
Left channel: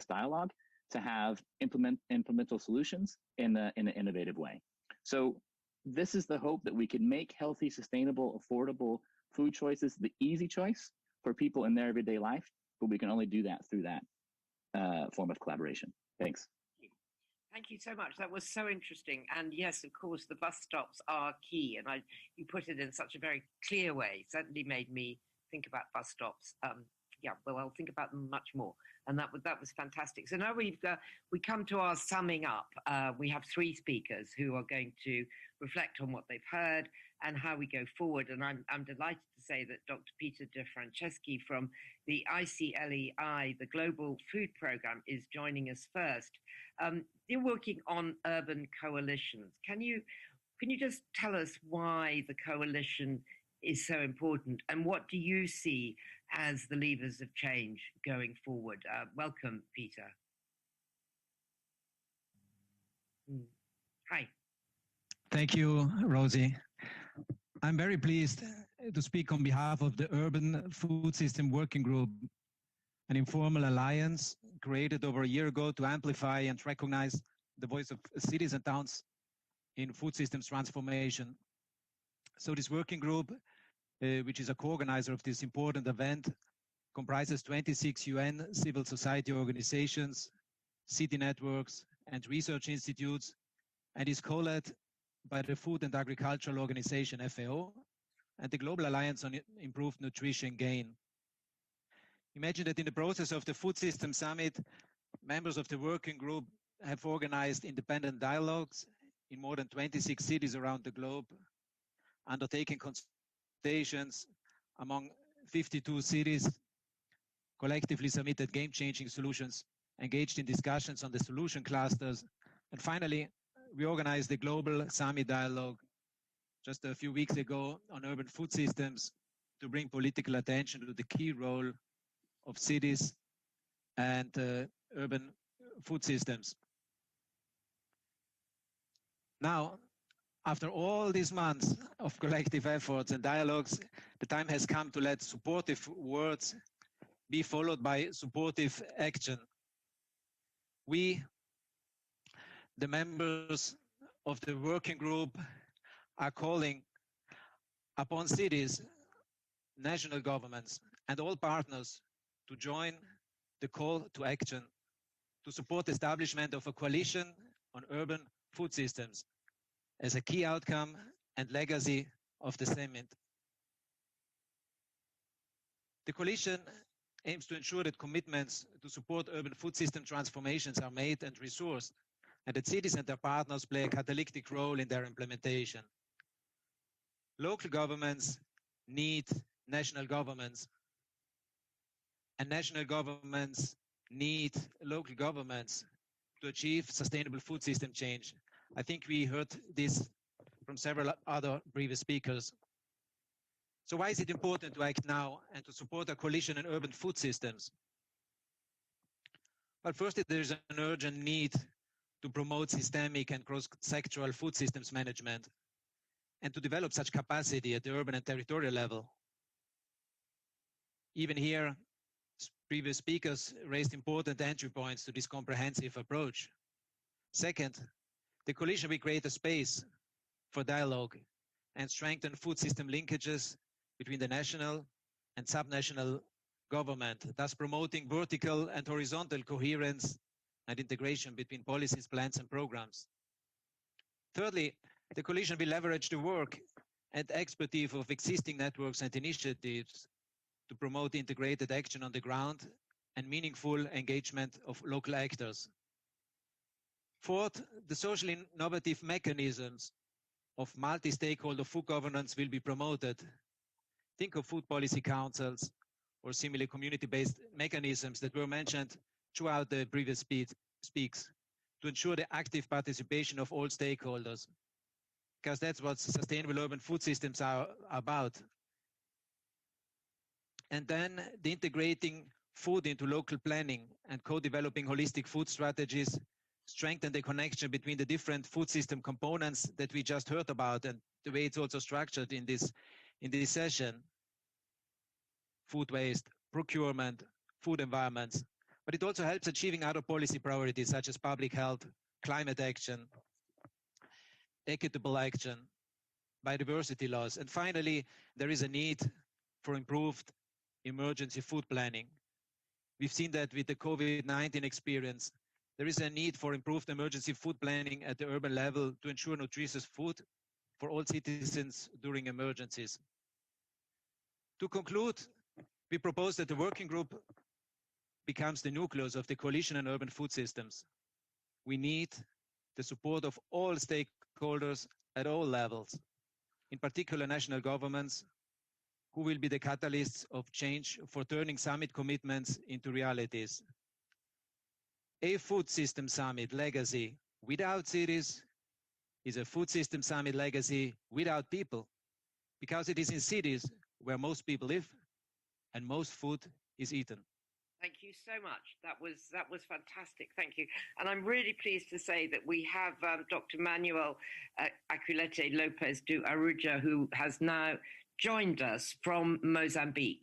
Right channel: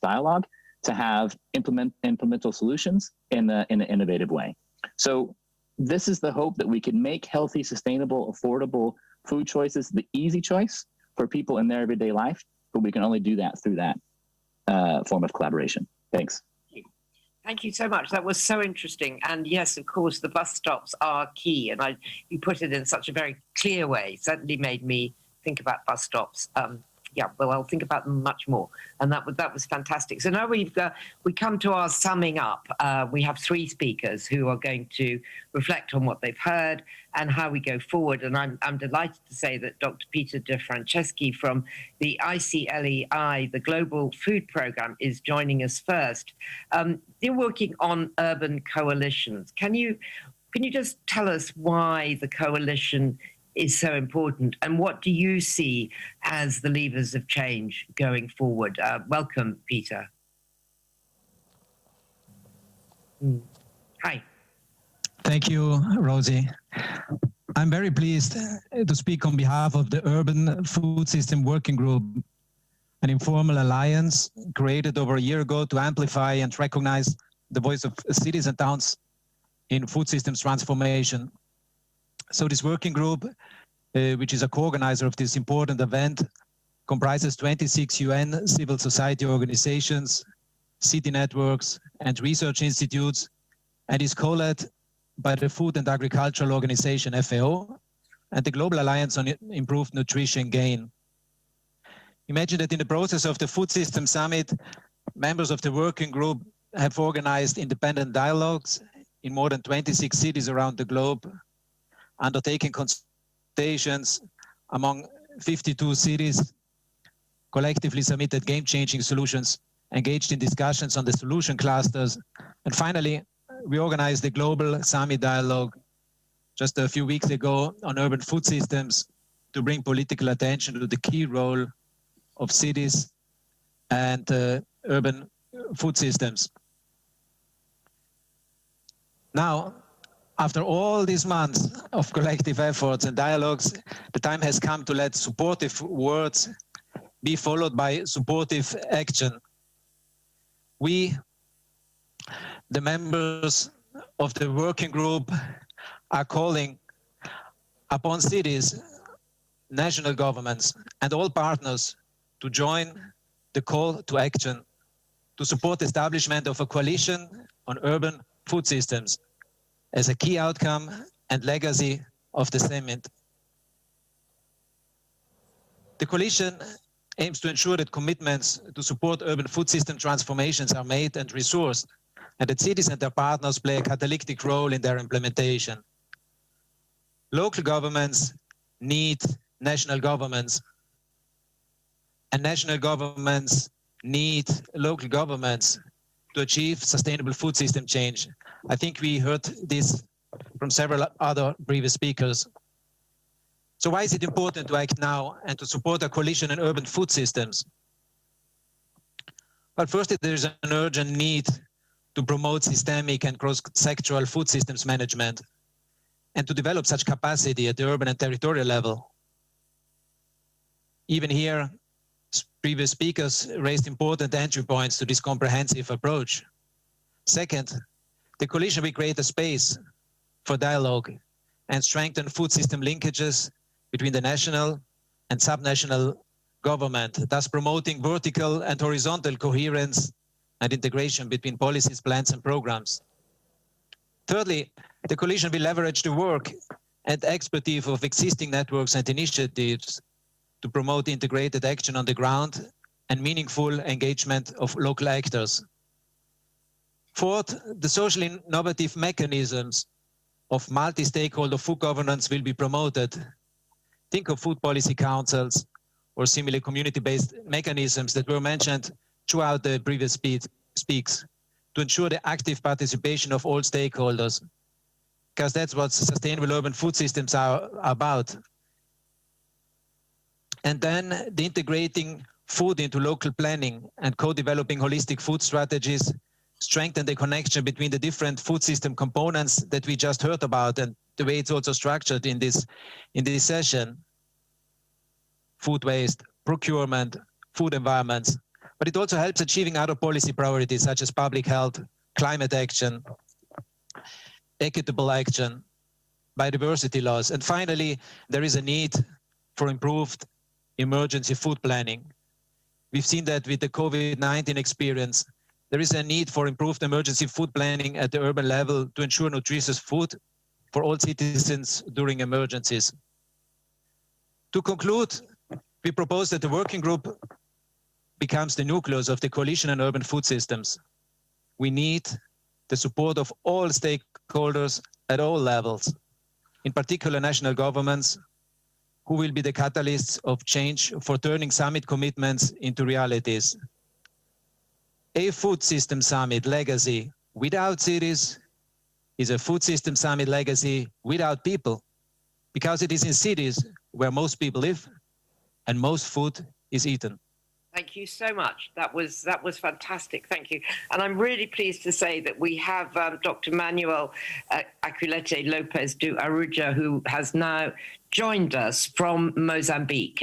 dialogue to have implementable solutions in an innovative way. So this is the hope, that we can make healthy, sustainable, affordable food choices the easy choice for people in their everyday life, but we can only do that through that form of collaboration. Thanks. Thank you so much. That was so interesting. And yes, of course, the bus stops are key. And you put it in such a very clear way. It certainly made me think about bus stops. I'll think about them much more. And that was fantastic. So now we come to our summing up. We have 3 speakers who are going to reflect on what they've heard and how we go forward. And I'm delighted to say that Dr. Peter De Franceschi from the ICLEI, the Global Food Programme, is joining us first. You're working on urban coalitions. Can you just tell us why the coalition is so important, and what do you see as the levers of change going forward? Welcome, Peter. Hi. Thank you, Rosie. I'm very pleased to speak on behalf of the Urban Food System Working Group, an informal alliance created over a year ago to amplify and recognize the voice of cities and towns in food systems transformation. So this working group, which is a co-organizer of this important event, comprises 26 UN civil society organizations, city networks, and research institutes, and is co-led by the Food and Agricultural Organization, FAO, and the Global Alliance on Improved Nutrition Gain. Imagine that in the process of the Food System Summit, members of the working group have organized independent dialogues in more than 26 cities around the globe, undertaking consultations among 52 cities, collectively submitted game-changing solutions, engaged in discussions on the solution clusters, and finally, we organized the Global Summit Dialogue just a few weeks ago on urban food systems to bring political attention to the key role of cities and urban food systems. Now, after all these months of collective efforts and dialogues, the time has come to let supportive words be followed by supportive action. We, the members of the working group, are calling upon cities, national governments, and all partners to join the call to action to support the establishment of a coalition on urban food systems as a key outcome and legacy of the summit. The coalition aims to ensure that commitments to support urban food system transformations are made and resourced, and that cities and their partners play a catalytic role in their implementation. Local governments need national governments, and national governments need local governments to achieve sustainable food system change. I think we heard this from several other previous speakers. So why is it important to act now and to support a coalition in urban food systems? Well, first, there is an urgent need to promote systemic and cross-sectoral food systems management and to develop such capacity at the urban and territorial level. Even here, previous speakers raised important entry points to this comprehensive approach. Second, the coalition will create a space for dialogue and strengthen food system linkages between the national and subnational government, thus promoting vertical and horizontal coherence and integration between policies, plans, and programs. Thirdly, the coalition will leverage the work and expertise of existing networks and initiatives to promote integrated action on the ground and meaningful engagement of local actors. Fourth, the socially innovative mechanisms of multi-stakeholder food governance will be promoted. Think of food policy councils or similar community-based mechanisms that were mentioned throughout the previous speaks to ensure the active participation of all stakeholders, because that's what sustainable urban food systems are about. And then the integrating food into local planning and co-developing holistic food strategies strengthen the connection between the different food system components that we just heard about and the way it's also structured in this session. Food waste, procurement, food environments. But it also helps achieving other policy priorities such as public health, climate action, equitable action, biodiversity laws. And finally, there is a need for improved emergency food planning. We've seen that with the COVID-19 experience. There is a need for improved emergency food planning at the urban level to ensure nutritious food for all citizens during emergencies. To conclude, we propose that the working group becomes the nucleus of the coalition on urban food systems. We need the support of all stakeholders at all levels, in particular national governments, who will be the catalysts of change for turning summit commitments into realities. A food system summit legacy without cities is a food system summit legacy without people, because it is in cities where most people live and most food is eaten. Thank you so much. That was fantastic. Thank you. And I'm really pleased to say that we have Dr. Manuel Aculete Lopez do Aruja, who has now joined us from Mozambique.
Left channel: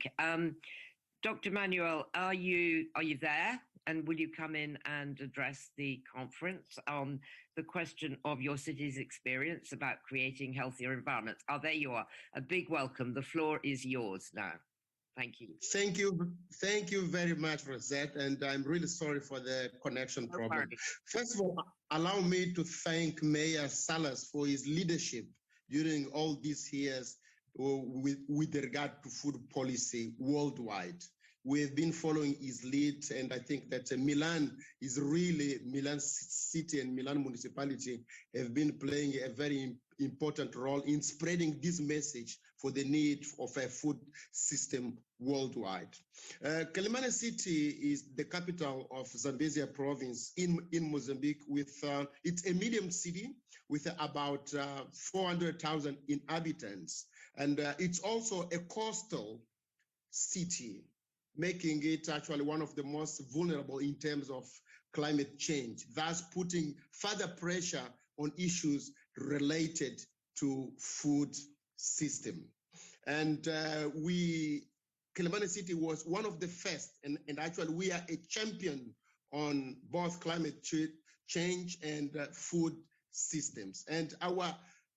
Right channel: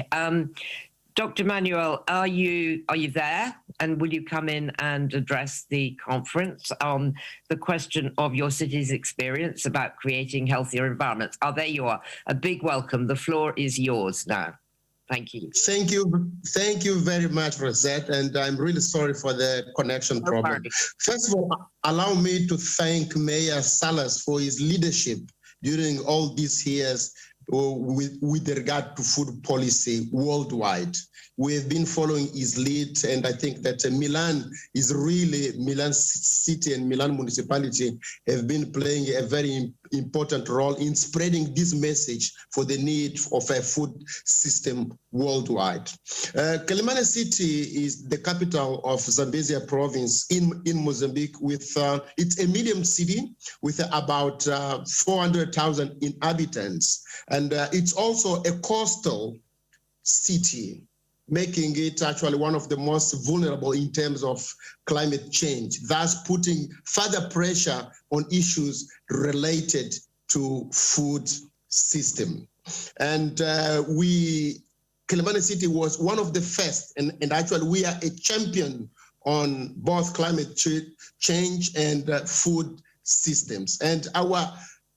Dr. Manuel, are you there? And will you come in and address the conference on the question of your city's experience about creating healthier environments? Oh, there you are. A big welcome. The floor is yours now. Thank you. Thank you very much, Rosette, and I'm really sorry for the connection problem. First of all, allow me to thank Mayor Salas for his leadership during all these years with regard to food policy worldwide. We have been following his lead, and I think that Milan City and Milan municipality have been playing a very important role in spreading this message for the need of a food system worldwide. Quelimane City is the capital of Zambezia province in Mozambique. It's a medium city with about 400,000 inhabitants, and it's also a coastal city, making it actually one of the most vulnerable in terms of climate change, thus putting further pressure on issues related to food system. And Quelimane City was one of the first, and actually we are a champion on both climate change and food systems. And our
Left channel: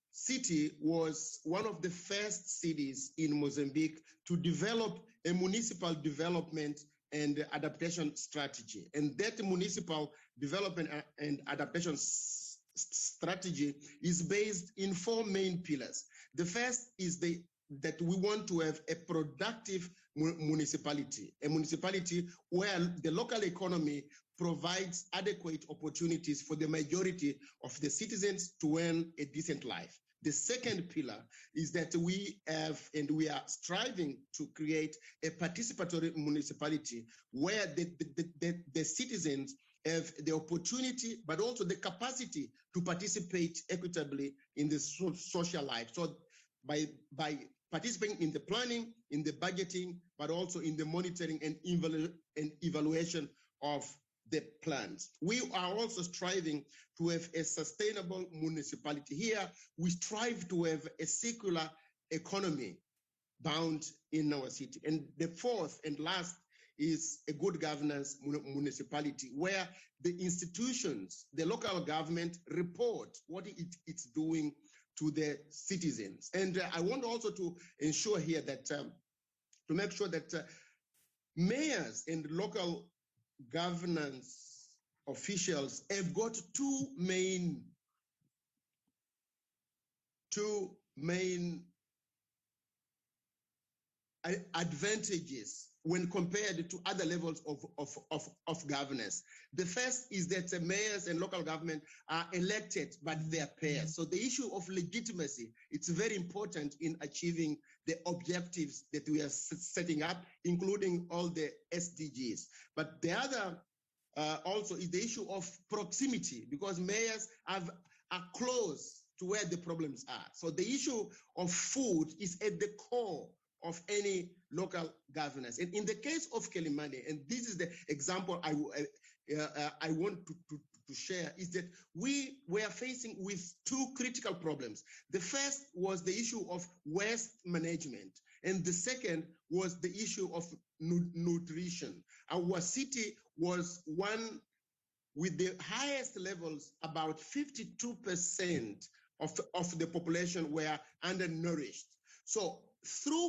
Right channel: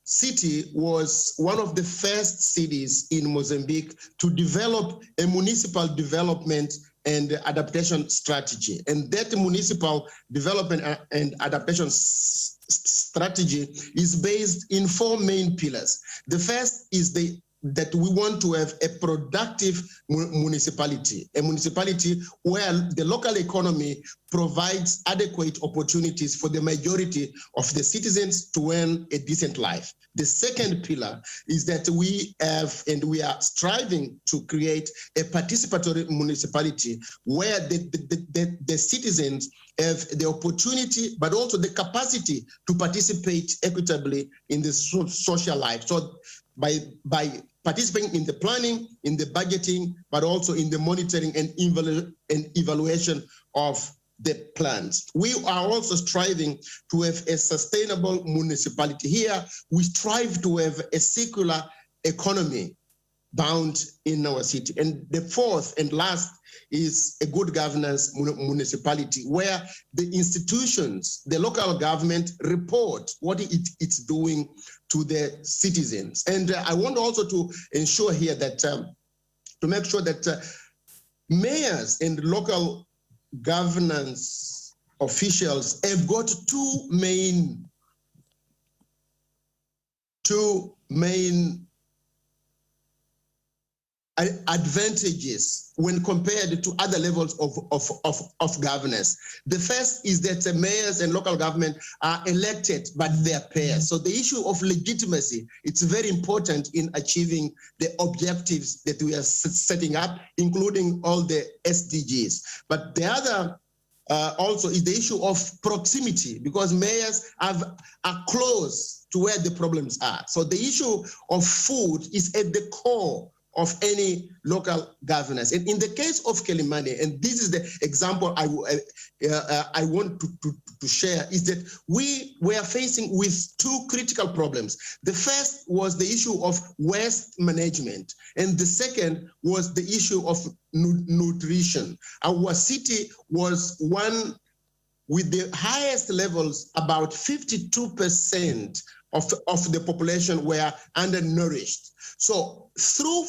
city was one of the first cities in Mozambique to develop a municipal development and adaptation strategy. And that municipal development and adaptation strategy is based in 4 main pillars. The first is that we want to have a productive municipality, a municipality where the local economy provides adequate opportunities for the majority of the citizens to earn a decent life. The second pillar is that we have, and we are striving to create a participatory municipality where the citizens have the opportunity, but also the capacity to participate equitably in the social life. So by participating in the planning, in the budgeting, but also in the monitoring and evaluation of the plans. We are also striving to have a sustainable municipality. Here, we strive to have a circular economy bound in our city. And the fourth and last is a good governance municipality where the institutions, the local government report what it's doing to the citizens. And I want also to ensure here that, to make sure that mayors and local governance officials have got two main advantages when compared to other levels of governance. The first is that the mayors and local government are elected by their peers. So the issue of legitimacy, it's very important in achieving the objectives that we are setting up, including all the SDGs. But the other also is the issue of proximity, because mayors are close to where the problems are. So the issue of food is at the core of any local governance. And in the case of Quelimane, and this is the example I want to share, is that we were facing with two critical problems. The first was the issue of waste management, and the second was the issue of nutrition. Our city was one with the highest levels, about 52% of the population were undernourished. So through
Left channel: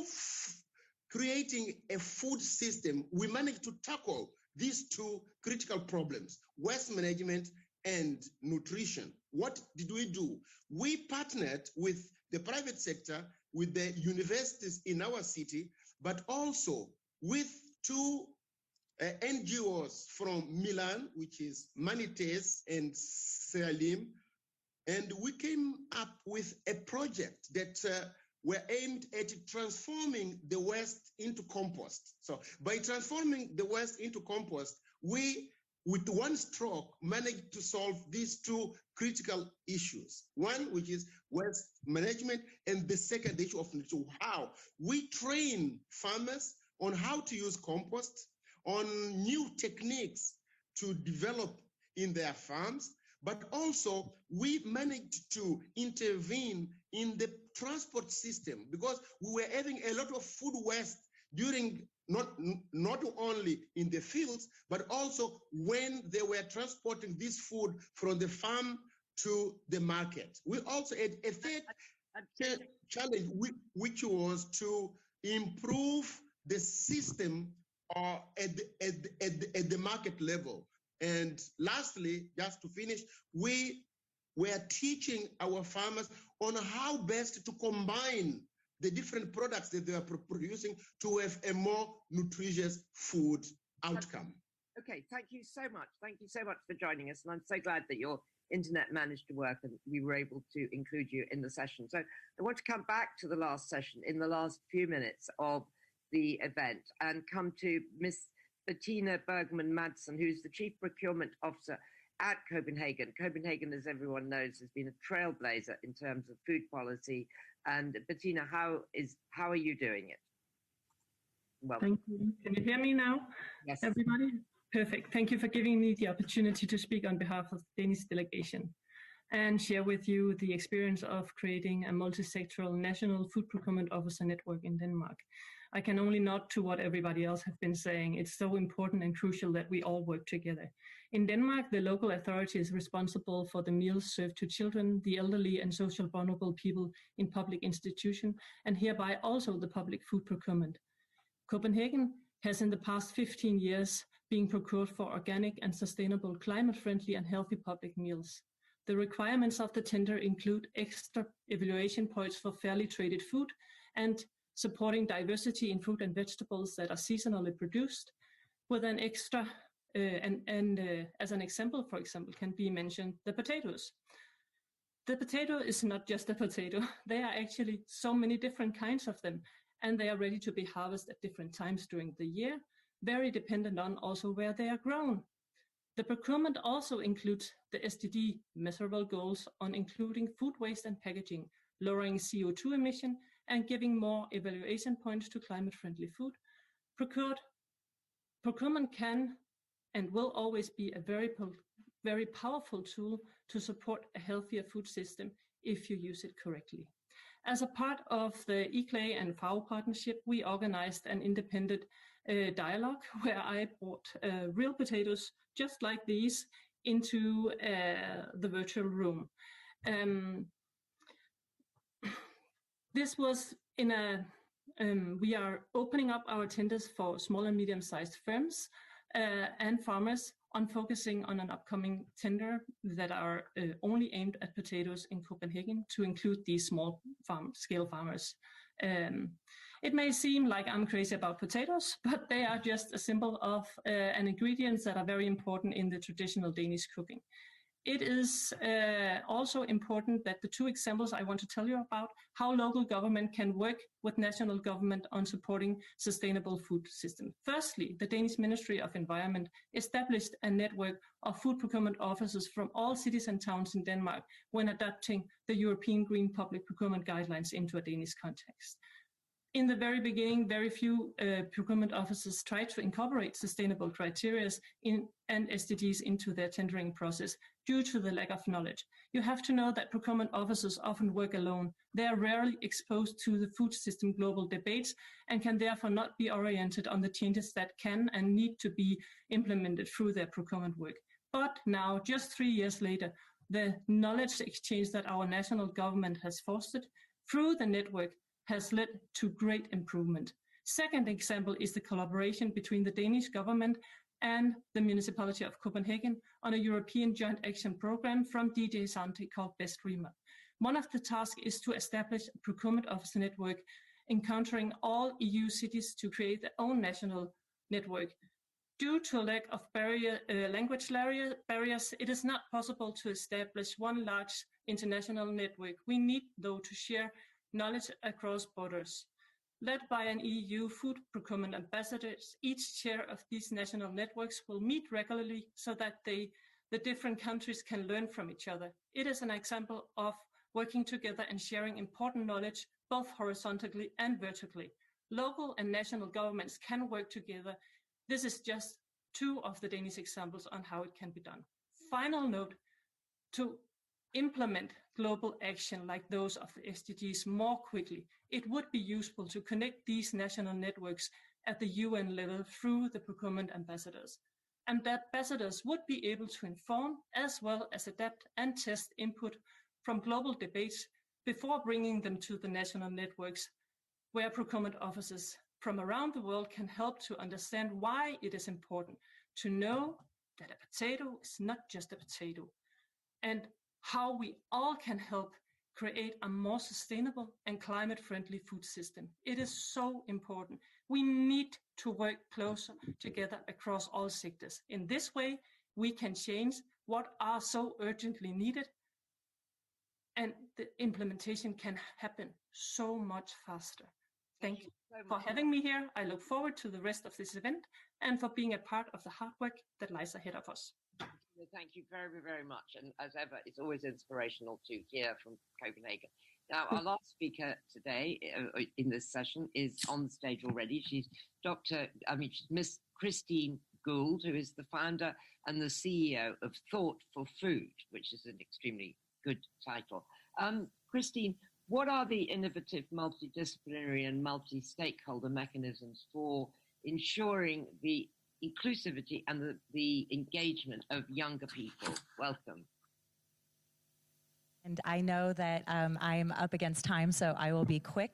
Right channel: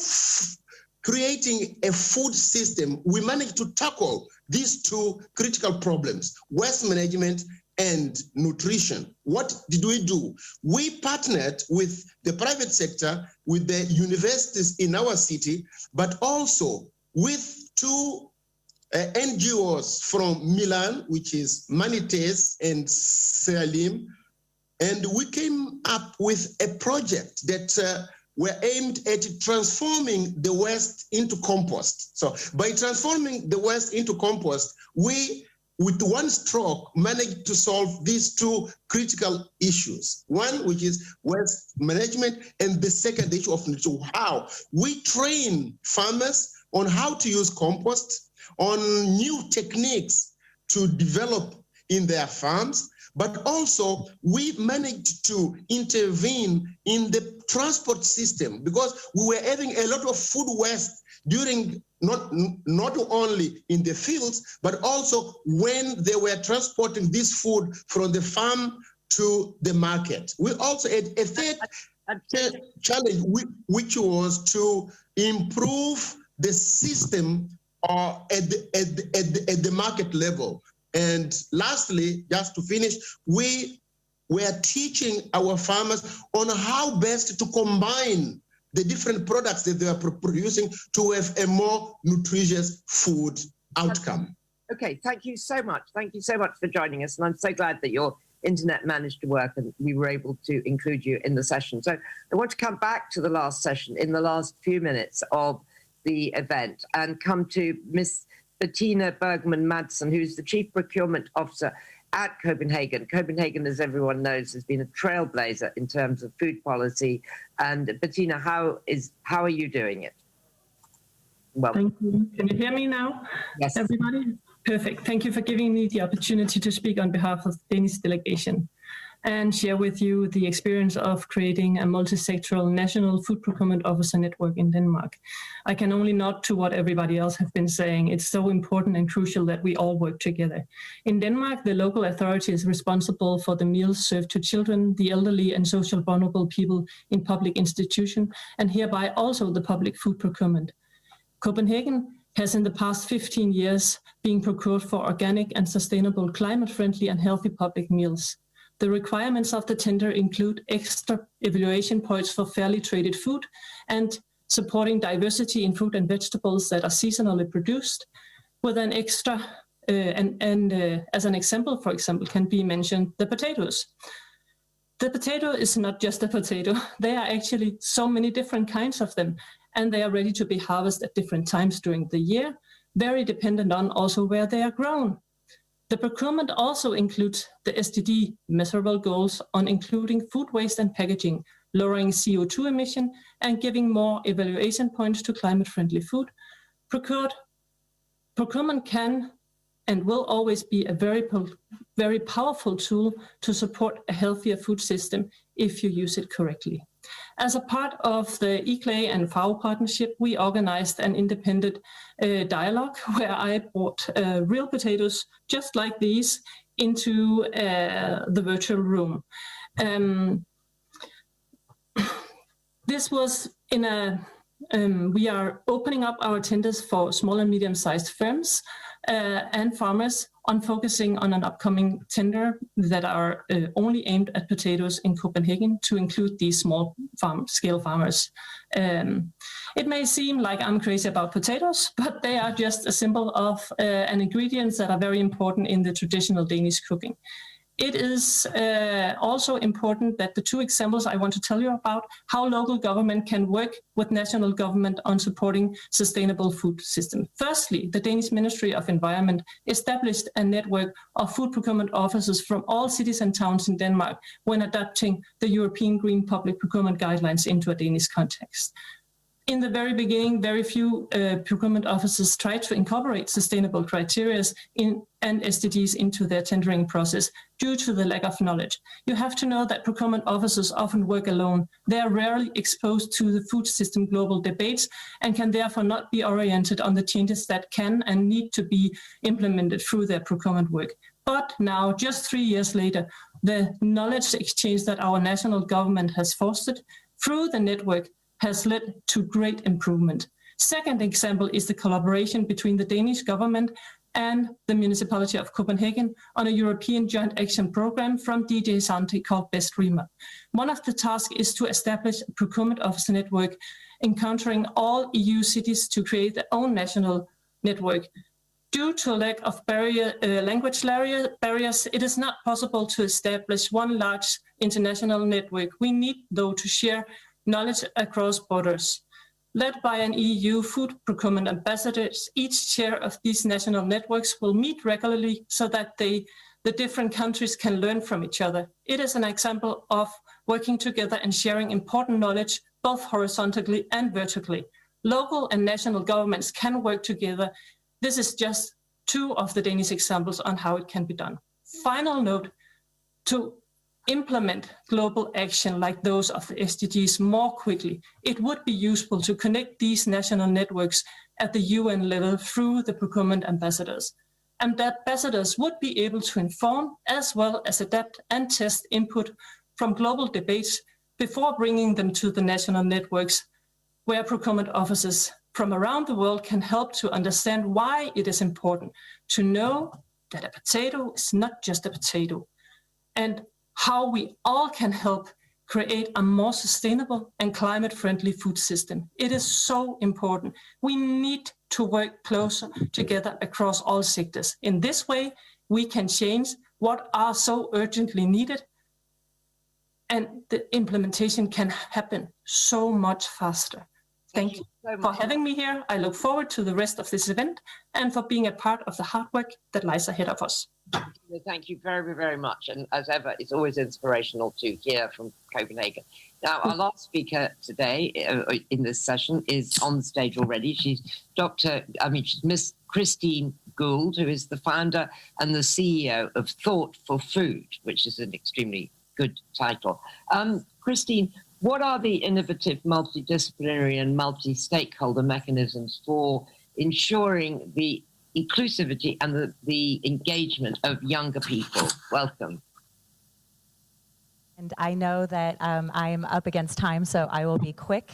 creating a food system, we managed to tackle these two critical problems, waste management and nutrition. What did we do? We partnered with the private sector, with the universities in our city, but also with two NGOs from Milan, which is Manites and Seralim, and we came up with a project that were aimed at transforming the waste into compost. So by transforming the waste into compost, we, with one stroke, managed to solve these two critical issues. One, which is waste management, and the second issue of nutrition. How we train farmers on how to use compost, on new techniques to develop in their farms, but also we managed to intervene in the transport system, because we were having a lot of food waste during not only in the fields, but also when they were transporting this food from the farm to the market. We also had a third challenge, which was to improve the system at the market level. And lastly, just to finish, we are teaching our farmers on how best to combine the different products that they are producing to have a more nutritious food outcome. Okay, thank you so much. Thank you so much for joining us. And I'm so glad that your internet managed to work and we were able to include you in the session. So I want to come back to the last session in the last few minutes of the event and come to Miss Bettina Bergman Madsen, who's the Chief Procurement Officer at Copenhagen. Copenhagen, as everyone knows, has been a trailblazer in terms of food policy. And Bettina, how are you doing it? Well, thank you. Can you hear me now? Yes. Everybody? Perfect. Thank you for giving me the opportunity to speak on behalf of the Danish delegation and share with you the experience of creating a multi-sectoral national food procurement officer network in Denmark. I can only nod to what everybody else has been saying. It's so important and crucial that we all work together. In Denmark, the local authority is responsible for the meals served to children, the elderly and social vulnerable people in public institutions, and hereby also the public food procurement. Copenhagen has in the past 15 years been procured for organic and sustainable, climate-friendly and healthy public meals. The requirements of the tender include extra evaluation points for fairly traded food and supporting diversity in fruit and vegetables that are seasonally produced, with an extra, as an example, for example, can be mentioned the potatoes. The potato is not just a potato. There are actually so many different kinds of them, and they are ready to be harvested at different times during the year, very dependent on also where they are grown. The procurement also includes the SDG measurable goals on including food waste and packaging, lowering CO2 emission, and giving more evaluation points to climate-friendly food. Procurement can and will always be a very powerful tool to support a healthier food system if you use it correctly. As a part of the ICLAI and FAO partnership, we organized an independent dialogue where I brought real potatoes just like these into the virtual room. This was in a, we are opening up our tenders for small and medium-sized firms and farmers on focusing on an upcoming tender that are only aimed at potatoes in Copenhagen to include these small scale farmers. It may seem like I'm crazy about potatoes, but they are just a symbol of an ingredients that are very important in the traditional Danish cooking. It is also important that the two examples I want to tell you about, how local government can work with national government on supporting sustainable food system. Firstly, the Danish Ministry of Environment established a network of food procurement officers from all cities and towns in Denmark when adapting the European Green Public Procurement Guidelines into a Danish context. In the very beginning, very few procurement officers tried to incorporate sustainable criteria and SDGs into their tendering process due to the lack of knowledge. You have to know that procurement officers often work alone. They are rarely exposed to the food system global debates and can therefore not be oriented on the changes that can and need to be implemented through their procurement work. But now, just 3 years later, the knowledge exchange that our national government has fostered through the network has led to great improvement. Second example is the collaboration between the Danish government and the municipality of Copenhagen on a European joint action program from DG Sante called Best Rema. One of the tasks is to establish a procurement officer network encountering all EU cities to create their own national network. Due to a lack of language barriers, it is not possible to establish one large international network. We need, though, to share knowledge across borders. Led by an EU food procurement ambassador, each chair of these national networks will meet regularly so that the different countries can learn from each other. It is an example of working together and sharing important knowledge, both horizontally and vertically. Local and national governments can work together. This is just two of the Danish examples on how it can be done. Final note, to implement global action like those of the SDGs more quickly, it would be useful to connect these national networks at the UN level through the procurement ambassadors. And the ambassadors would be able to inform as well as adapt and test input from global debates before bringing them to the national networks where procurement officers from around the world can help to understand why it is important to know that a potato is not just a potato, and how we all can help create a more sustainable and climate-friendly food system. It is so important. We need to work closer together across all sectors. In this way, we can change what are so urgently needed, and the implementation can happen so much faster. Thank you for having me here. I look forward to the rest of this event and for being a part of the hard work that lies ahead of us. Thank you very, very much. And as ever, it's always inspirational to hear from Copenhagen. Now, our last speaker today in this session is on stage already. She's Miss Christine Gould, who is the founder and the CEO of Thought for Food, which is an extremely good title. Christine, what are the innovative, multidisciplinary and multi-stakeholder mechanisms for ensuring the inclusivity and the engagement of younger people? Welcome. And I know that I'm up against time, so I will be quick.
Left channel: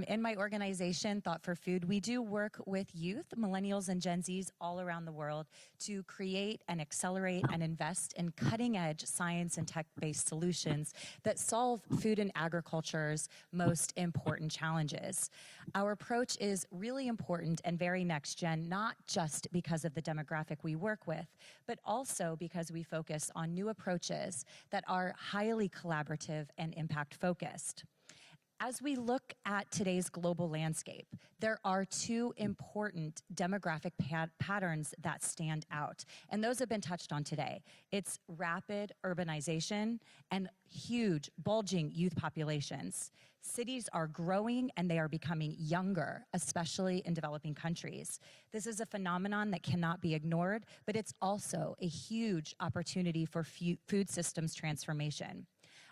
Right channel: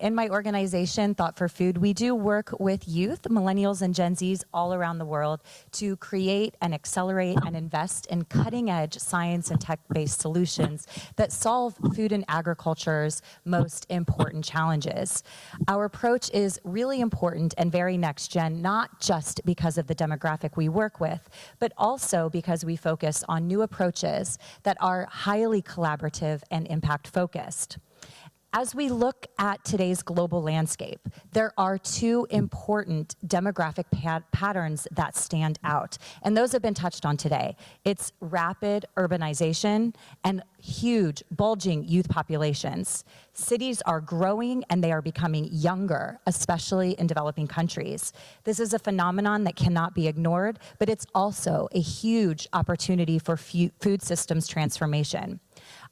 In my organization, Thought for Food, we do work with youth, millennials and Gen Zs all around the world to create and accelerate and invest in cutting-edge science and tech-based solutions that solve food and agriculture's most important challenges. Our approach is really important and very next-gen, not just because of the demographic we work with, but also because we focus on new approaches that are highly collaborative and impact-focused. As we look at today's global landscape, there are two important demographic patterns that stand out, and those have been touched on today. It's rapid urbanization and huge, bulging youth populations. Cities are growing and they are becoming younger, especially in developing countries. This is a phenomenon that cannot be ignored, but it's also a huge opportunity for food systems transformation.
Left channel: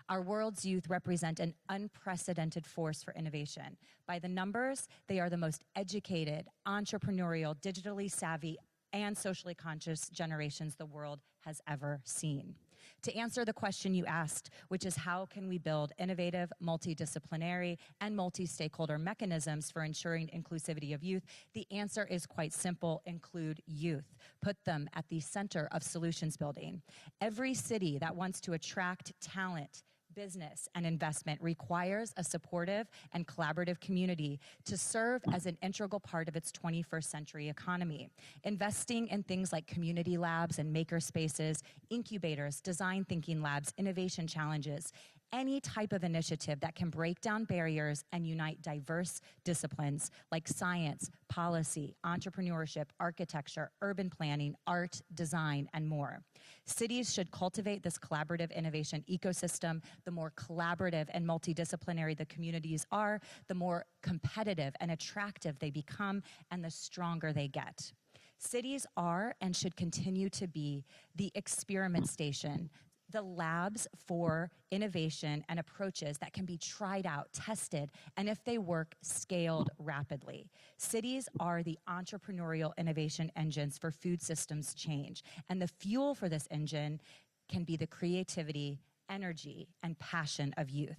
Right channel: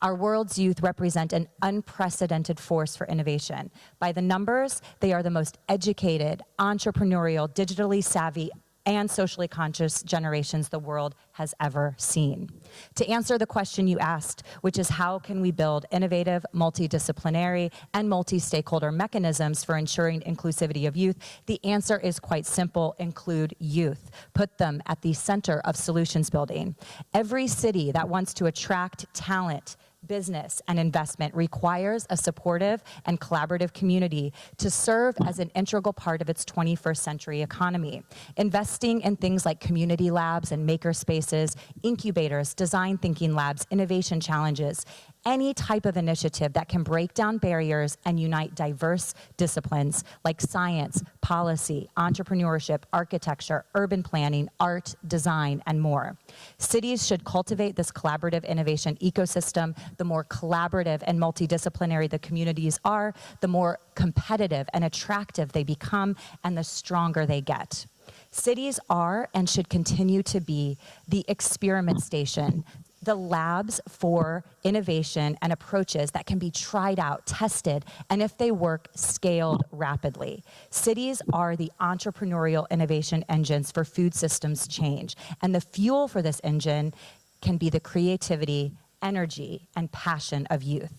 Our world's youth represent an unprecedented force for innovation. By the numbers, they are the most educated, entrepreneurial, digitally savvy, and socially conscious generations the world has ever seen. To answer the question you asked, which is how can we build innovative, multidisciplinary, and multi-stakeholder mechanisms for ensuring inclusivity of youth, the answer is quite simple: include youth. Put them at the center of solutions building. Every city that wants to attract talent, business, and investment requires a supportive and collaborative community to serve as an integral part of its 21st century economy. Investing in things like community labs and maker spaces, incubators, design thinking labs, innovation challenges, any type of initiative that can break down barriers and unite diverse disciplines like science, policy, entrepreneurship, architecture, urban planning, art, design, and more. Cities should cultivate this collaborative innovation ecosystem. The more collaborative and multidisciplinary the communities are, the more competitive and attractive they become, and the stronger they get. Cities are and should continue to be the experiment station, the labs for innovation and approaches that can be tried out, tested, and if they work, scaled rapidly. Cities are the entrepreneurial innovation engines for food systems change, and the fuel for this engine can be the creativity, energy, and passion of youth.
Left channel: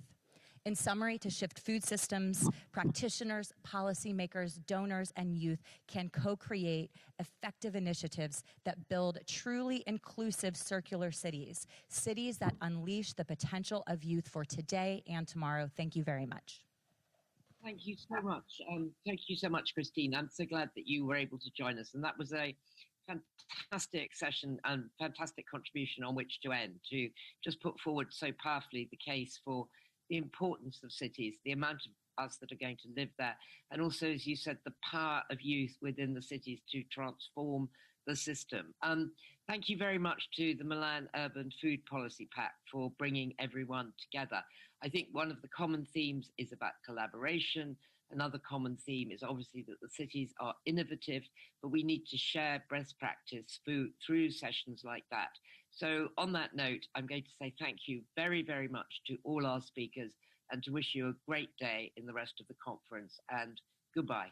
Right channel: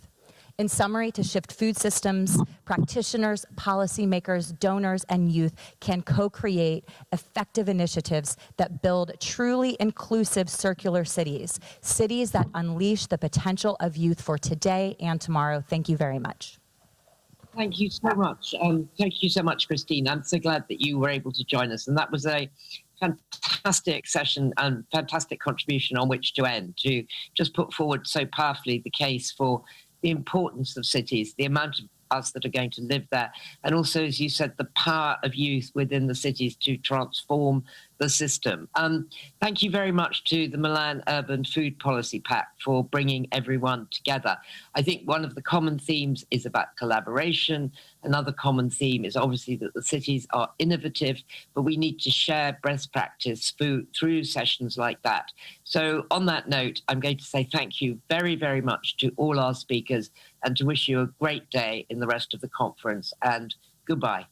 In summary, to shift food systems, practitioners, policymakers, donors, and youth can co-create effective initiatives that build truly inclusive circular cities, cities that unleash the potential of youth for today and tomorrow. Thank you very much. Thank you so much. Thank you so much, Christine. I'm so glad that you were able to join us. And that was a fantastic session and fantastic contribution on which to end, to just put forward so powerfully the case for the importance of cities, the amount of us that are going to live there, and also, as you said, the power of youth within the cities to transform the system. Thank you very much to the Milan Urban Food Policy Pact for bringing everyone together. I think one of the common themes is about collaboration. Another common theme is obviously that the cities are innovative, but we need to share best practice through sessions like that. So on that note, I'm going to say thank you very, very much to all our speakers and to wish you a great day in the rest of the conference, and goodbye.